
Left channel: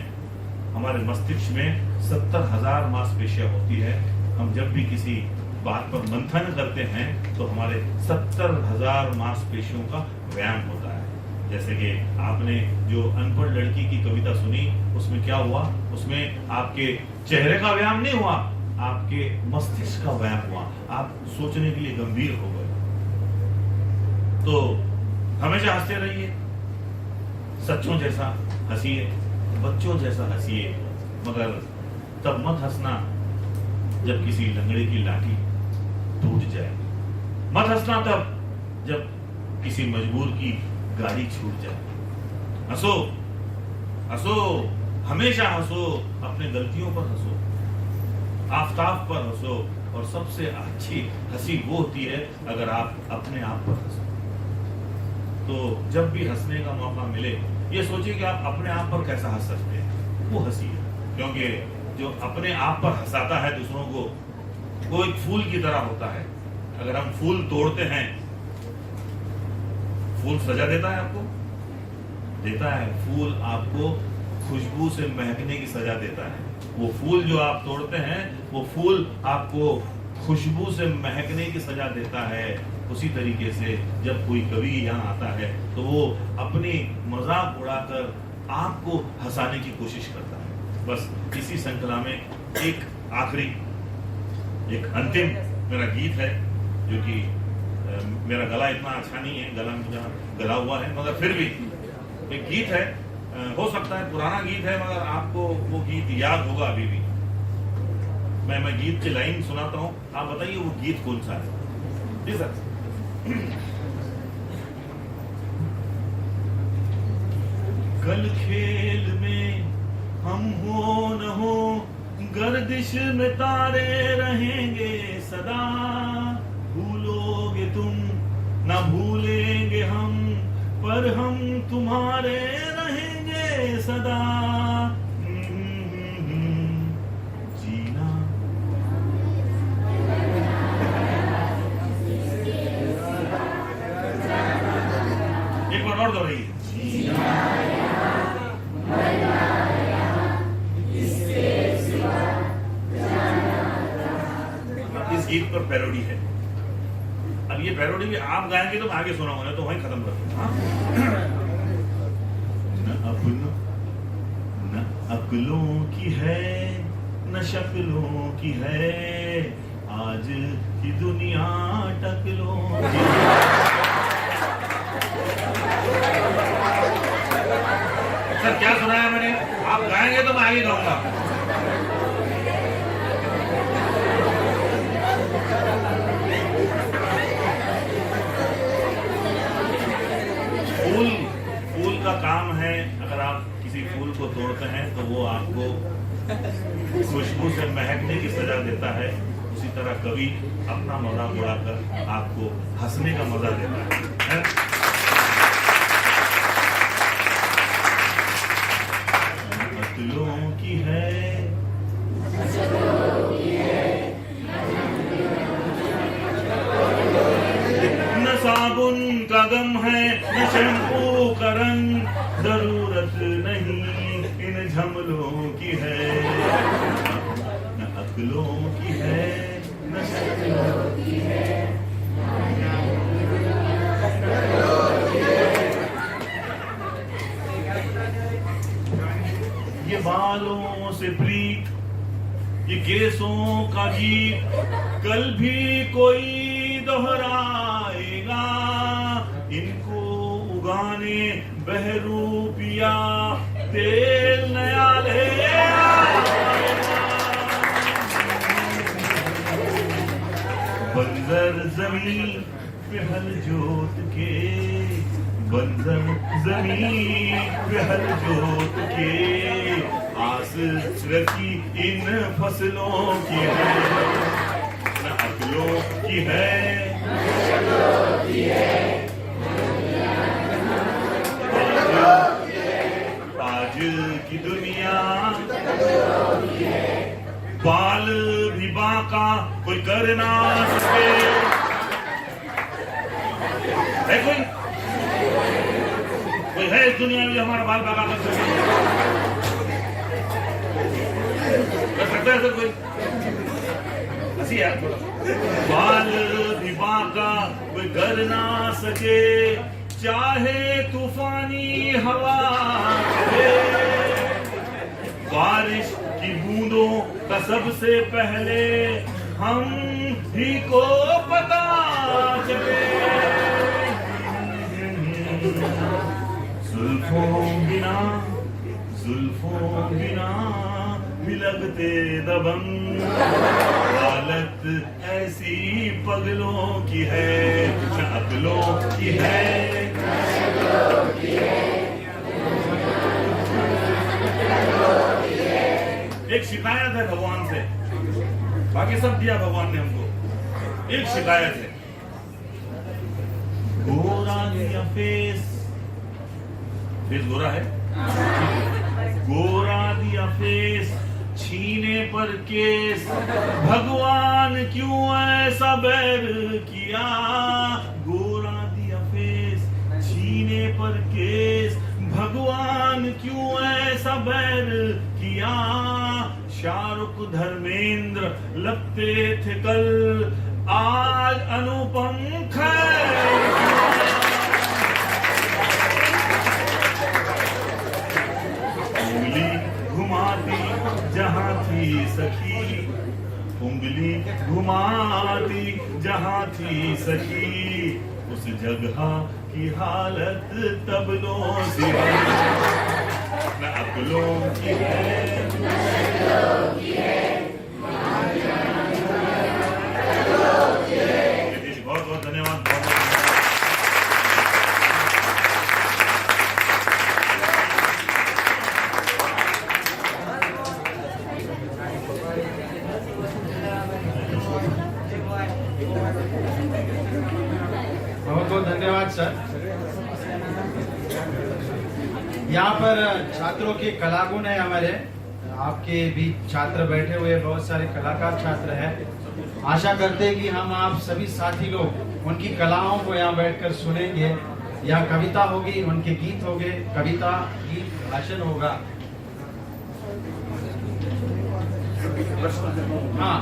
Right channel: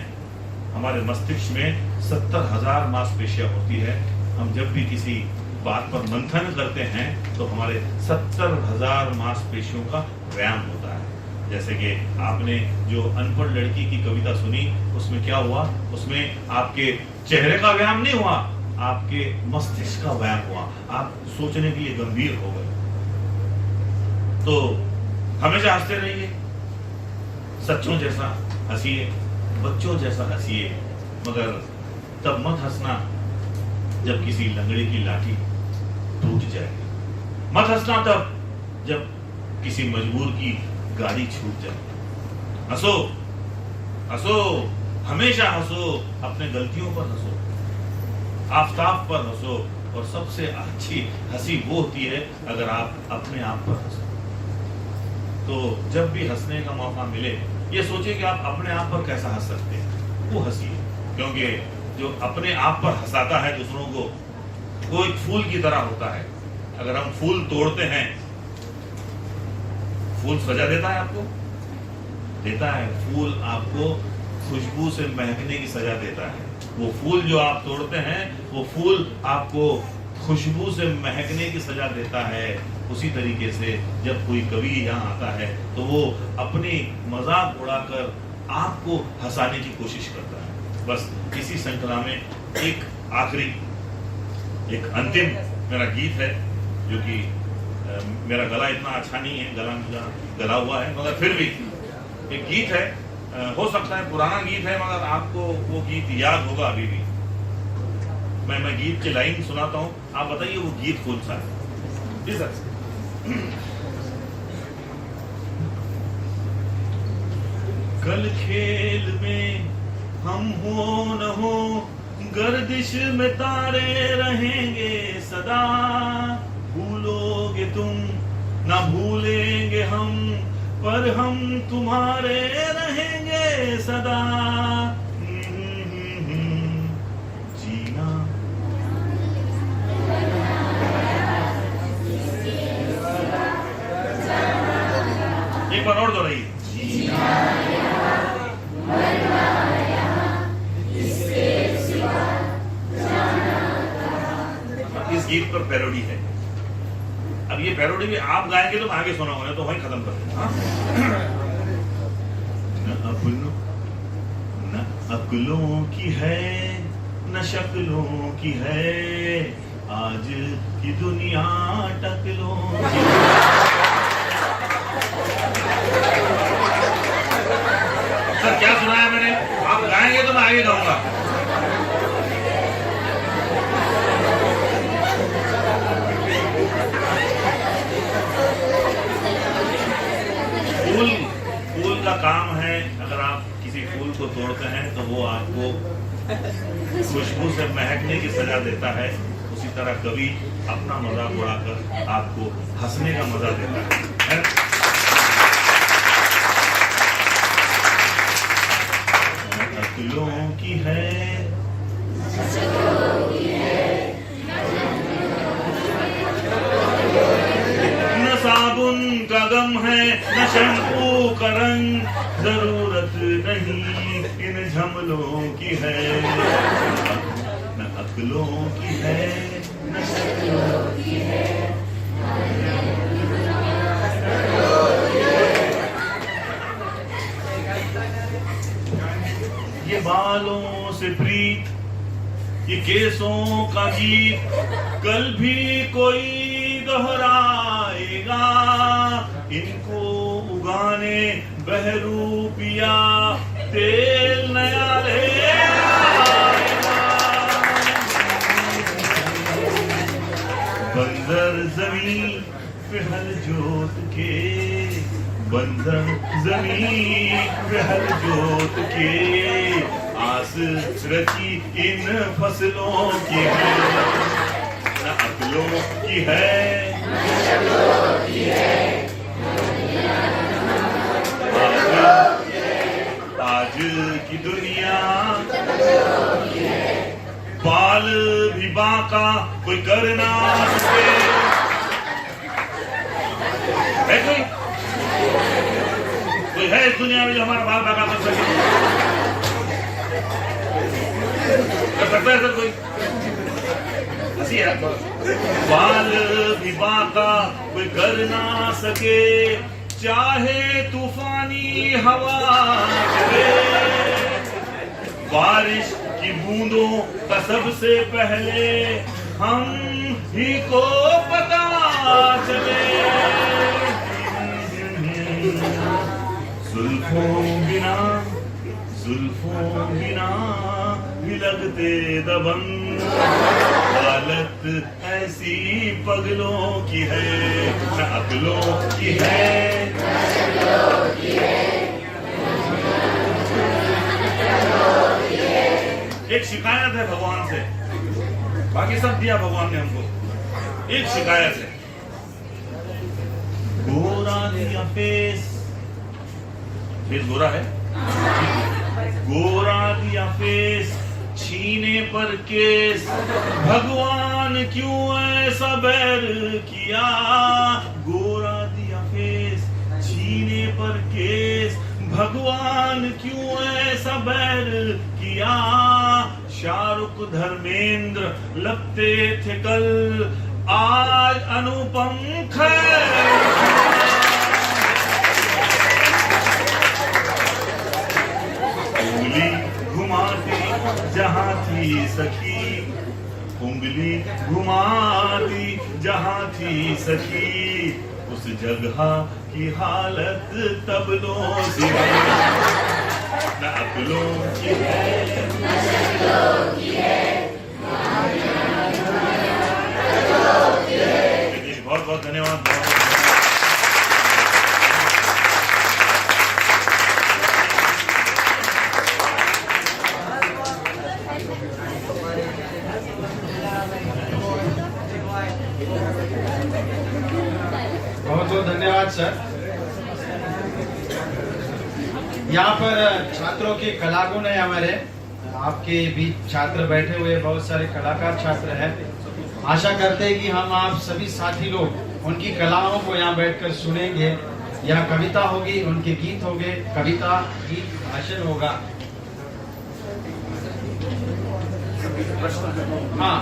हमारे मस्तिष्क में 70,000 मांसपेशियां होती है। हम जब भी किसी बात पर मंथन करते हैं तो हमारे 70,000 मांसपेशियों का व्यायाम होता है। जैसे कि आपने जो अनपढ़ लड़की की कविता सुनी, उसमें क्या हुआ? उसमें आपके चेहरे का व्यायाम नहीं हुआ, आपके मस्तिष्क का व्यायाम हुआ। आप सोचने के लिए गंभीर हो गए। तो हमेशा हंसते रहिए, सच्चों जैसा हंसिए, बच्चों जैसा हंसिए, मगर तब मत हंसना जब किसी लंगड़े की लाठी टूट जाए। मत हंसना तब जब किसी मजबूर की गाड़ी छूट जाए। हंसो, हंसो, हमेशा हंसो, अपने गलतियों पर हंसो, आफताब पर हंसो। और सबसे अच्छी हंसी वो होती है अगर आप अपने आप पर हंसो। तो जब भी हंसने का मौका मिले, ये सोचिए कि आप अपने आप पर कैसा हंस सकते हैं, वो हंसिए। क्योंकि जो अपने आप पर हंसाता है दूसरों को, वो एक फूल की तरह होता है। अगर हम फूल तोड़ते हैं, फूल सजा देता है आपको, देता है। फूल आपको खुशबू से महकने की सजा देता है। वो फूल जो आप तोड़ते हैं, वो फूल आपको खुशबू से महकने की सजा देता है। उसी तरीके से जब कोई कवि यहाँ आता है तो वो अपनी मजाक उड़ाकर आपको हंसाने की कोशिश करता है। बस इसी श्रृंखला में एक आखिरी, एक अंतिम मेरा गीत है, जो कि मेरा गला इतना अच्छा नहीं है, गला हुआ है, मगर फिर भी एक गीत है। हो सकता है पुराना गीत है, मगर आपको वो गीत याद होगा अभी भी। मैं गीत की लाइन सुनाता हूँ, आप बताइए वो गीत कौन सा है। जी सर। कल खेल में हम हो न हो, गर्दिश में तारे रहेंगे सदा। भूलोगे तुम ना भूलेंगे हम, पर हम तुम्हारे रहेंगे सदा। जीना एक बार और दोहराइए। जीना इस गीत पर पैरोडी है। अब ये पैरोडी भी आप गाएंगे तो मैं आगे सुनाऊंगा, तो वहीं खत्म कर दूंगा। न अक्लों की है न शक्लों की है, आज की दुनिया टकलों की सर क्या सुनाया मैंने? आप गाएंगे तो मैं आगे गाऊंगा। फूल का काम है, अगर आप किसी फूल को तोड़ते हैं तो वो आपको खुशबू से महकने की सजा देता है। उसी तरह कवि अपना मजाक उड़ाकर आपको हंसने का मजा देता है। अक्लों की है न साबुन का गम है, न शैम्पू का रंग, जरूरत नहीं इन झमलों की है। न अक्लों की है न शक्लों की है। ये बालों से प्रीत, ये केसों का गीत, कल भी कोई दोहराएगा। इनको उगाने बहरूपिया तेल नया ले आएगा। बंजर जमीन पे हल जोत के, बंजर जमीन पे हल जोत के, आस रची इन फसलों की है। न अक्लों की है आज की दुनिया बाल भी बांका कोई कर ना सके। है कोई है इस दुनिया में जो हमारा बाल बांका कर सके? कर सकता है सर कोई? हंसी है। बाल भी बांका कोई कर ना सके, चाहे तूफानी हवा चले। बारिश की बूंदों का सबसे पहले हम ही को पता चले। जुल्फों बिना भी लगते दबंग, हालत ऐसी पगलों की है, न अकलों की है। एक शिकायत है भगवान से, बाकी सब दिया भगवान ने हमको। एक शिकायत है, गोरा दिया फेस गोरा है, गोरा दिया फेस छीने पर केस, भगवान क्यों ऐसा बैर किया। गोरा दिया फेस छीने पर केस, भगवान क्यों ऐसा बैर किया, शाहरुख धर्मेंद्र लगते थे कल, आज अनुपम खैर। उंगली घुमाती जहां थी सखी, उंगली घुमाती जहां थी सखी, उस जगह की हालत तबलों से है, न अकलों की है, बहुत बहुत धन्यवाद। बहुत बहुत धन्यवाद सर। यहाँ पर छात्रों के कलागुण है हमारे, आपके बीच छात्र बैठे हुए बहुत सारे कलाकार छात्र हैं। आशा करते हैं कि हम आप सभी साथी लोग उनकी कलाओं को यहाँ बैठकर सुनेंगे। या कविता होगी, उनके गीत होंगे, कविता गीत भाषण होगा। हाँ,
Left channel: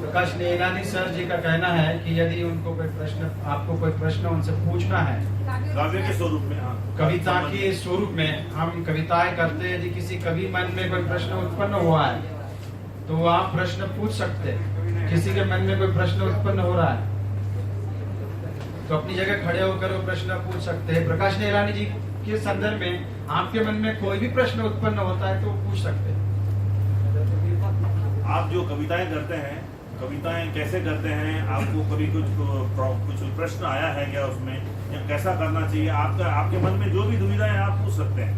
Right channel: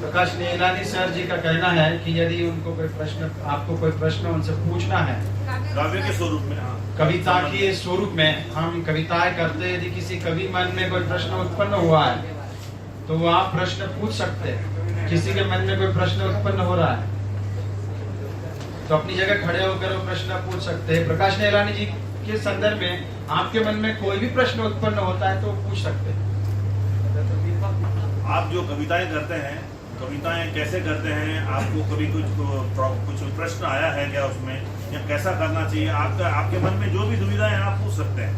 प्रकाश नीलानी सर जी का कहना है कि यदि उनको कोई प्रश्न, आपको कोई प्रश्न उनसे पूछना है काव्य के स्वरूप में, हाँ, कविता के स्वरूप में हम कविताएं करते हैं, यदि किसी कवि मन में कोई प्रश्न उत्पन्न हुआ है तो आप प्रश्न पूछ सकते हैं। किसी के मन में कोई प्रश्न उत्पन्न हो रहा है तो अपनी जगह खड़े होकर वो प्रश्न पूछ सकते हैं। प्रकाश नीलानी जी के संदर्भ में आपके मन में कोई भी प्रश्न उत्पन्न होता है तो पूछ सकते हैं। आप जो कविताएं करते हैं, कविताएं कैसे करते हैं, आपको कभी कुछ प्रश्न आया है क्या उसमें, या कैसा करना चाहिए, आपके मन में जो भी दुविधा है आप पूछ सकते हैं।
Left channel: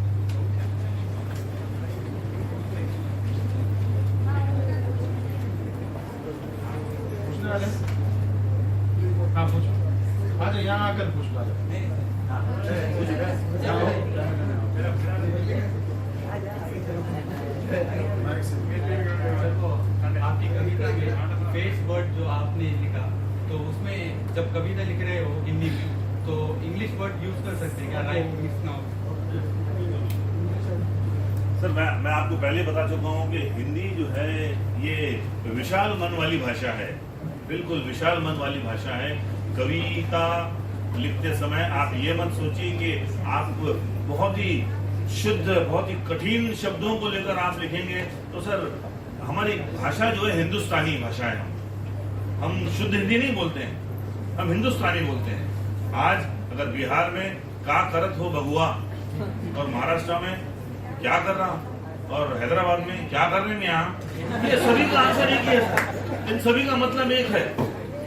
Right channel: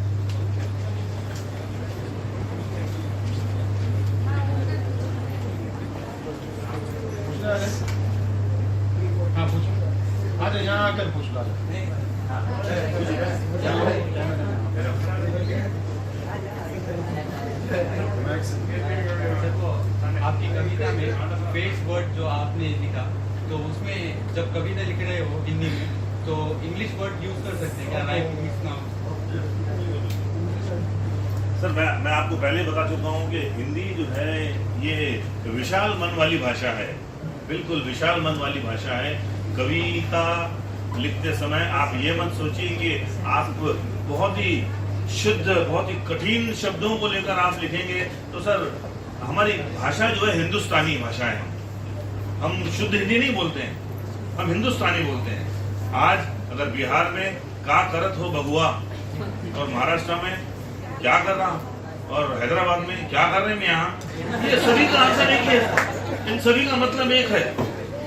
हाँ पूछो, आ जाओ यहाँ आकर पूछ लो। आपकी कविता में फेस वर्ड जो आपने लिखा, तो उसमें जब कविता लिख रहे हो हिंदी में तो इंग्लिश वर्ड यूज कर सकते हैं क्या? Right mix now. सर मैं आपको पहले बता चुका हूँ कि हिंदी जो है ये विशाल मन वाली भाषा है, बिल्कुल विशाल मन वाली भाषा है। कविता लिखते समय आप ये मत सोचिए कि आप बहुत ही शुद्ध, बहुत ही कठिन शब्दों को लेकर आप लिखेंगे। तो सर हमारी भाषा जो है हिंदुस्तानी भाषा है, हम शुद्ध हिंदी नहीं बोलते हैं, हम हिंदुस्तानी बोलते हैं। आज अगर बिहार में का करत हो बगुआ, और महाराष्ट्र में क्या कर रहा, और हैदराबाद में क्या कर रहे हैं यहाँ, ये सभी का आंसर एक है, इन सभी का मतलब एक है।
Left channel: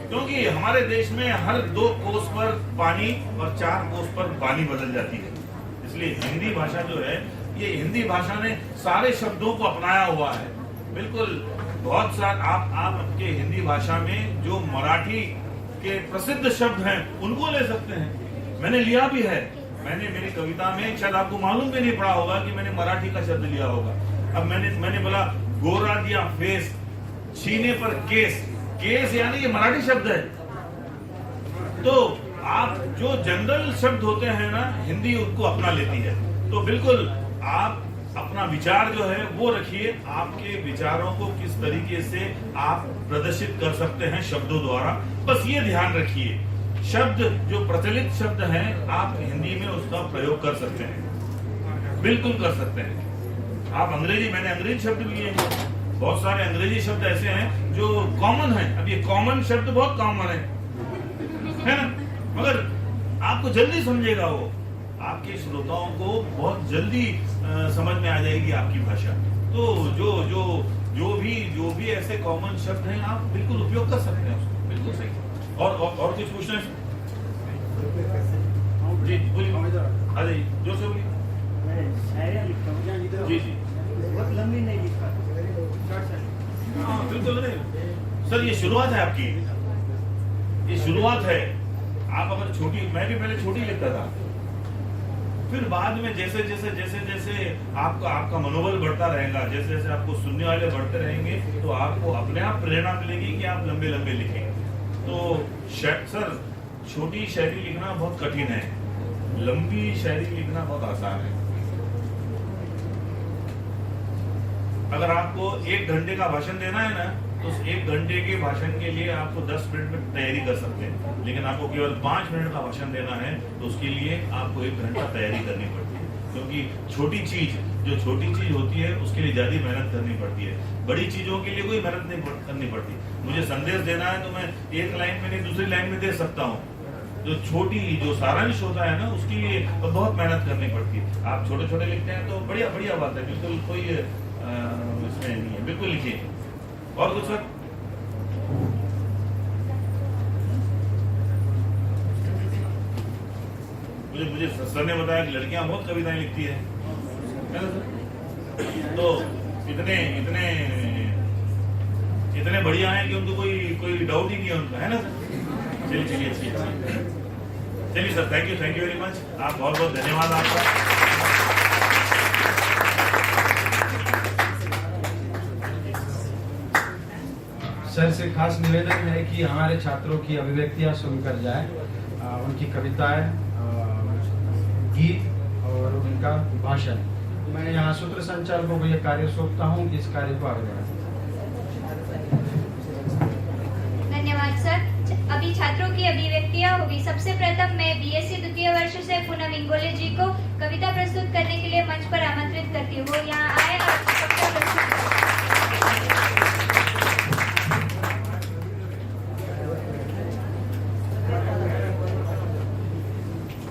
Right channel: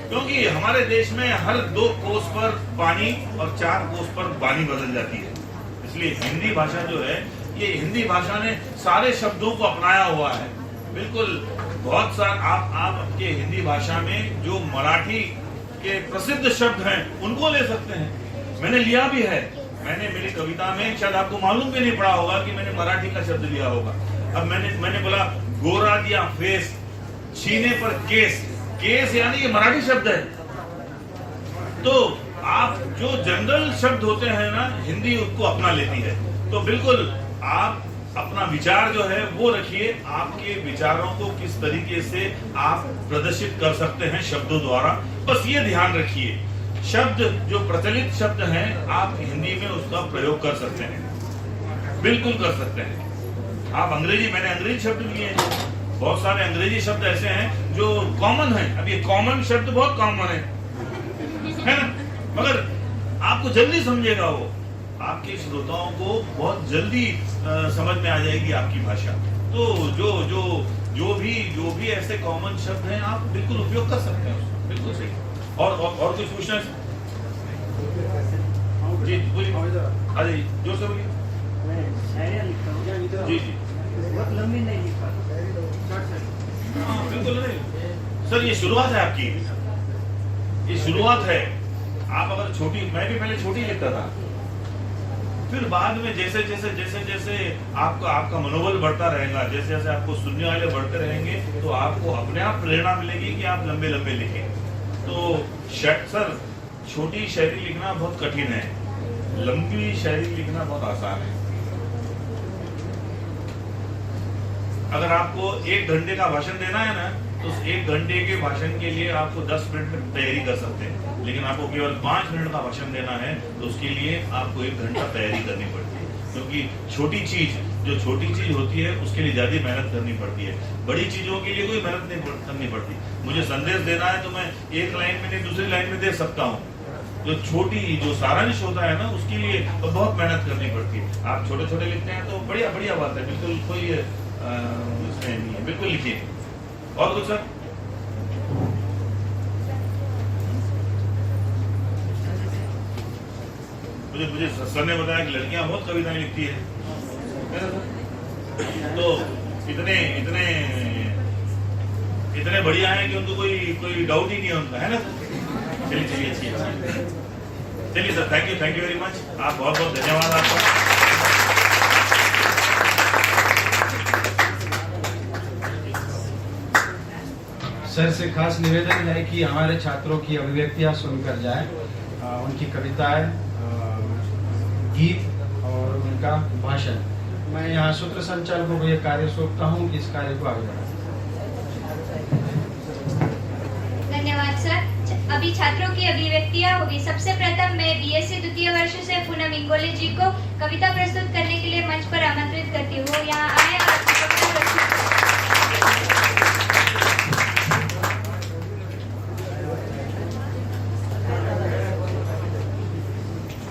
क्योंकि हमारे देश में हर 2 कोस पर पानी और 4 कोस पर बानी बदल जाती है। इसलिए हिंदी भाषा जो है, ये हिंदी भाषा ने सारे शब्दों को अपनाया हुआ है। बिल्कुल बहुत सारे आप आपके हिंदी भाषा में जो मराठी के प्रसिद्ध शब्द हैं उनको ले सकते हैं। मैंने लिया भी है, मैंने मेरी कविता में, शायद आपको मालूम भी नहीं पड़ा होगा कि मैंने मराठी का शब्द लिया होगा। अब मैंने बोला गोरा दिया फेस, छीने पर केस, केस यानी ये मराठी शब्द है। तो आप जो जनरल शब्द होते हैं ना, हिंदी उसको अपना लेती है। तो बिल्कुल आप अपना विचार जो है वो रखिए, आपके विचारों को किस तरीके से आप प्रदर्शित कर सकते हैं शब्दों द्वारा, बस ये ध्यान रखिए। शब्द जो प्रचलित शब्द हैं आप हिंदी में उसका प्रयोग कर सकते हैं, बिल्कुल कर सकते हैं। आप अंग्रेजी, मैंने अंग्रेजी शब्द लिए हैं, बहुत सारे अंग्रेजी शब्द ऐसे हैं जो कॉमन हैं। अब ये कॉमन शब्द बहुत कॉमन है ना, मगर आपको जल्दी समझेगा वो, आपके श्रोताओं को बहुत जल्दी समझ में आ जाएगी आपकी भाषा। तो जो भी ऐसे कॉमन शब्द हैं आप बिल्कुल उपयोग कर सकते हैं उसको, बिल्कुल सही। और कुछ पूछना है जी? बोलिए। हाँ जी, जो सब जी जी हाँ बिल्कुल नहीं सर, ये शुरुआत है आपकी, ये शुरुआत है। आप अगर छोटी, मैं भी पहले छोटी लिखता था, फिर बाद में जैसे जैसे जैसे जैसे आपका मनोबल बढ़ता रहेगा, जैसे जैसे आपको सुनने वाले बढ़ते रहेंगे, तो आपको अपने आप प्रेरणा मिलेगी कि आप लंबे लंबे लिखें। तो सर, छोटी शायरी लिखना बहुत कठिन है, लंबी शायरी लिखना बहुत आसान है। अगर आपको 1 घंटे का भाषण देना है ना, तो उस 1 घंटे के भाषण के लिए आपको 10 मिनट में तैयारी कर सकते हैं, लेकिन आपको केवल 5 मिनट का भाषण देना है तो उसके लिए आपको 1 घंटा तैयारी करनी पड़ती है, क्योंकि जो छोटी चीज होती है उसके लिए ज्यादा मेहनत करनी पड़ती है, बड़ी चीजों के लिए कोई मेहनत नहीं करनी पड़ती। मुझे संदेश देना है तो मैं 1 लाइन में नहीं दूसरी लाइन में दे सकता हूँ। जो सारांश होता है ना, उसके लिए तो बहुत मेहनत करनी पड़ती है। आप छोटे छोटे लिखते हैं तो बढ़िया बात है, बिल्कुल कोई उसमें नहीं है, बिल्कुल लिखिए। और कुछ सर? मुझे सर ने बताया कि लड़कियां बहुत कविताएं लिखती है ना सर? तो इतने बढ़िया हैं कि उनको कोई डाउट ही नहीं है उनका, है ना सर? चलिए अच्छी है। चलिए sir, thank you very much. आप बहुत धन्यवाद आपका। सर से खास निवेदन है कि हमारे छात्रों की अभिव्यक्तियां सुनकर जाए, उनकी कविताएं, गीत और उनका भाषण। मैं यहाँ सूत्र संचालकों को यह कार्य सौंपता हूँ कि इस कार्य को आगे बढ़ाएं। धन्यवाद सर। अभी छात्रों की अभिव्यक्तियां होगी। सबसे प्रथम मैं बीएससी द्वितीय वर्ष से पूनम इंगोले जी को कविता प्रस्तुत करने के लिए मंच पर आमंत्रित करती हूँ। वो यहाँ आए और कविता प्रस्तुत करें।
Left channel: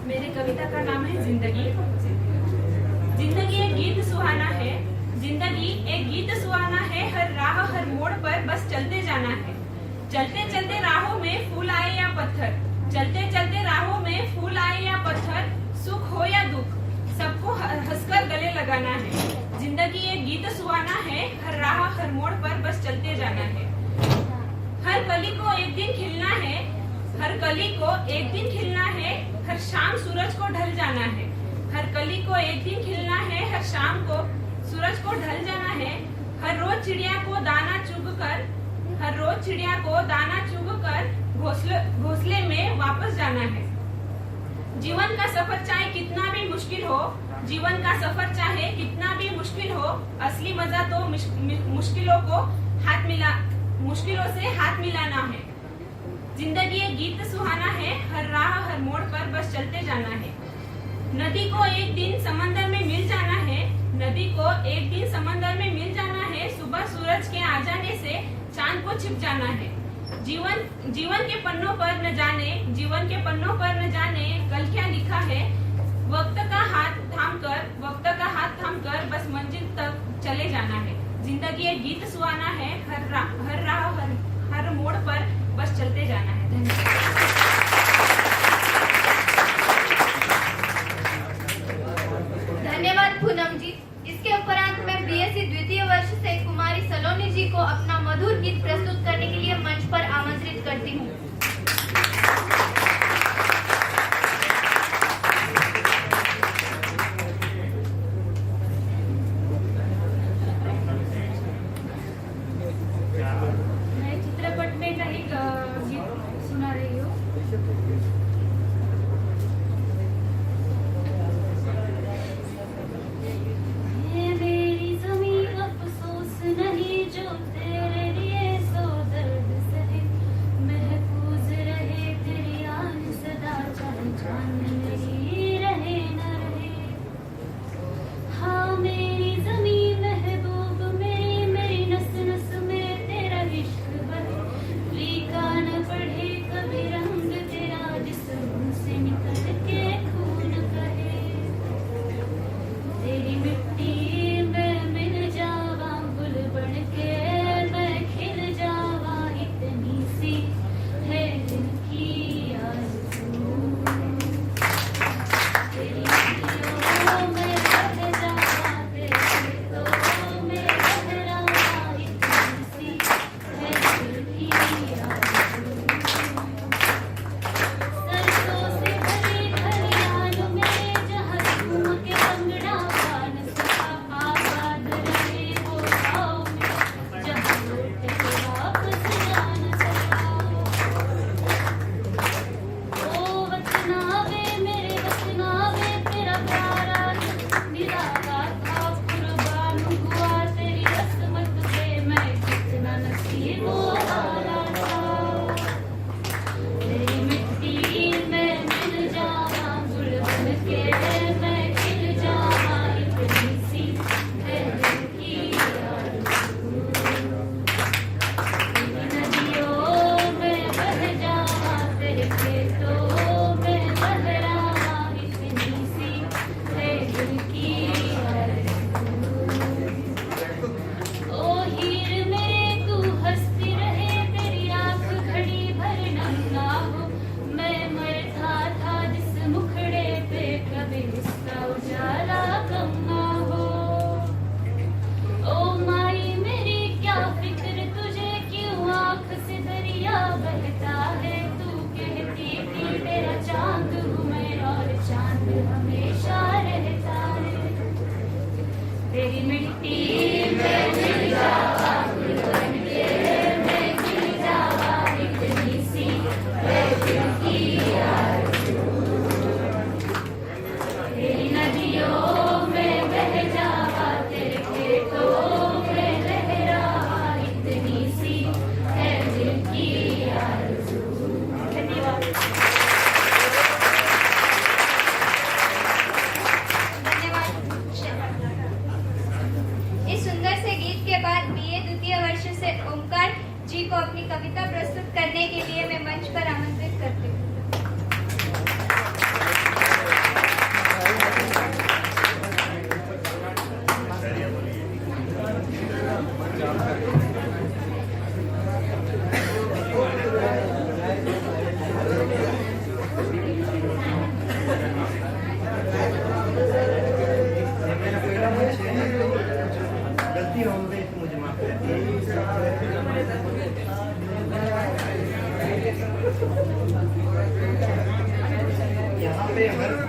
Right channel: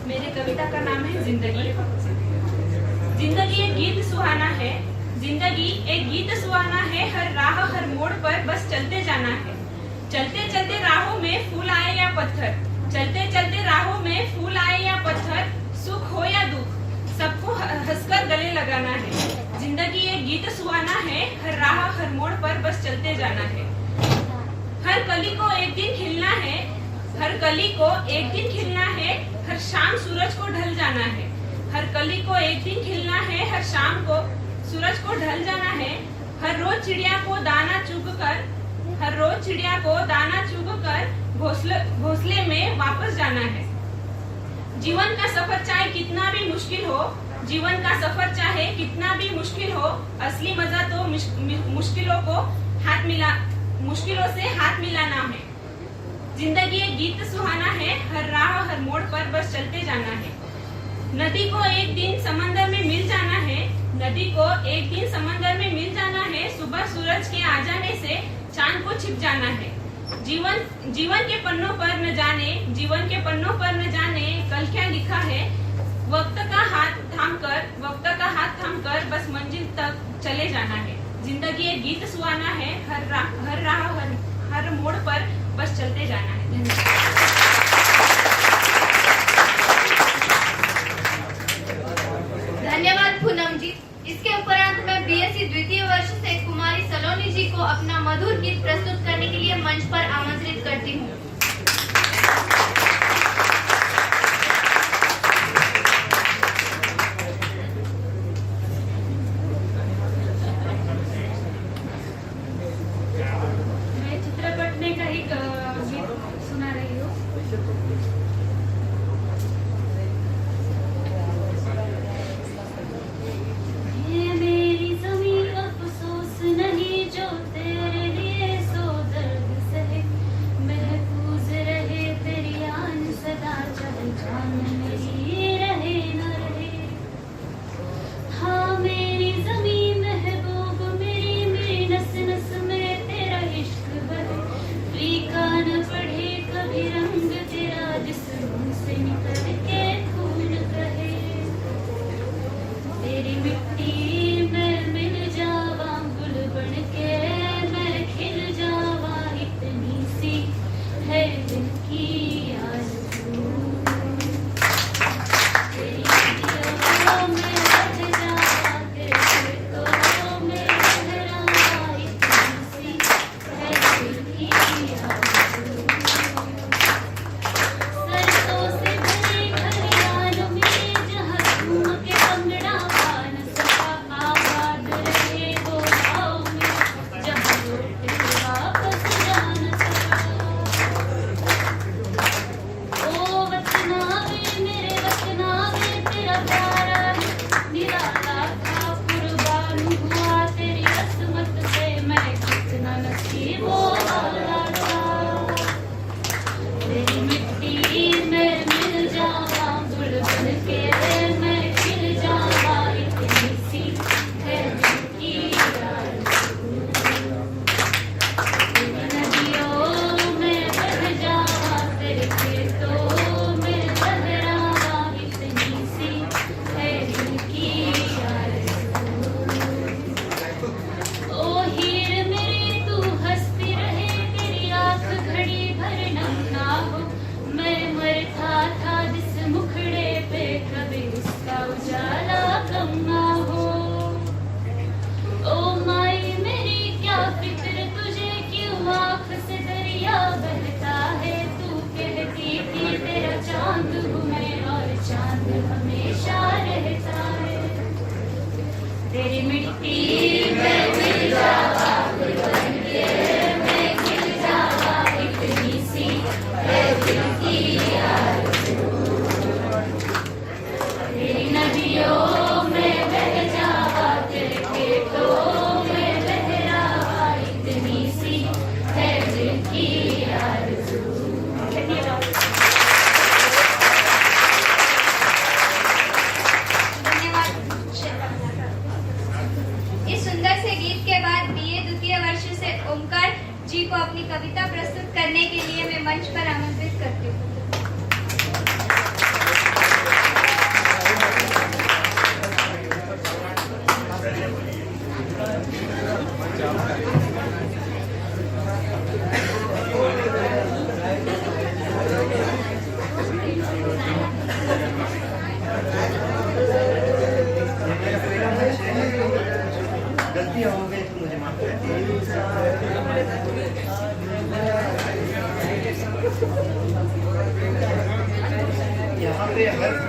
मेरी कविता का नाम है जिंदगी। जिंदगी एक गीत सुहाना है, जिंदगी एक गीत सुहाना है, हर राह हर मोड़ पर बस चलते जाना है। चलते चलते राहों में फूल आए या पत्थर, चलते चलते राहों में फूल आए या पत्थर, सुख हो या दुख सबको हंसकर गले लगाना है। जिंदगी एक गीत सुहाना है, हर राह हर मोड़ पर बस चलते जाना है। हर कली को एक दिन खिलना है, हर कली को एक दिन खिलना है, हर शाम सूरज को ढल जाना है। हर कली को एक दिन खिलना है, हर शाम को सूरज को ढल जाना है। हर रोज चिड़िया को दाना चुग कर, हर रोज चिड़िया को दाना चुग कर घोंसले में वापस जाना है। जीवन का सफर चाहे कितना भी मुश्किल हो, जीवन का सफर चाहे कितना भी मुश्किल हो, असली मजा तो मुश्किलों से हाथ मिलाना है। जिंदगी एक गीत सुहाना है, हर राह हर मोड़ पर बस चलते जाना है। नदी को एक दिन समंदर में मिल जाना है, नदी को एक दिन समंदर में मिल जाना है। सुबह सूरज के आ जाने से चांद को छिप जाना है। जीवन के पन्नों पर न जाने, जीवन के पन्नों पर न जाने कल क्या लिखा है। वक्त का हाथ थामकर बस मंजिल तक चले जाना है। जिंदगी एक गीत सुहाना है, हर राह हर मोड़ पर बस चलते जाना है। धन्यवाद पूनम जी। इसके उपरांत मैं बीएससी द्वितीय वर्ष से कुमारी सलोनी जी को अपना मधुर गीत प्रस्तुत करने के लिए मंच पर आमंत्रित करती हूँ।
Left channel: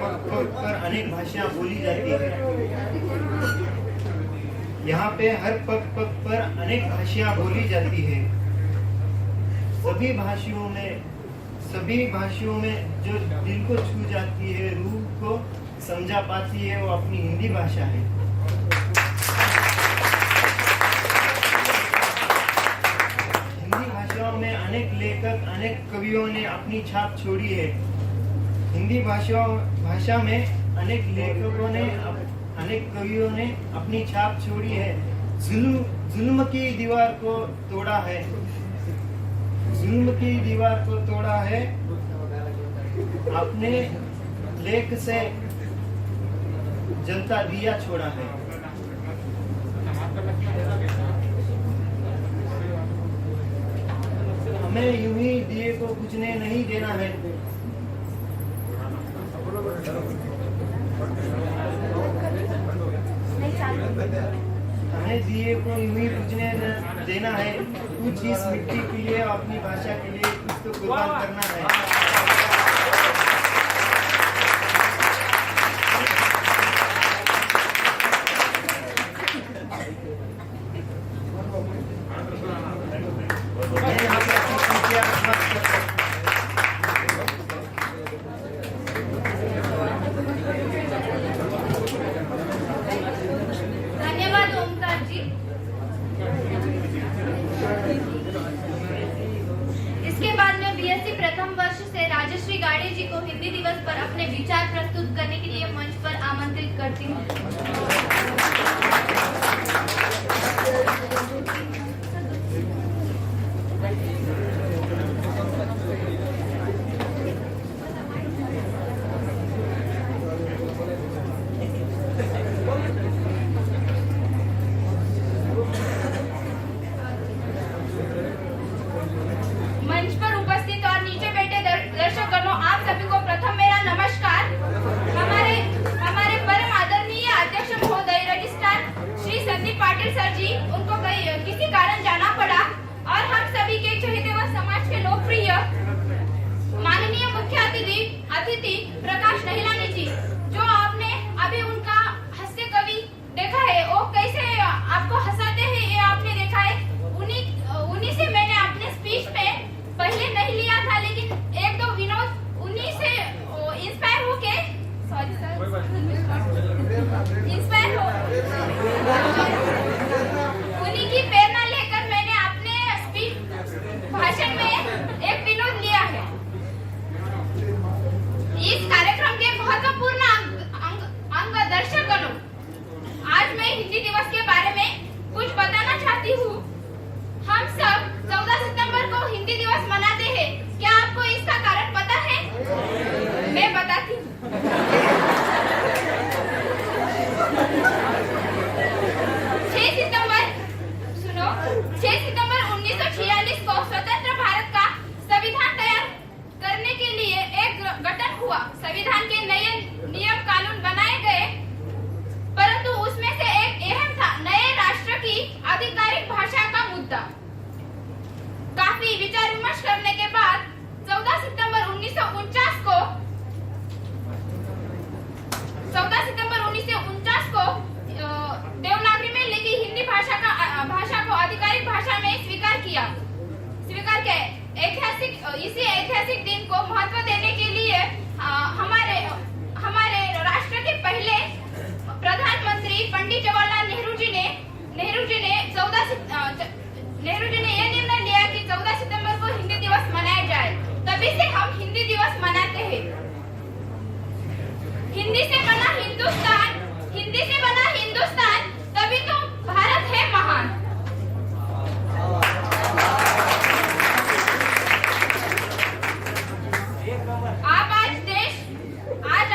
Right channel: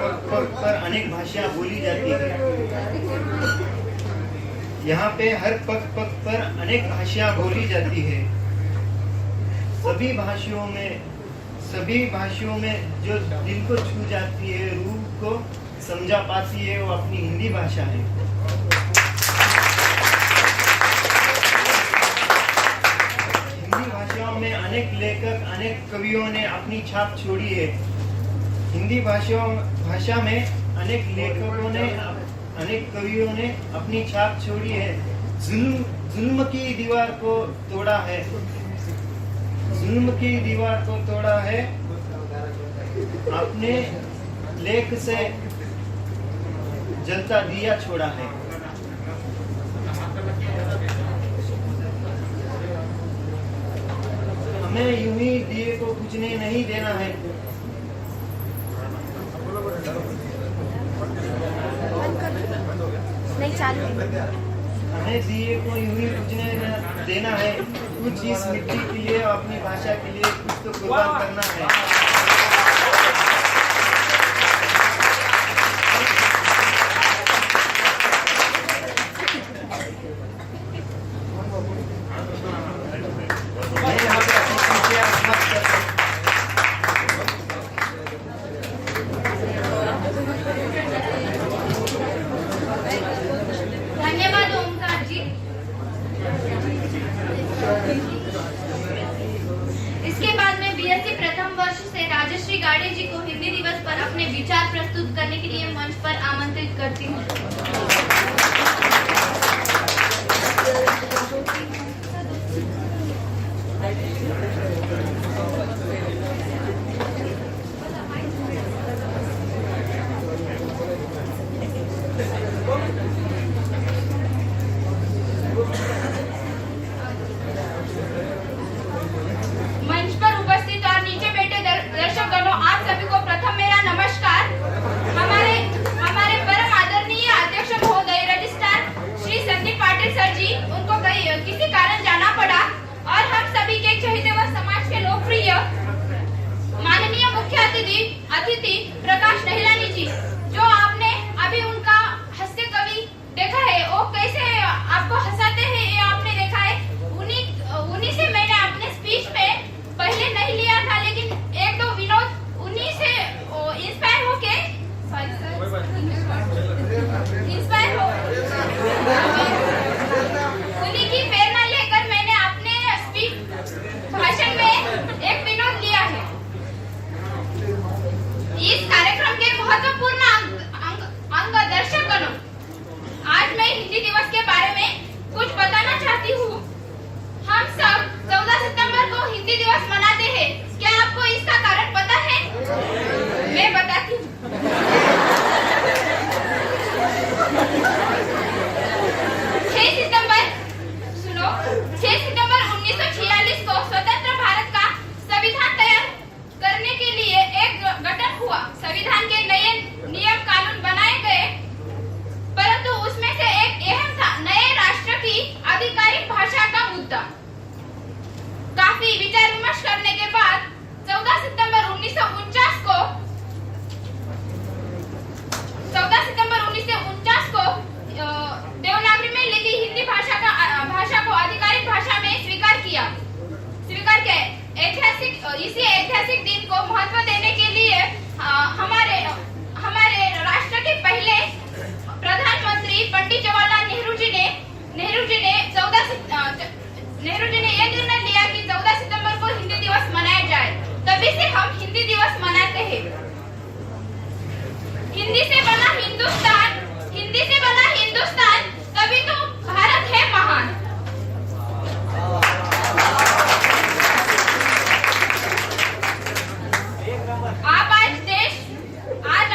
पग पग पर अनेक भाषाएं बोली जाती है। यहाँ पे हर पग पग पर अनेक भाषाएं बोली जाती है। सभी भाषाओं में जो दिल को छू जाती है, रूह को समझा पाती है, वो अपनी हिंदी भाषा है। हिंदी भाषाओं में अनेक लेखक, अनेक कवियों ने अपनी छाप छोड़ी है। हिंदी भाषा में अनेक लेखकों ने, अनेक कवियों ने अपनी छाप छोड़ी है। जुल्म की दीवार को तोड़ा है, जुल्म की दीवार को तोड़ा है, अपने लेख से जलता दिया छोड़ा है। हमें यूं ही दिए को बुझने नहीं देना है। हमें दिए को यूं ही बुझने देना है। कुछ इस मिट्टी के लिए, अपनी भाषा के लिए कुछ तो कुर्बान करना है। मैं यहाँ पे अपनी खुशियाँ समाप्त करता हूँ। धन्यवाद ओमकार जी। इसके बाद में बीएससी प्रथम वर्ष से राजश्री गाड़े जी को हिंदी दिवस पर अपने विचार प्रस्तुत करने के लिए मंच पर आमंत्रित करती हूँ। मंच पर उपस्थित और नीचे बैठे दर्शकगणों, आप सभी को प्रथम मेरा नमस्कार। हमारे परम आदरणीय अध्यक्ष महोदय रजिस्ट्रार श्री संदीप पाटिल सर जी, उनको किसी कारण जाना पड़ा और हम सभी के चहेते व समाज के लोकप्रिय माननीय मुख्य अतिथि प्रकाश नहिलानी जी, जो आपने अभी उनका हास्य कवि देखा है, वो कैसे आपको हंसाते हैं ये आपने देखा है। उन्हीं से मैंने अपने स्पीच में पहले नहीं लिया था, लेकिन एक दो विनोद उन्हीं से इंस्पायर होके उन्हीं की प्रेरणा लेकर मैंने अपने स्पीच भाषण में एक विनोद लिया है। इस कार्यक्रम के महत्वपूर्ण अंग दर्शकगणों, आज मैं हिंदी दिवस के बारे में कुछ बताना चाहती हूँ। हम सब 14 सितंबर को हिंदी दिवस मनाते हैं। क्या आपको इसका कारण पता है? मैं बताती हूँ। 6 सितंबर 1946 को स्वतंत्र भारत का संविधान तैयार करने के लिए एक गठन हुआ। संविधान के नए नियम कानून बनाए गए, परंतु उसमें से एक अहम था नए राष्ट्र की आधिकारिक भाषा का मुद्दा। काफी विचार विमर्श करने के बाद 14 सितंबर 1949 को देवनागरी में लिखी हिंदी भाषा को आधिकारिक भाषा में स्वीकार किया। इसी ऐतिहासिक दिन को महत्व देने के लिए हमारे राष्ट्र के पहले प्रधानमंत्री पंडित जवाहरलाल नेहरू जी ने यह निर्णय लिया कि 14 सितंबर को हिंदी दिवस मनाया जाए। तभी से हम हिंदी दिवस मनाते हैं। हिंदी से बना हिंदुस्तान, तभी तो भारत है महान। आज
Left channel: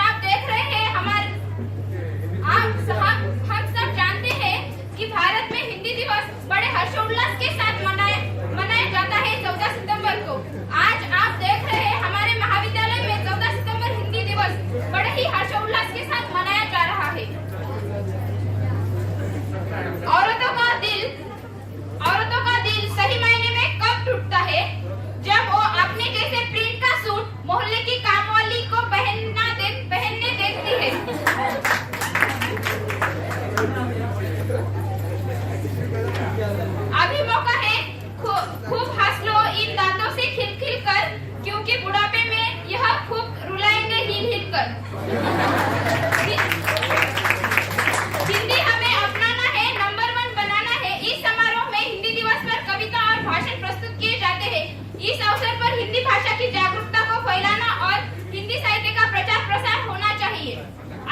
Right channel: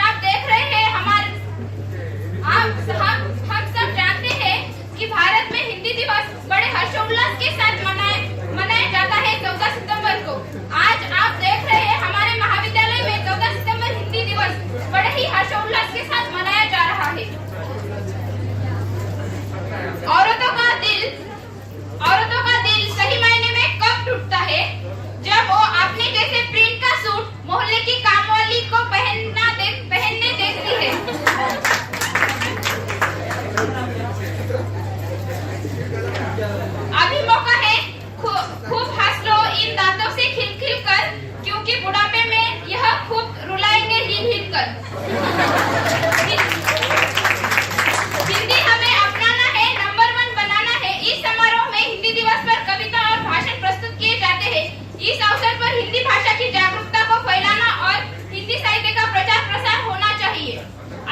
हिंदी हमें अपनाना है, नंबर 1 बनाना है। इस समारोह में हिंदी दिवस पर कविता और भाषण प्रस्तुत किए जाते हैं। इस अवसर पर हिंदी भाषा की जागरूकता को फैलाना और हिंदी साहित्य का प्रचार प्रसार होना चाहिए।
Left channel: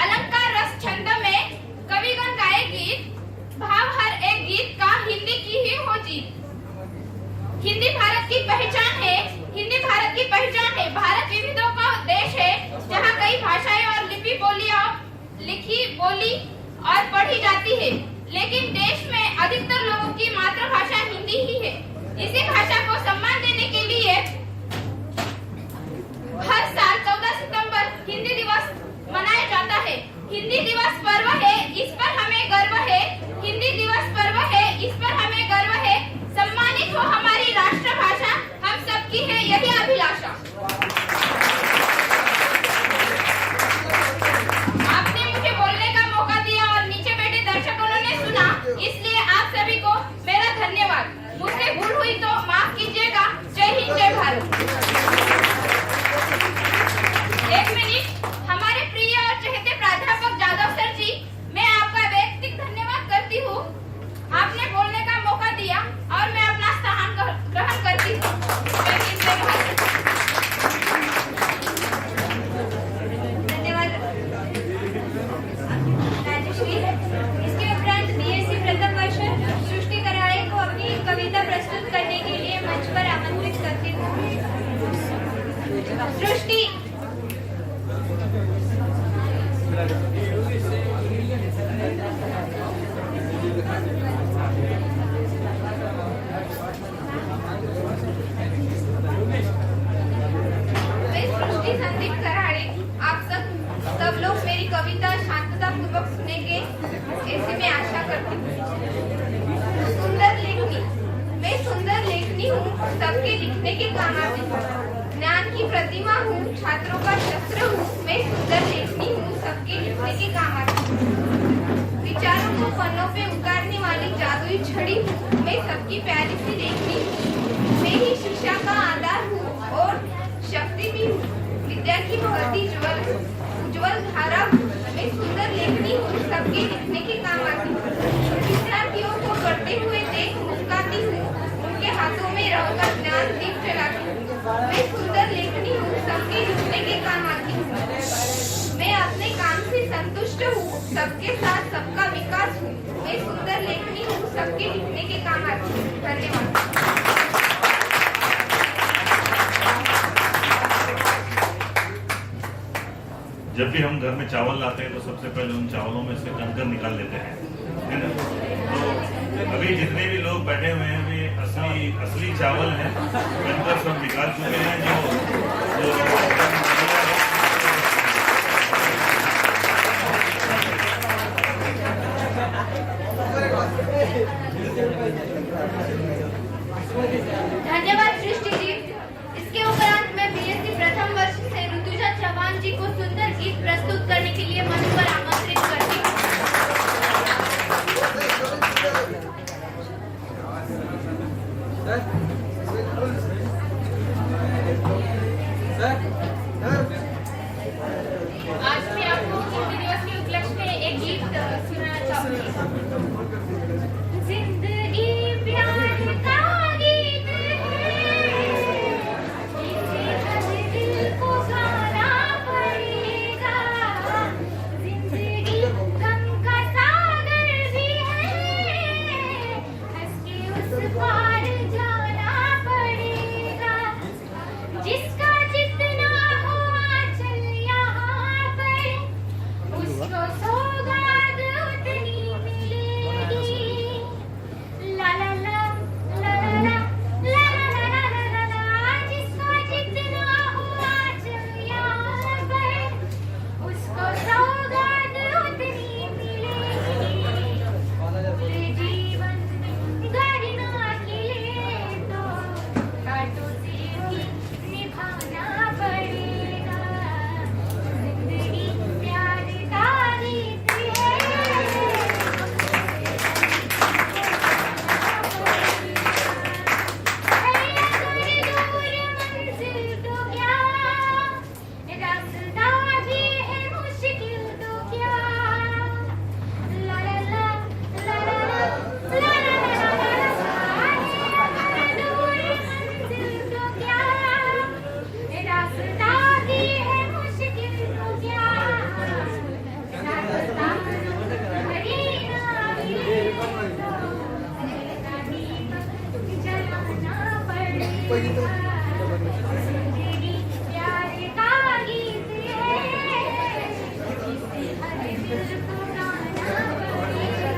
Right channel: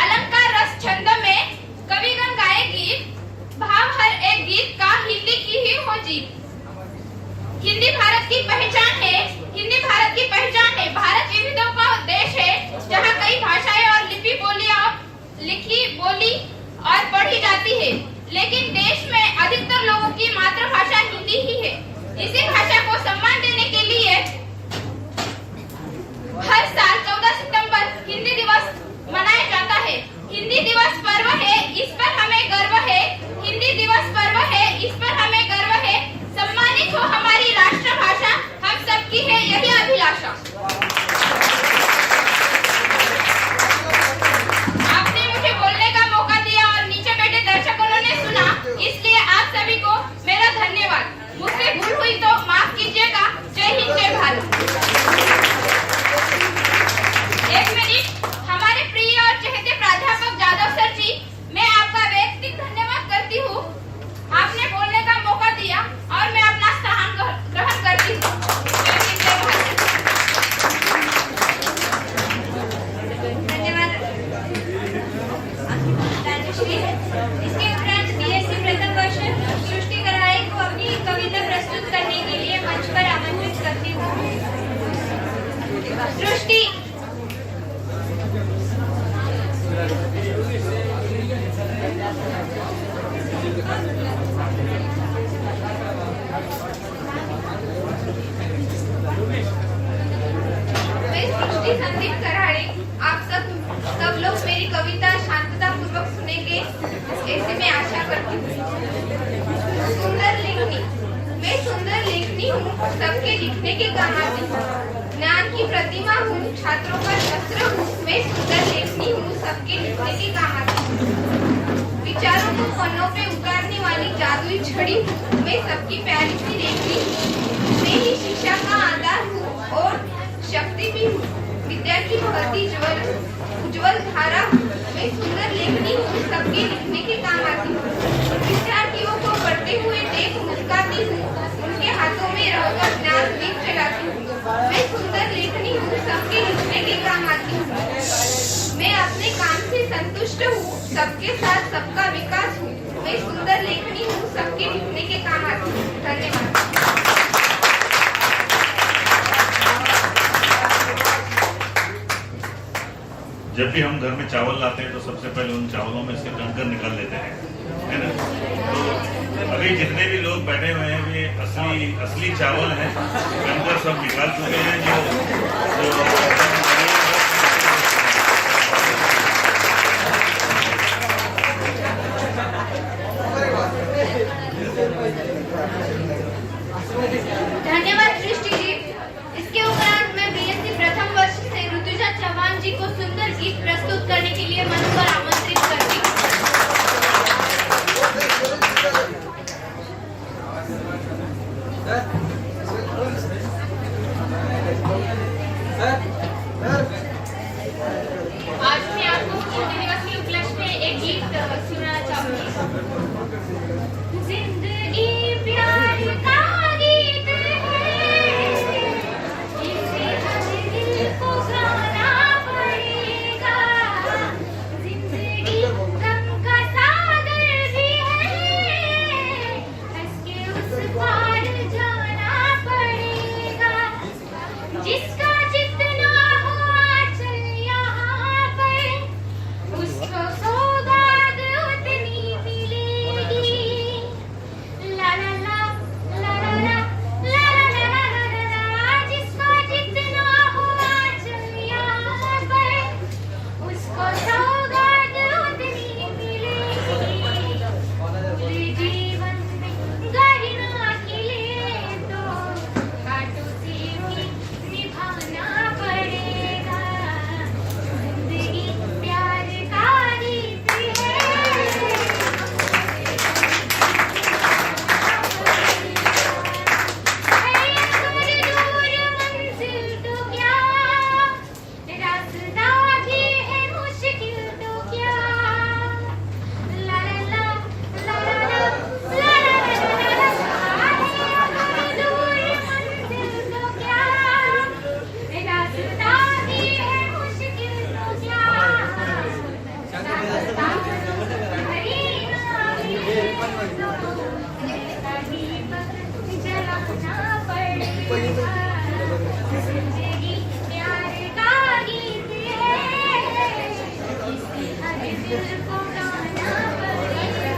अलंकार रस छंद में कविगण गाए गीत, भाव हर एक गीत का हिंदी की ही हो जीत। हिंदी भारत की पहचान है, हिंदी भारत की पहचान है। भारत विविधों का देश है, जहाँ कई भाषाएं और लिखी बोली और पढ़ी जाती है, लेकिन देश में अधिकतर लोगों की मातृभाषा हिंदी ही है। इसी भाषा को सम्मान देने के लिए हर साल 14 सितंबर हिंदी दिवस मनाया जाता है। हिंदी दिवस पर्व है, इस पर हमें गर्व है। हिंदी दिवस पर्व है, इस पर हमें गर्व है। सम्मानित हो हमारी राष्ट्रभाषा, हम सबकी है यही अभिलाषा। आपने मुझे बोलने का मौका दिया और नीचे बैठे दर्शकों ने सुना, इसलिए आप सभी को मेरा धन्यवाद। मुझसे भूल हुई तो माफ कीजिएगा। जय हिंद, जय भारत। एक मिनट, हमारे प्रिय और चहेते प्राध्यापक जादव सर जी, मैं आपका वैयक्तिक धन्यवाद करती हूँ। आपने बोलने का मौका दिया और मैं अपना स्थान ग्रहण करती हूँ। जय हिंद, जय भारत। धन्यवाद राजश्री। इसके उपरांत बीएससी प्रथम वर्ष सृष्टि कराड़े को अपनी कविता प्रस्तुत करने के लिए मंच पर आमंत्रित करती हूँ। सृष्टि। मैं सृष्टि संदीप कराड़े, आप सब लोग मेरी कविता शांतता पूर्वक सुनेंगे, ऐसी मैं आशा करती हूँ। सुंदर लेखनी। मैं सुंदर लेखनी हूँ, सबके लिखने के काम आती हूँ। ज्ञान की प्रतिमा हूँ, छात्रों का शस्त्र हूँ। मैं सुंदर लेखनी हूँ, सबके लिखने के काम आती हूँ। विचारों को पन्नों पे उतारने वाली जादुई छड़ी हूँ। मैं सबकी प्यारी सी लेखनी हूँ। मैं ही शिक्षा का आधार हूँ और शक्ति भी हूँ। विद्या की बहती उज्जवल धारा हूँ। मैं सुंदर लेखनी हूँ, सबके लिखने के काम आती हूँ। विद्यार्थियों को पढ़ते हुए देख मुस्कुराती हूँ, उनके हाथों में रहकर ज्ञान दीप जलाती हूँ। मैं सुंदर लेखनी हूँ, सबके लिखने के काम आती हूँ। मैं अपने काम से संतुष्ट हूँ, सबके साथ सबका विकास हूँ। मैं सुंदर लेखनी हूँ, सबके लिखने के काम आती हूँ। धन्यवाद। जब भी हम घर में चावल लाते हैं तो सबसे पहले उन चावलों में से कंकर निकाल लेते हैं, है ना। तो अभी जितने भी लोग बैठे हुए हैं वे असली चावल हैं, कंकर सब निकाल चुके हैं। जो धन्यवाद सृष्टि जी। इसके उपरांत मैं बीएससी प्रथम वर्ष से ऋतुजा चौहान जी को सुंदर गीत प्रस्तुत करने के लिए मंच पर आमंत्रित करती हूँ। आज मैं आपको हिंदी दिवस के उपलक्ष्य में एक गीत सुनाना चाहूंगी। जिंदगी प्यार का गीत है, इसे हर दिल को गाना पड़ेगा। जिंदगी गम का सागर भी है, हंस के उस पार जाना पड़ेगा। जिसका जितना हो आंचल यहाँ पर, उसको सौगात उतनी मिलेगी। जिंदगी प्यार का गीत है, इसे हर दिल को गाना पड़ेगा।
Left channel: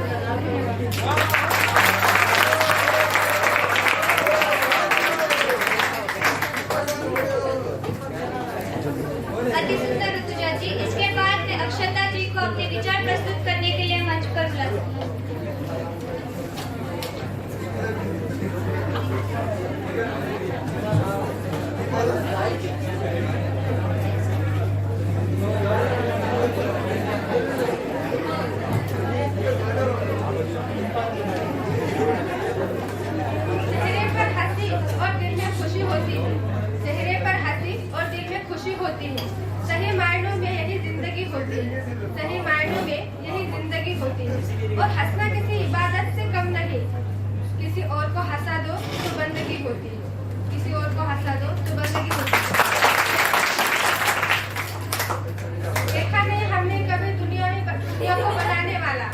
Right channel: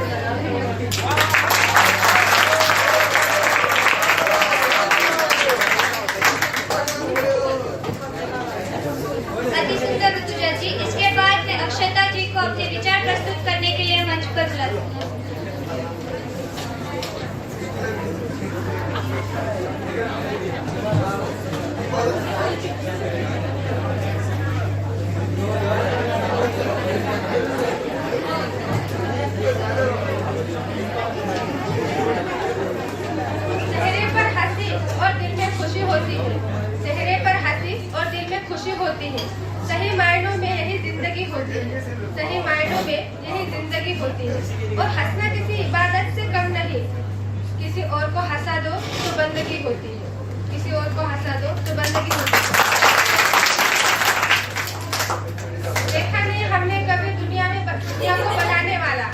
अति सुंदर ऋतुजा जी। इसके बाद मैं अक्षता जी को अपने विचार प्रस्तुत करने के लिए मंच पर बुलाती हूँ। चेहरे पर हंसी और दिल में खुशी होती है, चेहरे पर हंसी और दिल में खुशी होती है। सही मायनों में यही जिंदगी होती है, सही मायनों में यही जिंदगी होती है। और हंसना किसी इबादत से कम नहीं, किसी और को हंसा दो तो बंदगी होती है, किसी और को हंसा दो तो बंदगी होती है। देखा नहीं हमने कभी दुनिया को बनाने वाला,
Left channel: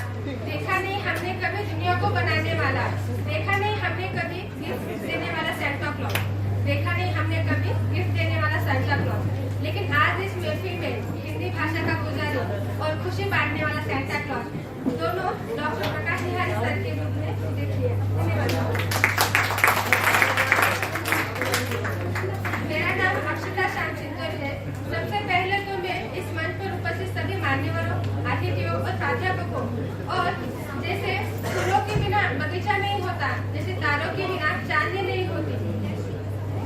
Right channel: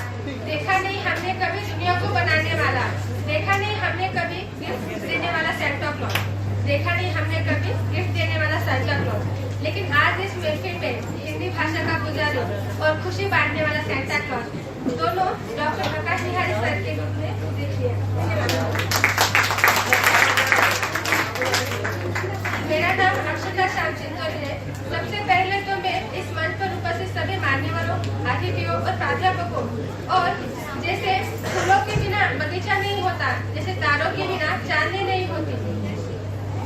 देखा नहीं हमने कभी दुनिया को बनाने वाला, देखा नहीं हमने कभी गिफ्ट देने वाला सेंटा क्लॉज, देखा नहीं हमने कभी गिफ्ट देने वाला सेंटा क्लॉज। लेकिन आज इस महफिल में हिंदी भाषा का पुजारी और खुशी बांटने वाला सेंटा क्लॉज दोनों डॉक्टर प्रकाश निहारी सर के रूप में देखिए। मेरा नाम अक्षता श्याम चिंतोरी है। सबसे पहले तो मैं इस मंच पर उपस्थित सभी मान्यवरों, अतिथियों और प्राध्यापकों और जैसे फूलों के बिना बगीचा नहीं होता, जैसे तारों के बिना चांदनी नहीं होती,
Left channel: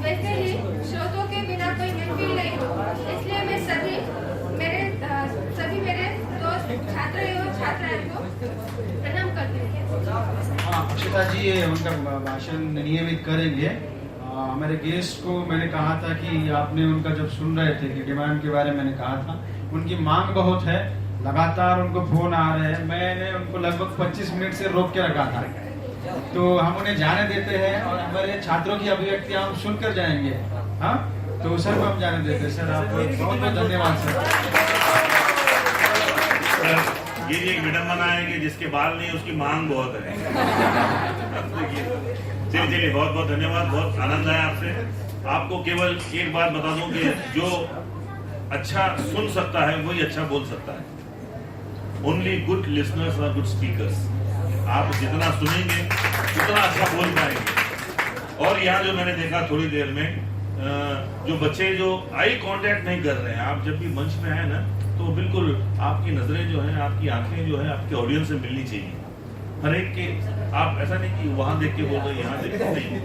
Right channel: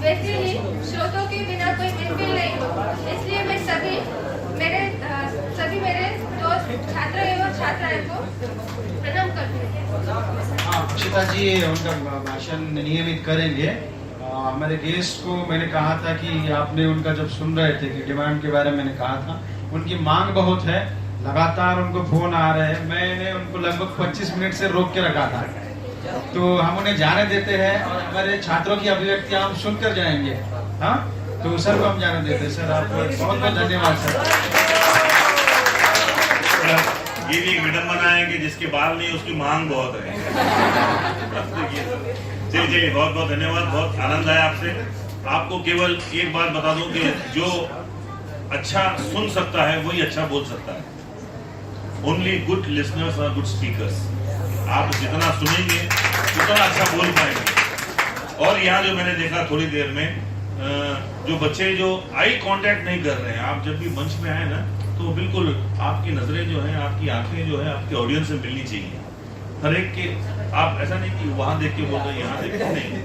वैसे ही स्रोतों के बिना कोई महफिल नहीं होती। इसलिए मैं सभी मेरे दोस्त छात्र एवं छात्राएं को प्रणाम करती हूँ। हाँ, अक्षता जी उनका भाषण नियमित करेंगे। हमारे गेस्ट को मैंने कहा था कि आपने उनका जब सुन रहे थे कि डिमांड के बारे में मैंने कहा था, उनकी मांग बहुत है, लगातार उनको फोन आ रहे हैं। मैंने उनको लगभग 25 मिनट से रोक के रखा था, तो हम उन्हें जाने देते हैं और हमारे छात्रों की अभिव्यक्ति हम सुनकर जाएंगे। हाँ, तो सर को हम जाने देते हैं। सर आपको बहुत बहुत धन्यवाद सर। ये भी एक विडम्बना है कि जिसके बाल नहीं उसकी मांग बहुत है। चलिए बहुत बहुत धन्यवाद, बहुत आनंद आया आपसे। आपको केवल एक बात बता दूं कि जो अच्छा सुन सकता है वही अच्छा बोल सकता है। ओनली गुड लिसनर्स और गुड स्पीकर्स। आप जितना सुनेंगे उतना अच्छा बोल पाएंगे। और यहाँ जो मैंने देखा थोड़ी देर में, जो बच्चे जो आई कांटेक्ट नहीं कर रहे हैं, आप जब भी मंच में आए ना तो बिल्कुल आपकी नजरें जो हैं, आपकी आंखें जो है आपके ऑडियंस से मिलनी चाहिए। हर एक के आप ऐसा नहीं कि वहां देख के बोल रहे यहाँ देख के, नहीं,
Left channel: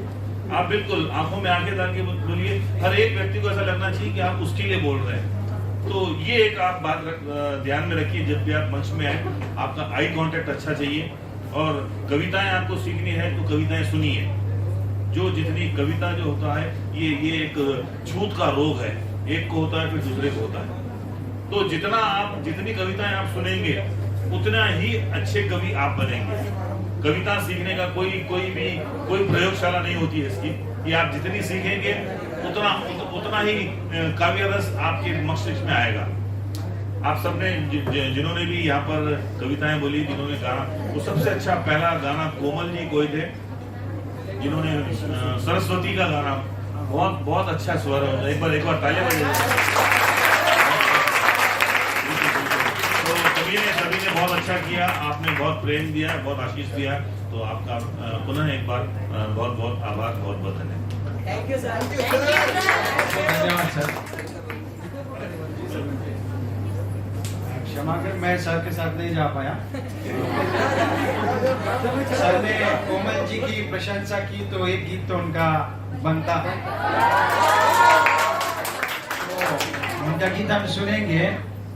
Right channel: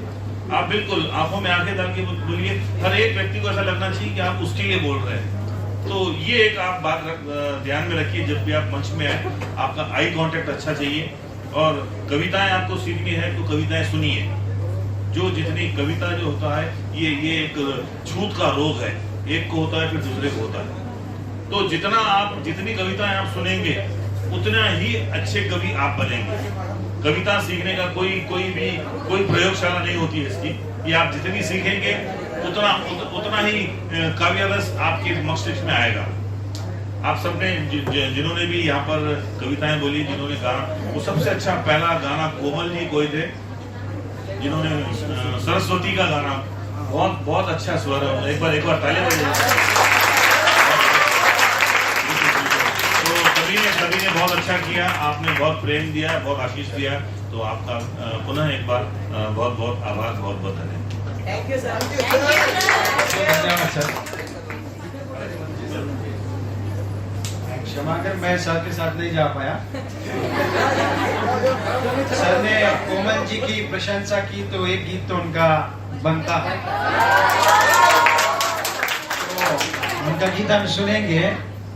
आप बिल्कुल आंखों में आंखें डाल के बोलिए। हर एक व्यक्ति को ऐसा लगना चाहिए कि आप उसके लिए बोल रहे हैं। तो ये एक आप बात ध्यान में रखिए, जब भी आप मंच में आए आपका आई कांटेक्ट अच्छा चाहिए। और कविताएं आपको सीखनी है तो कविताएं सुनिए। जो जितनी कविता जो होता है ये एक छूत का रोग है, एक को होता है फिर दूसरे को होता है। तो जितनी कविताएं आप सुनेंगे उतना ही अच्छे कवि आप बनेंगे। कविता सीखने का कोई प्रयोगशाला नहीं होती है इसकी, कि आप जितनी सीखेंगे उतना ही काव्य रस आपके मस्तिष्क में आएगा। आप सबने जिन्होंने भी यहाँ पर कविताएं बोली, जिन्होंने गाना, वो सबसे अच्छा पहला गाना कोमल जी कोई थे जिन्होंने सरस्वती का गाना, बहुत अच्छा स्वर है। एक बार ताली बजाइए। सभी ने बहुत अच्छा किया, आपने बहुत प्रेम दिया, बहुत आशीष दिया, तो आपका पुनः एक बार बहुत बहुत आभार, बहुत बहुत धन्यवाद। Thank you sir. धन्यवाद सर। क्षमा कर, मैं सर के साथ नहीं जा पाया। सर ने कोमल जी की प्रशंसा की तो एक गीत तो उनका बनता है, तो उनका गीत हम सुनेंगे।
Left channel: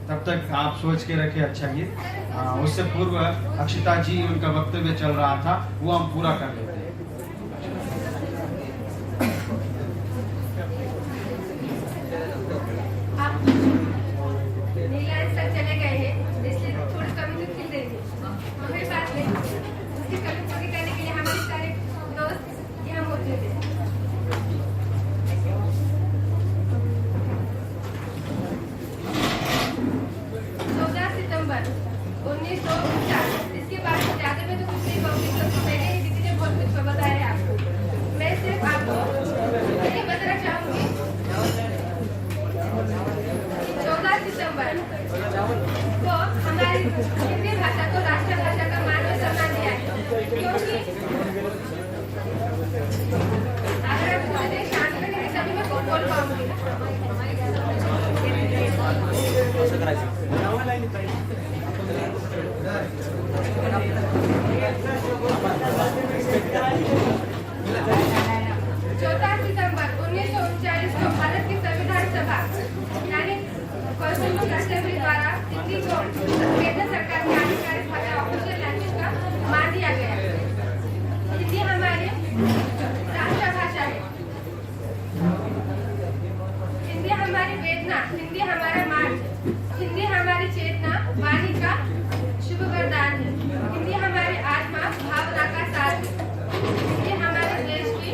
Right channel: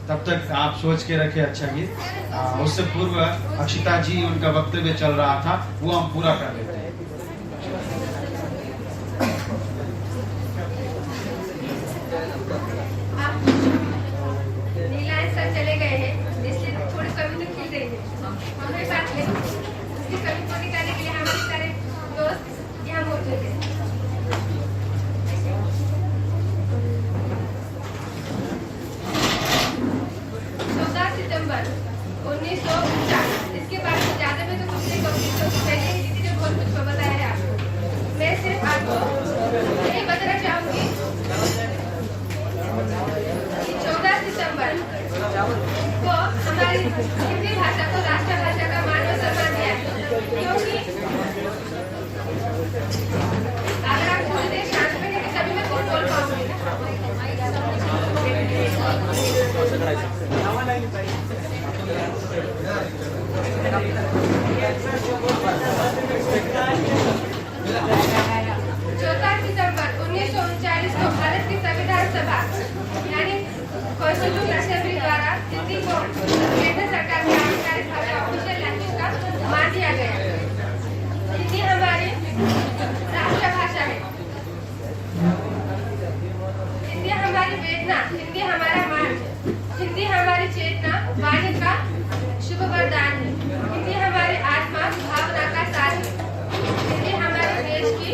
तब तक आप सोच के रखे अच्छा गीत। उससे पूर्व अक्षता जी उनका वक्तव्य चल रहा था, वो हम पूरा कर लेते हैं। नीलांश सर चले गए हैं, इसलिए थोड़ी कमी तो खिल गई है। हमें बात नहीं, उसकी कमी पूरी करने के लिए हमारे सारे दोस्त यहाँ मौजूद हैं। 1949, इसके बारे में ज्यादा मैं तो कुछ नहीं कहूँगी, क्योंकि पहले ही दीदी ने बहुत कुछ बताया है आपको। मैं सिर्फ आपको हमारी हिंदी भाषा को राष्ट्रभाषा का मान और सम्मान दिया है, क्योंकि अगर आप पूरे देश शांत में हैं तभी मैं बोल पाऊंगी। चौथा दिसंबर 1939 को भारत की संविधान सभा यानी कॉन्स्टिट्यूशन असेंबली द्वारा हिंदी को केंद्र सरकार की आधिकारिक भाषा ऑफिशियल लैंग्वेज का मान दिया गया। हिंदी हमारी राष्ट्रभाषा है, हिंदी हमारी वेदना, हिंदी हमारा मान, हिंदी हमारी चेतना, वाणी का शुभ वरदान है, हिंदी हमारी आत्मा, भावना का सार है, हिंदी हमारे देश की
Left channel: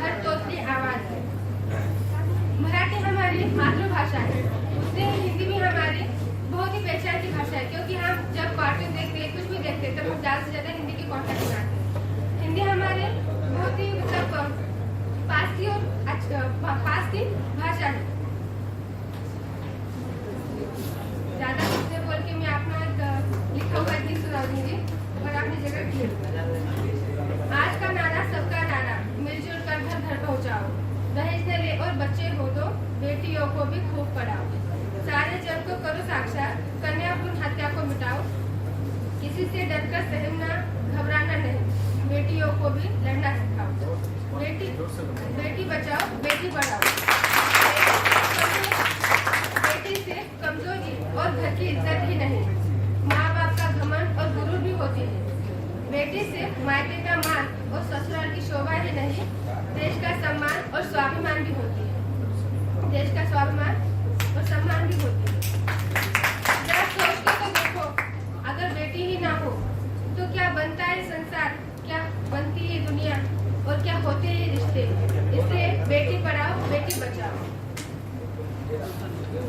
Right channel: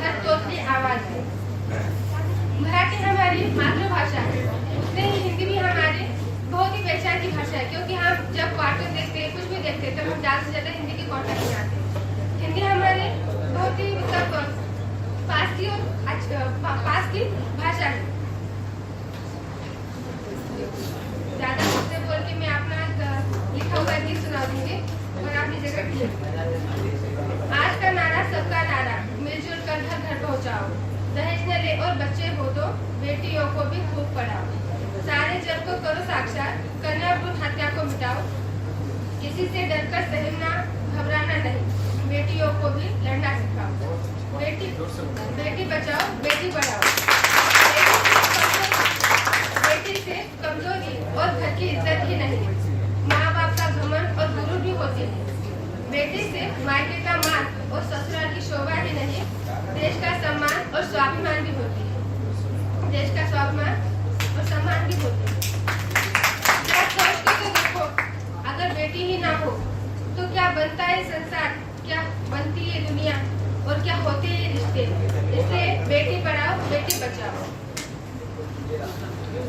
हर तोतली आवाज है। मराठी हमारी मातृभाषा है, उतने ही हिंदी भी हमारी बहुत ही पहचान की भाषा है, क्योंकि हम जब कार्टून देखते हैं, कुछ भी देखते हैं, तब हम ज्यादा से ज्यादा हिंदी की कॉन्टेक्ट बनाते हैं। हिंदी हमारे बहुत ही मतलब पास की भाषा है। ज्यादा खुद से बोल के मैं अपना लिखा हुआ गीत सुना दूंगी और आप लीजिएगा। आज का नारा सबका नारा, मिलजुल कर घर घर पहुंचाओ, दहेज न ले और बच्चे हो तो बेटियों को भी खूब पढ़ाओ, सारे जग को करो साक्षात, कन्या भ्रूण हत्या को मिटाओ, किसी से डरकर सहना घबराना नहीं, बेटियों को भी लड़ना सिखाओ, बेटी बचाओ बेटी बढ़ाओ, बेटी से कमजोरी और घर की इज्जत ही नहीं, माँ बाप का घमंड और गुरु भी होती है, बेटी से मायके का मान और ससुराल की शोभा ही नहीं, देश का सम्मान और स्वाभिमान भी होती है, देश का स्वाभिमान और सम्मान भी होती है। जरा सोच के तो देखो, अगर बेटी ही ना हो तो क्या बनता है संसार, क्या बनती है दुनिया और क्या होते हैं रिश्ते। इसलिए बेटी पढ़ाओ बेटी बचाओ,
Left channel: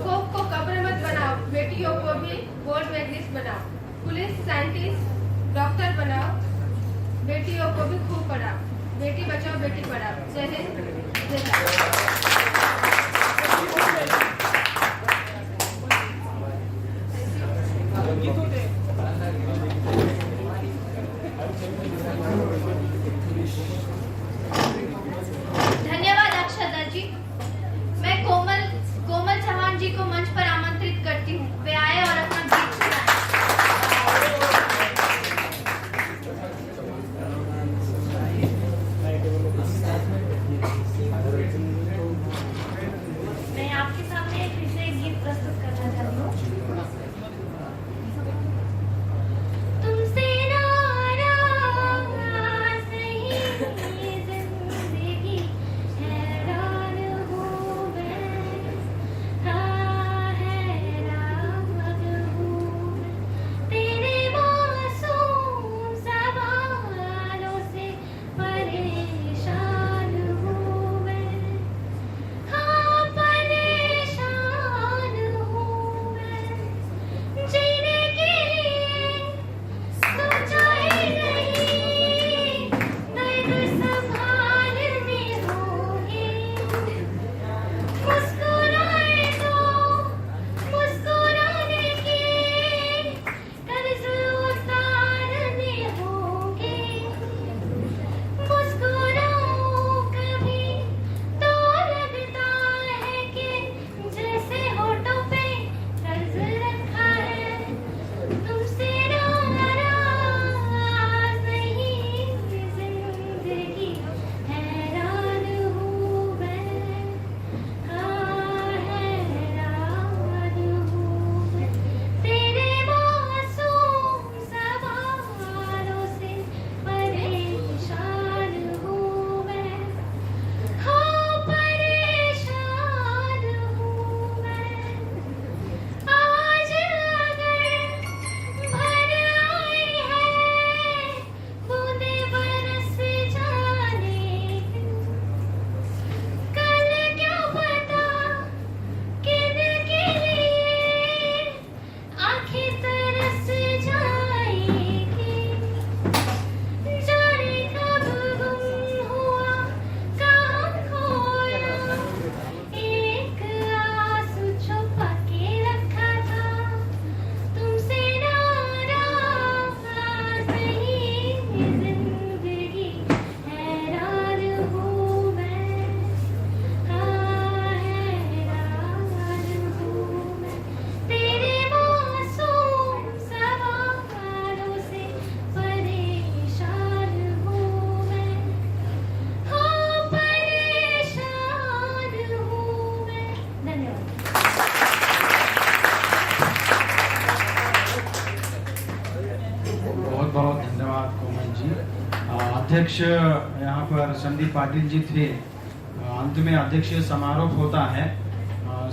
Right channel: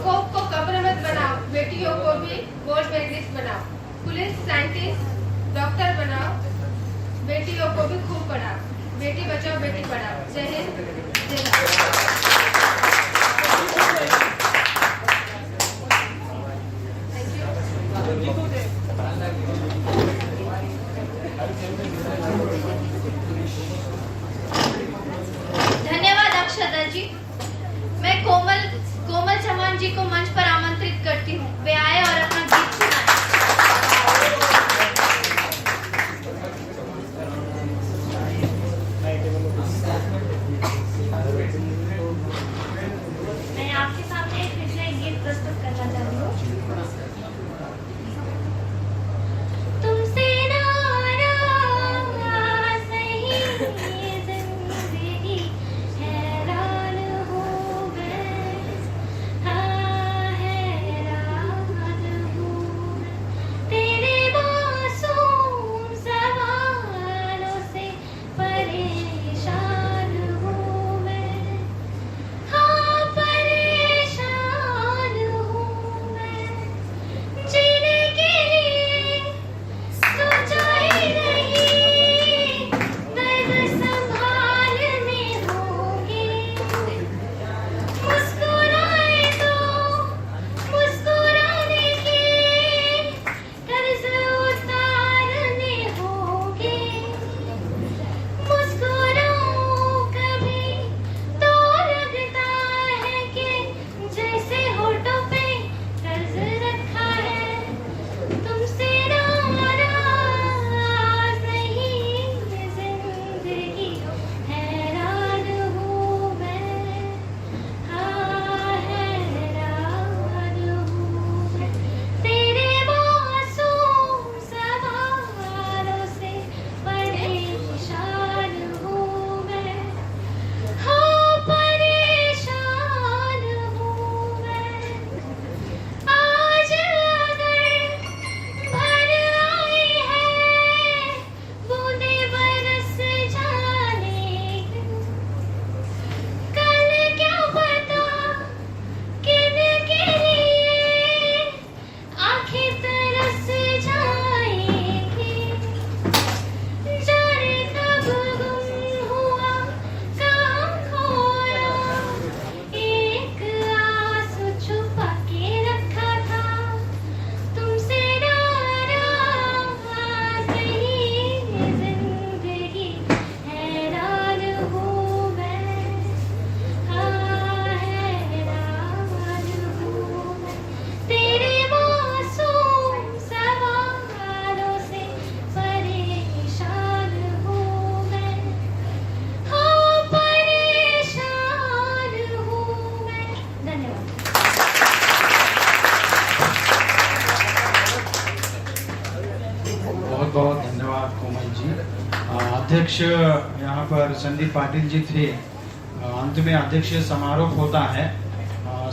खौफ को कब्र मत बनाओ, बेटियों को भी गोल्ड मेडलिस्ट बनाओ, पुलिस साइंटिस्ट डॉक्टर बनाओ, बेटियों को भी खूब पढ़ाओ, बेटी बचाओ बेटी पढ़ाओ। जय हिंद जय भारत। धन्यवाद अक्षता जी। मैं कोमल चौहान जी को मंच पर आमंत्रित करती हूँ, वे आए और अपना गीत सुनाए। मैं आपके सामने फिर से एक गीत प्रस्तुत करना चाहती हूँ। तुमसे नाराज बहुत धन्यवाद कोमल जी। अध्यक्ष यहाँ पर संदीप पाटिल जी थे। अंत में अध्यक्ष समारोह होता है।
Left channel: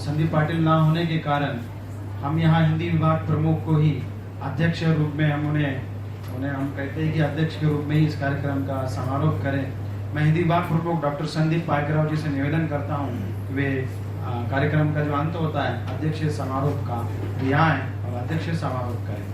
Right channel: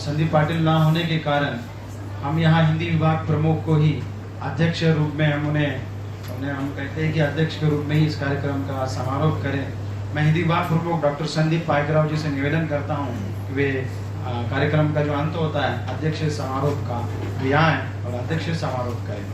संदीप पाटिल ना होने के कारण हम यहाँ हिंदी विभाग प्रमुख को ही अध्यक्ष रूप में हम कहते हैं कि अध्यक्ष के रूप में ही इस कार्यक्रम का समारोह करें। मैं हिंदी विभाग प्रमुख डॉक्टर संदीप पाइकराव जी से निवेदन करता हूँ कि वे कार्यक्रम का जो अंत होता है अध्यक्ष समारोह का वे आएं और अध्यक्ष समारोह करें।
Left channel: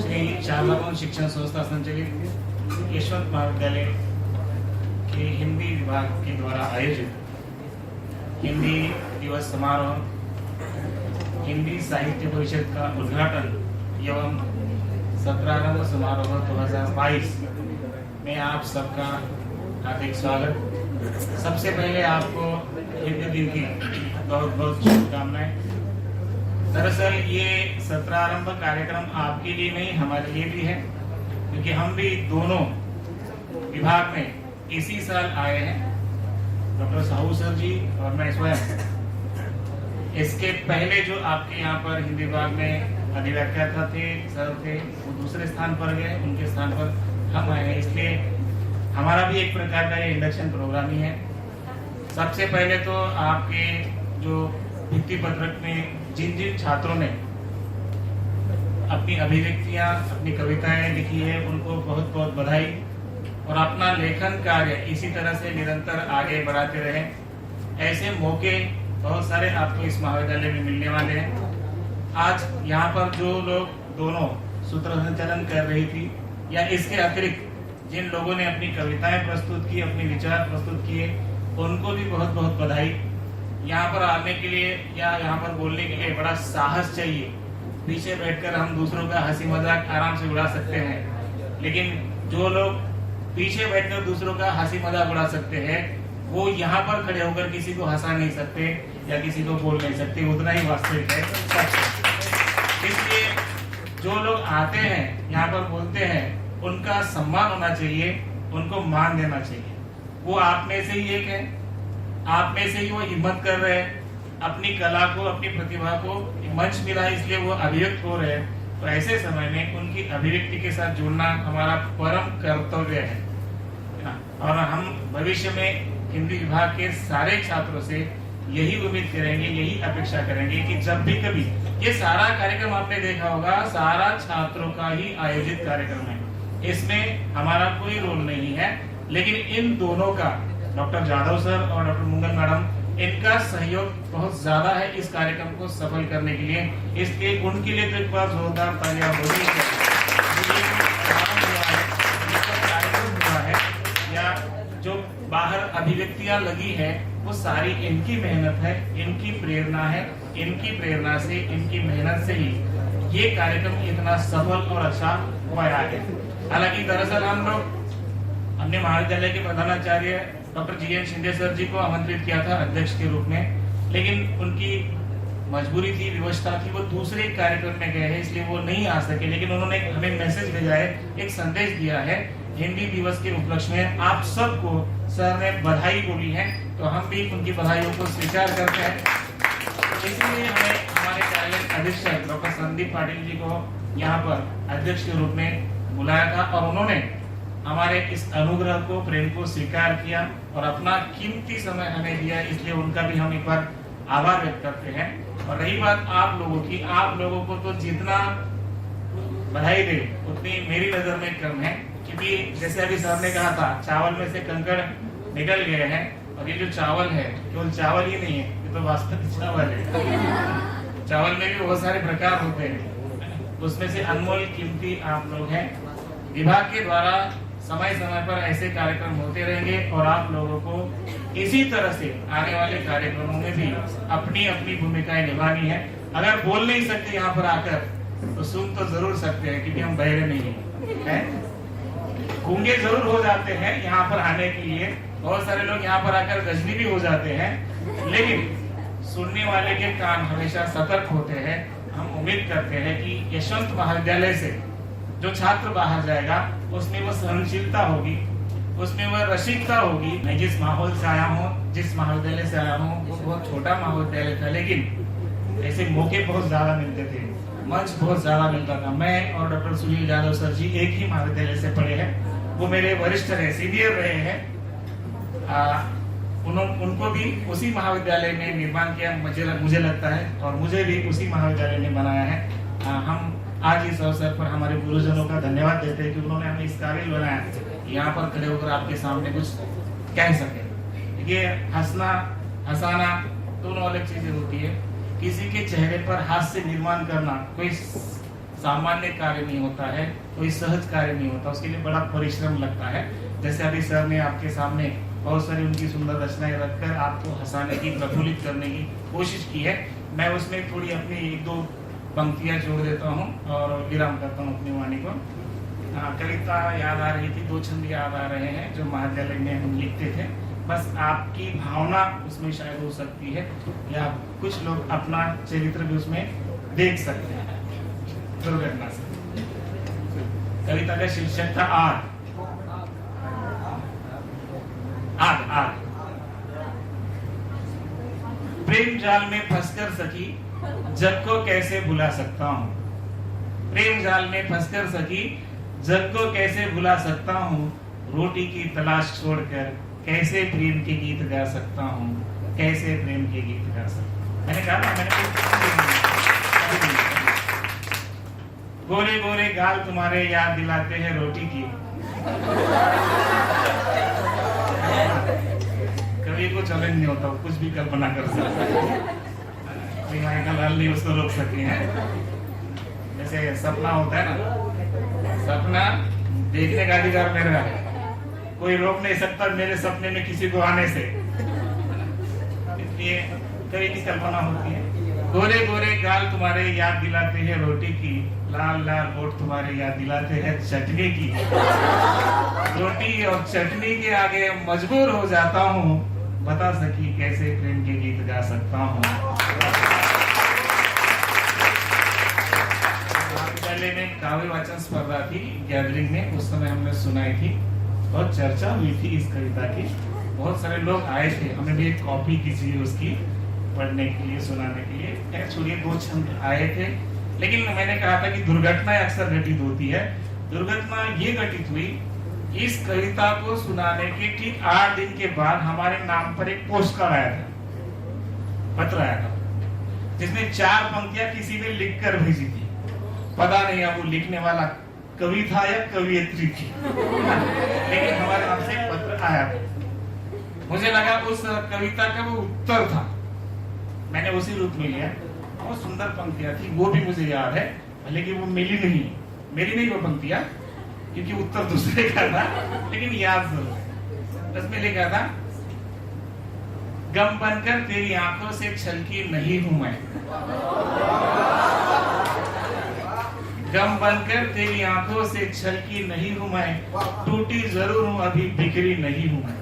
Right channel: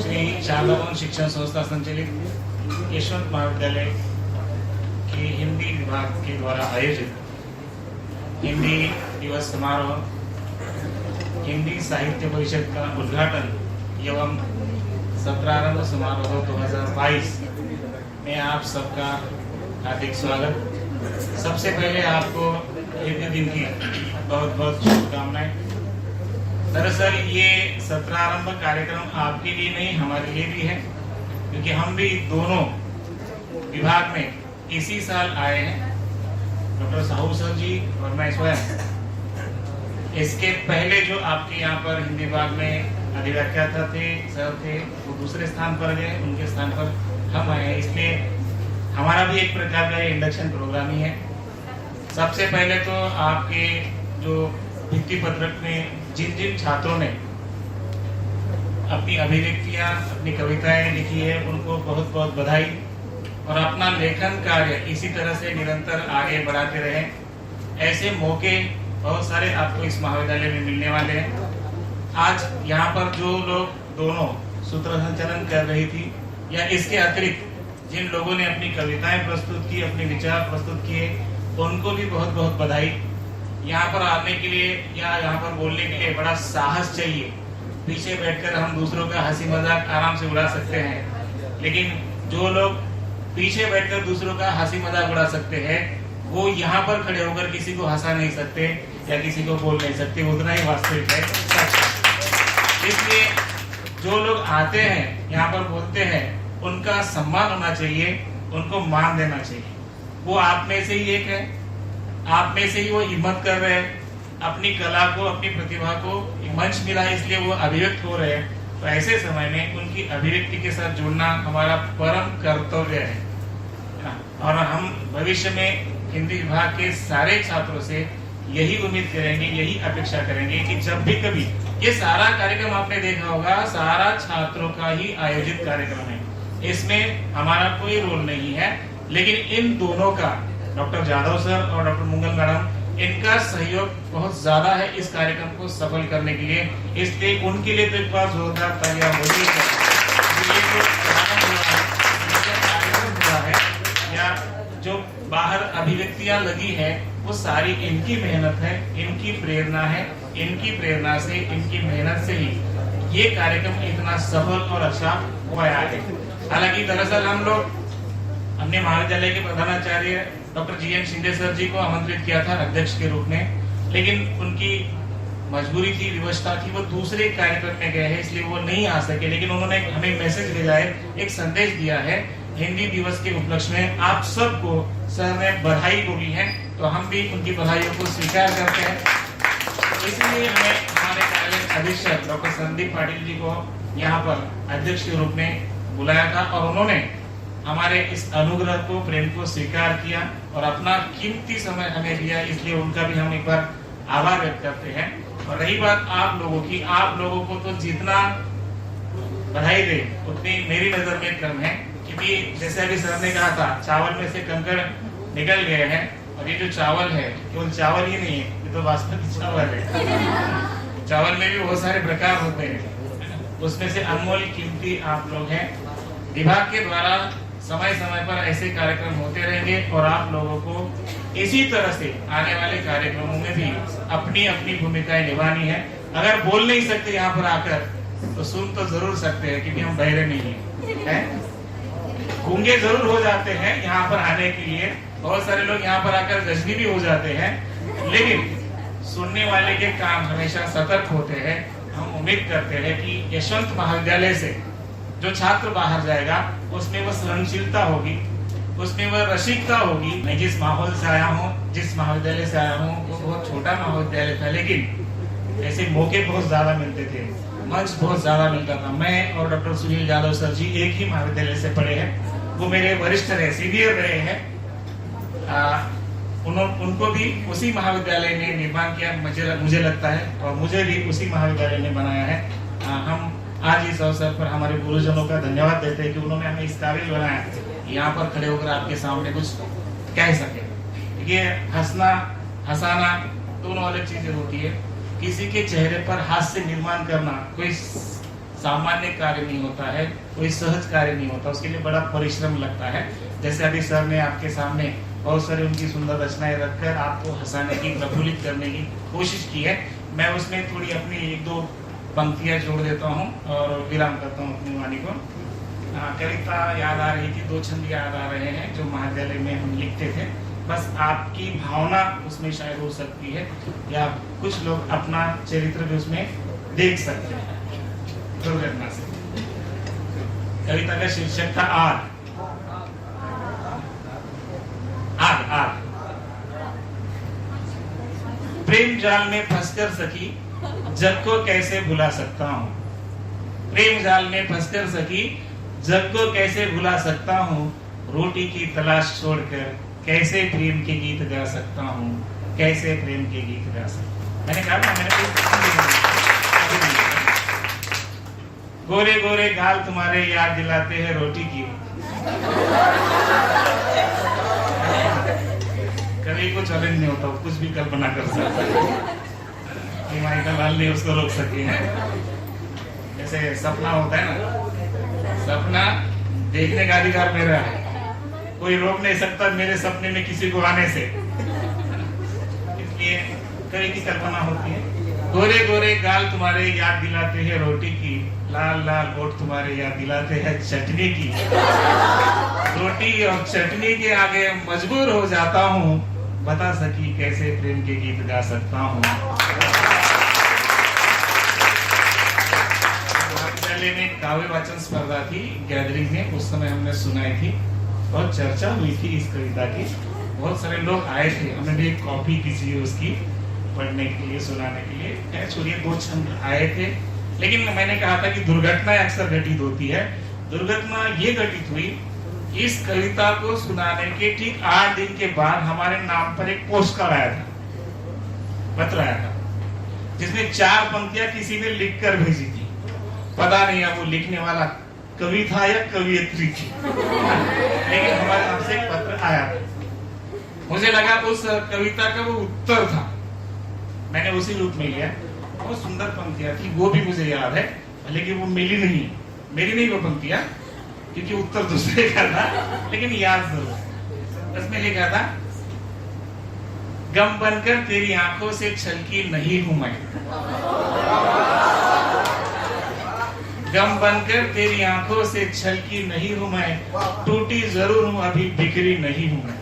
श्री शारदा भवन शिक्षण संस्था संचालित यशवंत महाविद्यालय के हिंदी विभाग के द्वारा आयोजित हिंदी दिवस समारोह हिंदी साहित्य परिषद का उद्घाटन एवं सत्रारंभ समारोह 2022 में आप सबका हार्दिक स्वागत। सबसे पहले आपको हिंदी दिन की बहुत बहुत शुभकामनाएं। दरअसल ये सत्रारंभ कार्यक्रम आपके लिए नहीं हमारे लिए भी है, क्योंकि हम भी दोनों विभाग में इसी साल आए हैं, डॉक्टर साहू सर जी और मैं स्वयं। इसके पहले जो आपके यहाँ पर हिंदी विभाग में अधिव्याख्याता थे सर थे, वो दूसरे स्थान पर गए, उनके स्थान पर हम आए हैं। इसलिए हमारा भी एक प्रकार का इंडक्शन प्रोग्राम ही है। सबसे पहले तो आपके जो भित्ति पत्रक में जिन जिन छात्रों ने अपनी अभिव्यक्तियां अपनी कविताएं लिखी है उनको बहुत बहुत बधाई, और अपना लेखन कार्य इसी तरह से निरंतर आगे बढ़ाते रहे। ऐसे मौके बहुत सारे आपको इस महाविद्यालय में मिलने वाले हैं। आज यहाँ पर जो लोग दोनों सूत्र संचालन कर रही थी या इसके अतिरिक्त जिन लोगों ने अपनी कविताएं प्रस्तुत की, अपने विचार प्रस्तुत किए, उनको भी बहुत बहुत बधाई। यहाँ पर आने के लिए या यहाँ पर बोलने के लिए बड़ा साहस चाहिए। पीछे बैठकर हम दूसरों का हंसी मजाक आराम से उड़ा सकते हैं, लेकिन जो लोग पीछे बैठकर दूसरों का हंसी मजाक उड़ा सकते हैं वो यहाँ पर खड़े होकर किसी को हंसा नहीं सकते या किसी को बोल नहीं सकते। उतना ही वास्तविक है, सच है। इसलिए जो लोग आते हैं यहाँ पर बोलते हैं उनका सम्मान होना चाहिए, उनको मान देना चाहिए। वो आप में से ही एक है, आप में से ही वो हिम्मत कर रहे हैं, अपनी कला को अपनी प्रतिभा को मंच मिला है इसलिए वो अभिव्यक्त हो रहे हैं। तो ऐसे समय में उनकी अभिव्यक्ति के साथ जुड़ना हमारा परम कर्तव्य है। और हम भविष्य में हिंदी विभाग के सारे छात्रों से यही उम्मीद करेंगे, यही अपेक्षा करेंगे कि जब भी कभी ये सारा कार्यक्रम आपने देखा होगा, सारा छात्रों का ही आयोजित कार्यक्रम है, इसमें हमारा कोई रोल नहीं है, लेकिन इन दोनों का, डॉक्टर जादव सर और डॉक्टर मुंगल मैडम, इनका सहयोग बहुत ज्यादा है इस कार्यक्रम को सफल करने के लिए। इसलिए उनके लिए तो एक बार जोरदार तालियां होनी चाहिए। ये जो प्रारंभ हुआ है, इसका कार्यक्रम हुआ है या जो बाहर अभिव्यक्तियां लगी है वो सारी इनकी मेहनत है, इनकी प्रेरणा है। इनकी प्रेरणा से, इनकी मेहनत से ही ये कार्यक्रम इतना सफल और अच्छा हुआ है। हालांकि दरअसल हम लोग हमने महाविद्यालय के प्रधानाचार्य डॉक्टर जी.एन. शिंदे सर जी को आमंत्रित किया था अध्यक्ष के रूप में, लेकिन उनकी मजबूरी थी, विवशता थी, वो दूसरे कार्यक्रम में गए हैं इसलिए वो नहीं आ सके। लेकिन उन्होंने हमें मैसेज भेजा है, एक संदेश दिया है हिंदी दिवस के उपलक्ष्य में आप सबको सर ने बधाई बोली है, तो हम भी उनकी बधाइयों को स्वीकार करते हैं। इसलिए हमें हमारे कार्यालय अधीक्षक डॉक्टर संदीप पाटिल जी को यहाँ पर अध्यक्ष के रूप में बुलाया था और उन्होंने हमारे इस अनुग्रह को, प्रेम को स्वीकार किया और अपना कीमती समय हमें दिया। इसलिए उनका भी हम एक बार आभार व्यक्त करते हैं। और रही बात आप लोगों की, आप लोगों को तो जितना बधाई दे उतनी मेरी नजर में कम है, क्योंकि जैसे अभी सर ने कहा था चावल में से कंकड़ निकल गए हैं, और ये जो चावल है केवल चावल ही नहीं है, ये तो बासमती चावल है। चावल में भी बहुत सारे प्रकार होते हैं, उसमें से अनमोल कीमती आप लोग हैं। विभाग के द्वारा समय समय पर ऐसे कार्यक्रम होते रहेंगे और आप लोगों को इसी तरह से आने वाले कार्यक्रमों में भी अपनी अपनी भूमिकाएं निभानी है। अगर बोल नहीं सकते यहाँ पर आकर तो सुन तो जरूर सकते हैं, क्योंकि हम बहरे नहीं हैं, गूंगे जरूर हो जाते हैं यहाँ पर आने के लिए। बहुत सारे लोग यहाँ पर आकर गजनी भी हो जाते हैं, लेकिन सुनने वाले के कान हमेशा सतर्क होते हैं। हम उम्मीद करते हैं कि यशवंत महाविद्यालय से जो छात्र बाहर जाएगा उसमें वह सहनशीलता होगी, उसमें वह रसिकता होगी। मैं जिस माहौल से आया हूँ, जिस महाविद्यालय से आया हूँ, वो बहुत छोटा महाविद्यालय था, लेकिन ऐसे मौके बहुत ज्यादा मिलते थे, मंच बहुत ज्यादा मिलता था। मैं और डॉक्टर सुनील यादव सर जी एक ही महाविद्यालय से पढ़े हैं, वो मेरे वरिष्ठ रहे, सीनियर रहे हैं। उनको भी उसी महाविद्यालय ने निर्माण किया, मुझे लगता है, और मुझे भी उसी महाविद्यालय ने बनाया है। हम आज इस अवसर पर हमारे गुरुजनों का धन्यवाद देते हैं कि उन्होंने हमें इस काबिल बनाया, यहाँ पर खड़े होकर आपके सामने कुछ कह सके। ये हंसना हंसाना दोनों अलग चीजें होती है। किसी के चेहरे पर हास्य निर्माण करना कोई सामान्य कार्य नहीं होता है, कोई सहज कार्य नहीं होता, उसके लिए बड़ा परिश्रम लगता है। जैसे अभी सर ने आपके सामने बहुत सारी उनकी सुंदर रचनाएं रखकर आपको हंसाने की, प्रफुल्लित करने की कोशिश की है। मैं उसमें थोड़ी अपनी एक दो पंक्तियां जोड़ देता हूँ और विराम करता हूँ अपनी वाणी को। कविता याद आ रही थी, 2 छंद याद आ रहे हैं जो महाविद्यालय में हम लिखते थे। बस आपकी भावना उसमें शायद हो सकती है, या कुछ लोग अपना चरित्र भी उसमें देख सकते हैं दुर्घटना से। कविता का शीर्षक था आग। आग आग। प्रेम जाल में फंसकर सखी जग को कैसे भुला सकता हूँ। प्रेम जाल में फंसकर सखी जग को कैसे भुला सकता हूँ। रोटी की तलाश छोड़कर कैसे प्रेम के गीत गा सकता हूँ, कैसे प्रेम के गीत गा सकता हूँ। मैंने कहा ना, मैंने गोरे गोरे गाल तुम्हारे याद दिलाते हैं रोटी की। कभी को चैलेंज नहीं होता, कुछ भी कल्पना कर सकता है। माइकल हल नहीं उसको रोक सकी है। जैसे सपना होता है ना, सपना देखने का अधिकार मेरा है, कोई रोक नहीं सकता मेरे सपने में किसी को आने से। इसलिए कभी की कल्पना होती है। गोरे गोरे गाल तुम्हारे याद दिलाते हैं रोटी की, लाल लाल होठ तुम्हारे याद दिलाते हैं चटनी की। रोटी और चटनी के आगे मजबूर हो जाता हूँ, बता सकी कैसे प्रेम के गीत गा सकता हूँ। महाविद्यालय में काव्य वाचन स्पर्धा थी, गैदरिंग में, उस समय हमने सुनाई थी, बहुत चर्चा हुई थी इस कविता की, बहुत सारे लोग आए थे, हमने भी एक कॉपी की थी उसकी पढ़ने के लिए, सुनाने के लिए। छोड़िए 2 छंद आए थे, लेकिन मैंने कहा था कि दुर्घटना अक्सर घटित होती है। दुर्घटना ये घटित हुई, इस कविता को सुनाने के ठीक 8 दिन के बाद हमारे नाम पर एक पोस्ट कार्ड आया था, पत्र आया था, जिसमें 4 पंक्तियां किसी ने लिखकर भेजी थी। पता नहीं अब वो लिखने वाला कवि था या कवियत्री थी, लेकिन हमारे नाम से एक पत्र आया था। मुझे लगा उस कविता का वो उत्तर था, मैंने उसी रूप में लिया। बहुत सुंदर पंक्तियां थी, वो भी मुझे याद है, भले कि वो मिली नहीं, मेरी नहीं वो पंक्तियां, क्योंकि उत्तर दूसरे का था, लेकिन याद जरूर है। उसमें लिखा था, गम बनकर तेरी आंखों से छलकी नहीं हूं मैं, गम बनकर तेरी आंखों से छलकी नहीं हूं मैं, टूटी जरूर हूं अभी बिखरी नहीं हूं मैं।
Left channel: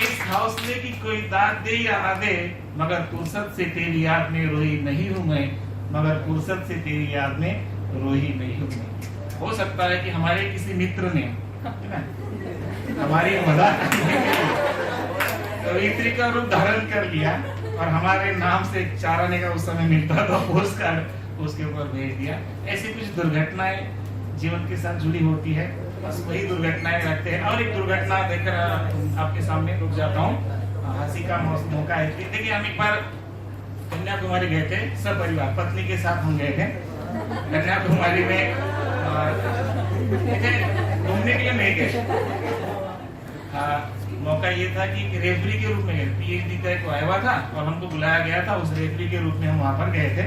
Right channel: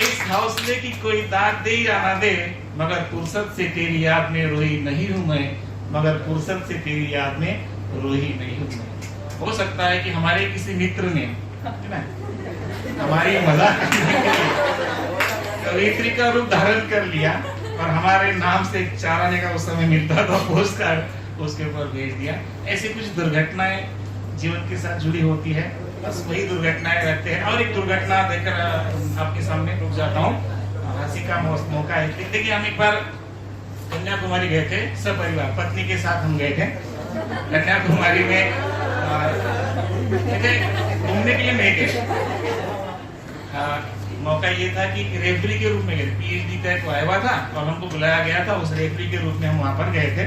इस हौसले की कोई दाद दे या ना दे, मगर फुर्सत से तेरी याद में रोई नहीं हूं मैं, मगर फुर्सत से तेरी याद में रोई नहीं हूं मैं। हो सकता है कि हमारे किसी मित्र ने हमारी मजाक करने के लिए कवित्री का रूप धारण कर लिया और हमारे नाम से चार आने का उस समय मिलता था, पोस्ट कार्ड उसके ऊपर भेज दिया। ऐसी कुछ दुर्घटनाएं जीवन के साथ जुड़ी होती है, बस वही दुर्घटनाएं रखते हैं। और एक दुर्घटना देखकर आपके सामने रुक जाता हूँ, हंसी का मौका है। देखिए, हम एक बार कन्याकुमारी गए थे, सब परिवार, पत्नी के साथ हम गए थे कन्याकुमारी में, घूमने के लिए नहीं गए। मौका ये था कि रेफरी के रूप में गए, पीएचडी का एक आया हुआ था और हमको बुलाया गया था, उस रेफरी के रूप में हम वहाँ पर गए थे।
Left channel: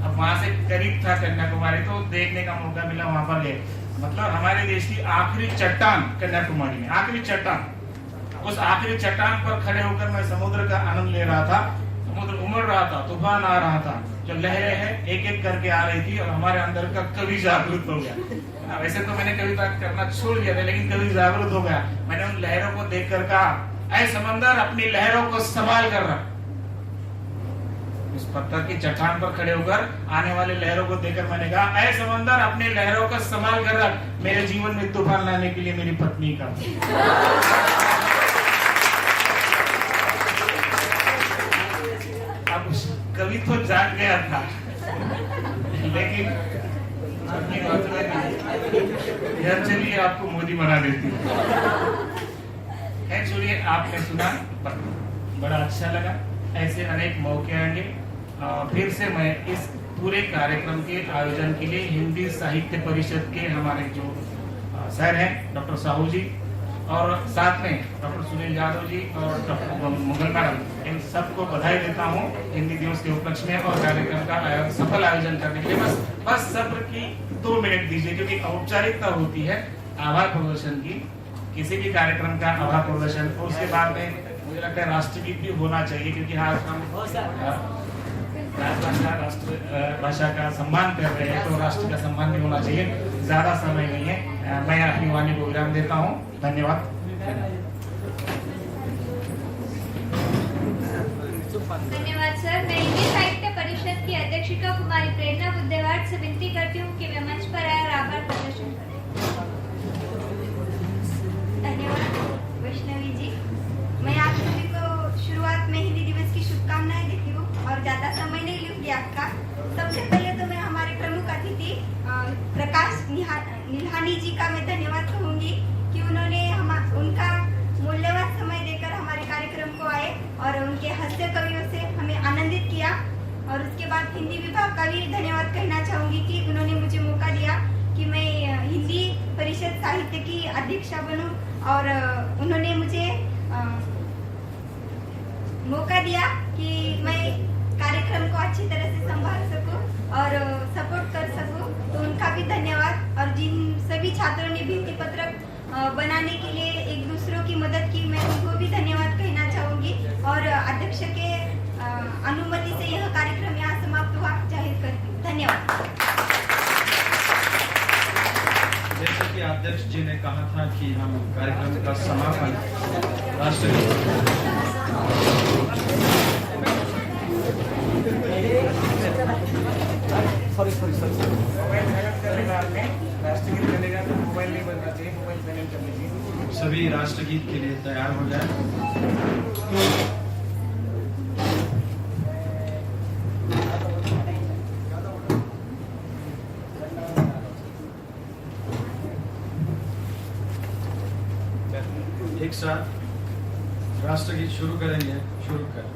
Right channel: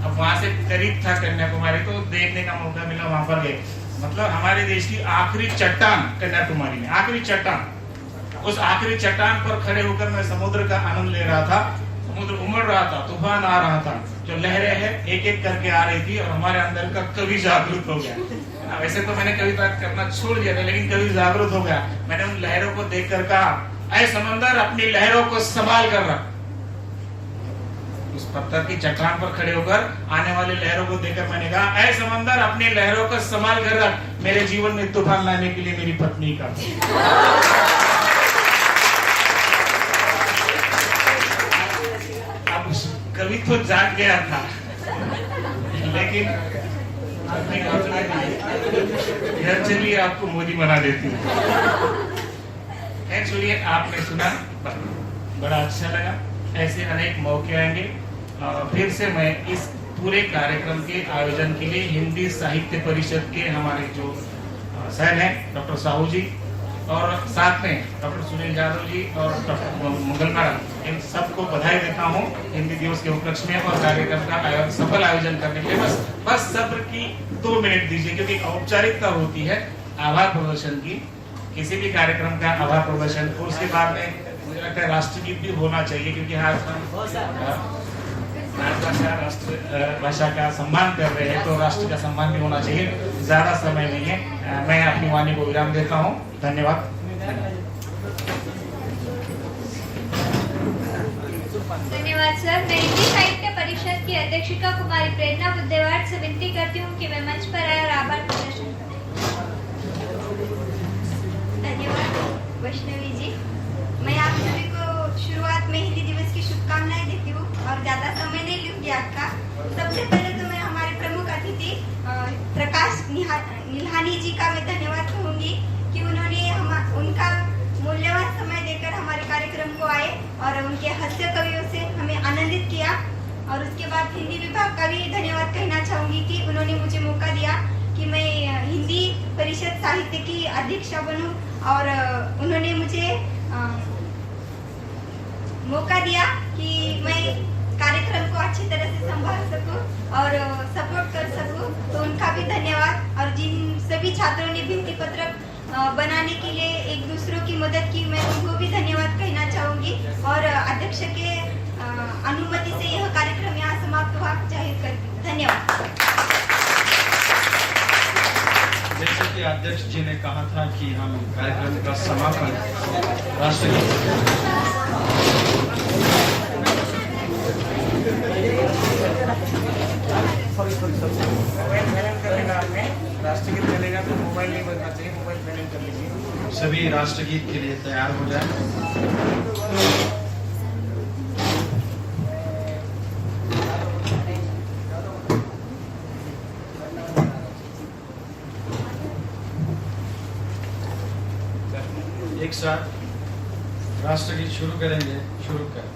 अब वहाँ से करीब था कन्याकुमारी, तो देखने का मौका मिला, वहाँ पर गए। मतलब हमारे देश की आखिरी चट्टान कन्याकुमारी में, आखिरी चट्टान, उस आखिरी चट्टान पर खड़े होकर मैं समुद्र का आनंद ले रहा था। समुद्र उमड़ रहा था, तूफान आ रहा था, जो लहरें हैं एक एक करके आ रही थी और हमारे अंदर का कवि जागरूक हो गया। वैसे तो मैंने कविता करना छोड़ दिया था, लेकिन कवि जागरूक हो गया। मैंने उन लहरों को देखकर कहा, ऐ समंदर अपनी लहरों को संभाल कर रख, उस पत्थर की चट्टान पर खड़े होकर आने वाली लहरों को देखकर मैंने कहा, ऐ समंदर अपनी लहरों का संभाल कर रख, मेरे जीवन में तूफान लाने के लिए मेरी पत्नी का। अब कभी तो जाग गया था, लेकिन अपनी बात में घर चलिए आपको मोदी बना देती हूँ। खैर चलिए, आपने सुना, बड़ा अच्छा लगा। ऐसे अनेक मौके आएंगे। फिर से मैं इस पूरे कार्यक्रम के आयोजन के लिए हिंदी साहित्य परिषद के हमारे जो सर हैं डॉक्टर साहू जी और साथ में डॉक्टर सुनील यादव जी और डॉक्टर मुगल मैडम, इन सबको बधाई देता हूँ हिंदी दिवस के उपलक्ष्य में और कार्यक्रम का सफल आयोजन करने के लिए। बस सब्र की 2 मिनट दीजिए, क्योंकि औपचारिकता होती है आभार प्रदर्शन की, किसी भी कार्यक्रम का आभार प्रदर्शन, और उसके बाद में मुझे लगता है राष्ट्रगीत भी होना चाहिए, क्योंकि आज हम राष्ट्र भाषा का सम्मान कर रहे हैं, तो राष्ट्र का सम्मान भी होना चाहिए। ज्यादा समय नहीं है, मैं अपनी वाणी को विराम देता हूँ। धन्यवाद। धन्यवाद सर। मैं हिंदी साहित्य परिषद की अध्यक्षिका कुमारी प्रेरणा बुद्धेवार से विनती करती हूँ कि वे मंच पर आए और आभार प्रदर्शन करें। धन्यवाद वैष्णवी जी। मैं आप सभी को शुरुआत में हिंदी दिवस की शुभकामनाएं देती हूँ और ज्यादा समय नहीं लूंगी आपका। सबसे पहले तो मैं हमारे प्रमुख अतिथि प्रकाश निल्हानी जी का मैं धन्यवाद कहूंगी कि उन्होंने उनका मूल्यवान समय देकर हमारे कार्यक्रम को आए और उनके हास्य कवियों से हमें आनंदित किया। और उसके बाद हिंदी विभाग का भी धन्यवाद कहना चाहूंगी कि उन्होंने मुझे मौका दिया कि मैं हिंदी परिषद साहित्य की अध्यक्षा बनूं और उन्होंने मुझे मौका दिया कि मैं कार्यक्रम को अच्छी तरह से संभाल सकूं और सपोर्ट कर सकूं, तो उनका भी धन्यवाद। और जिन सभी छात्रों ने भित्ति पत्रक बनाने के लिए एक दूसरों की मदद की, मैं उनको भी धन्यवाद कहना चाहूंगी। और अध्यक्ष के अनुमति से यह कार्यक्रम यहाँ समाप्त हुआ जाहिर करती हूँ। धन्यवाद। जैसे कि अध्यक्ष जी ने कहा था कि हम कार्यक्रम का समापन राष्ट्रगीत मोबाइल साइलेंट कर लेगा, आपने राष्ट्रगीत चलेगा तो मोबाइल नहीं बजना चाहिए, मोबाइल साइलेंट कर लीजिए। सभी राष्ट्रगीत के लिए तैयार हो जाए। एक साथ राष्ट्रगीत शुरू करेंगे। शुरू कर।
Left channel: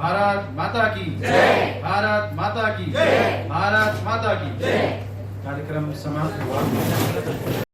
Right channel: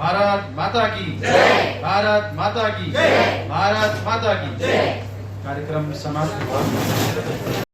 भारत माता की जय। भारत माता की जय। कार्यक्रम समाप्त हुआ।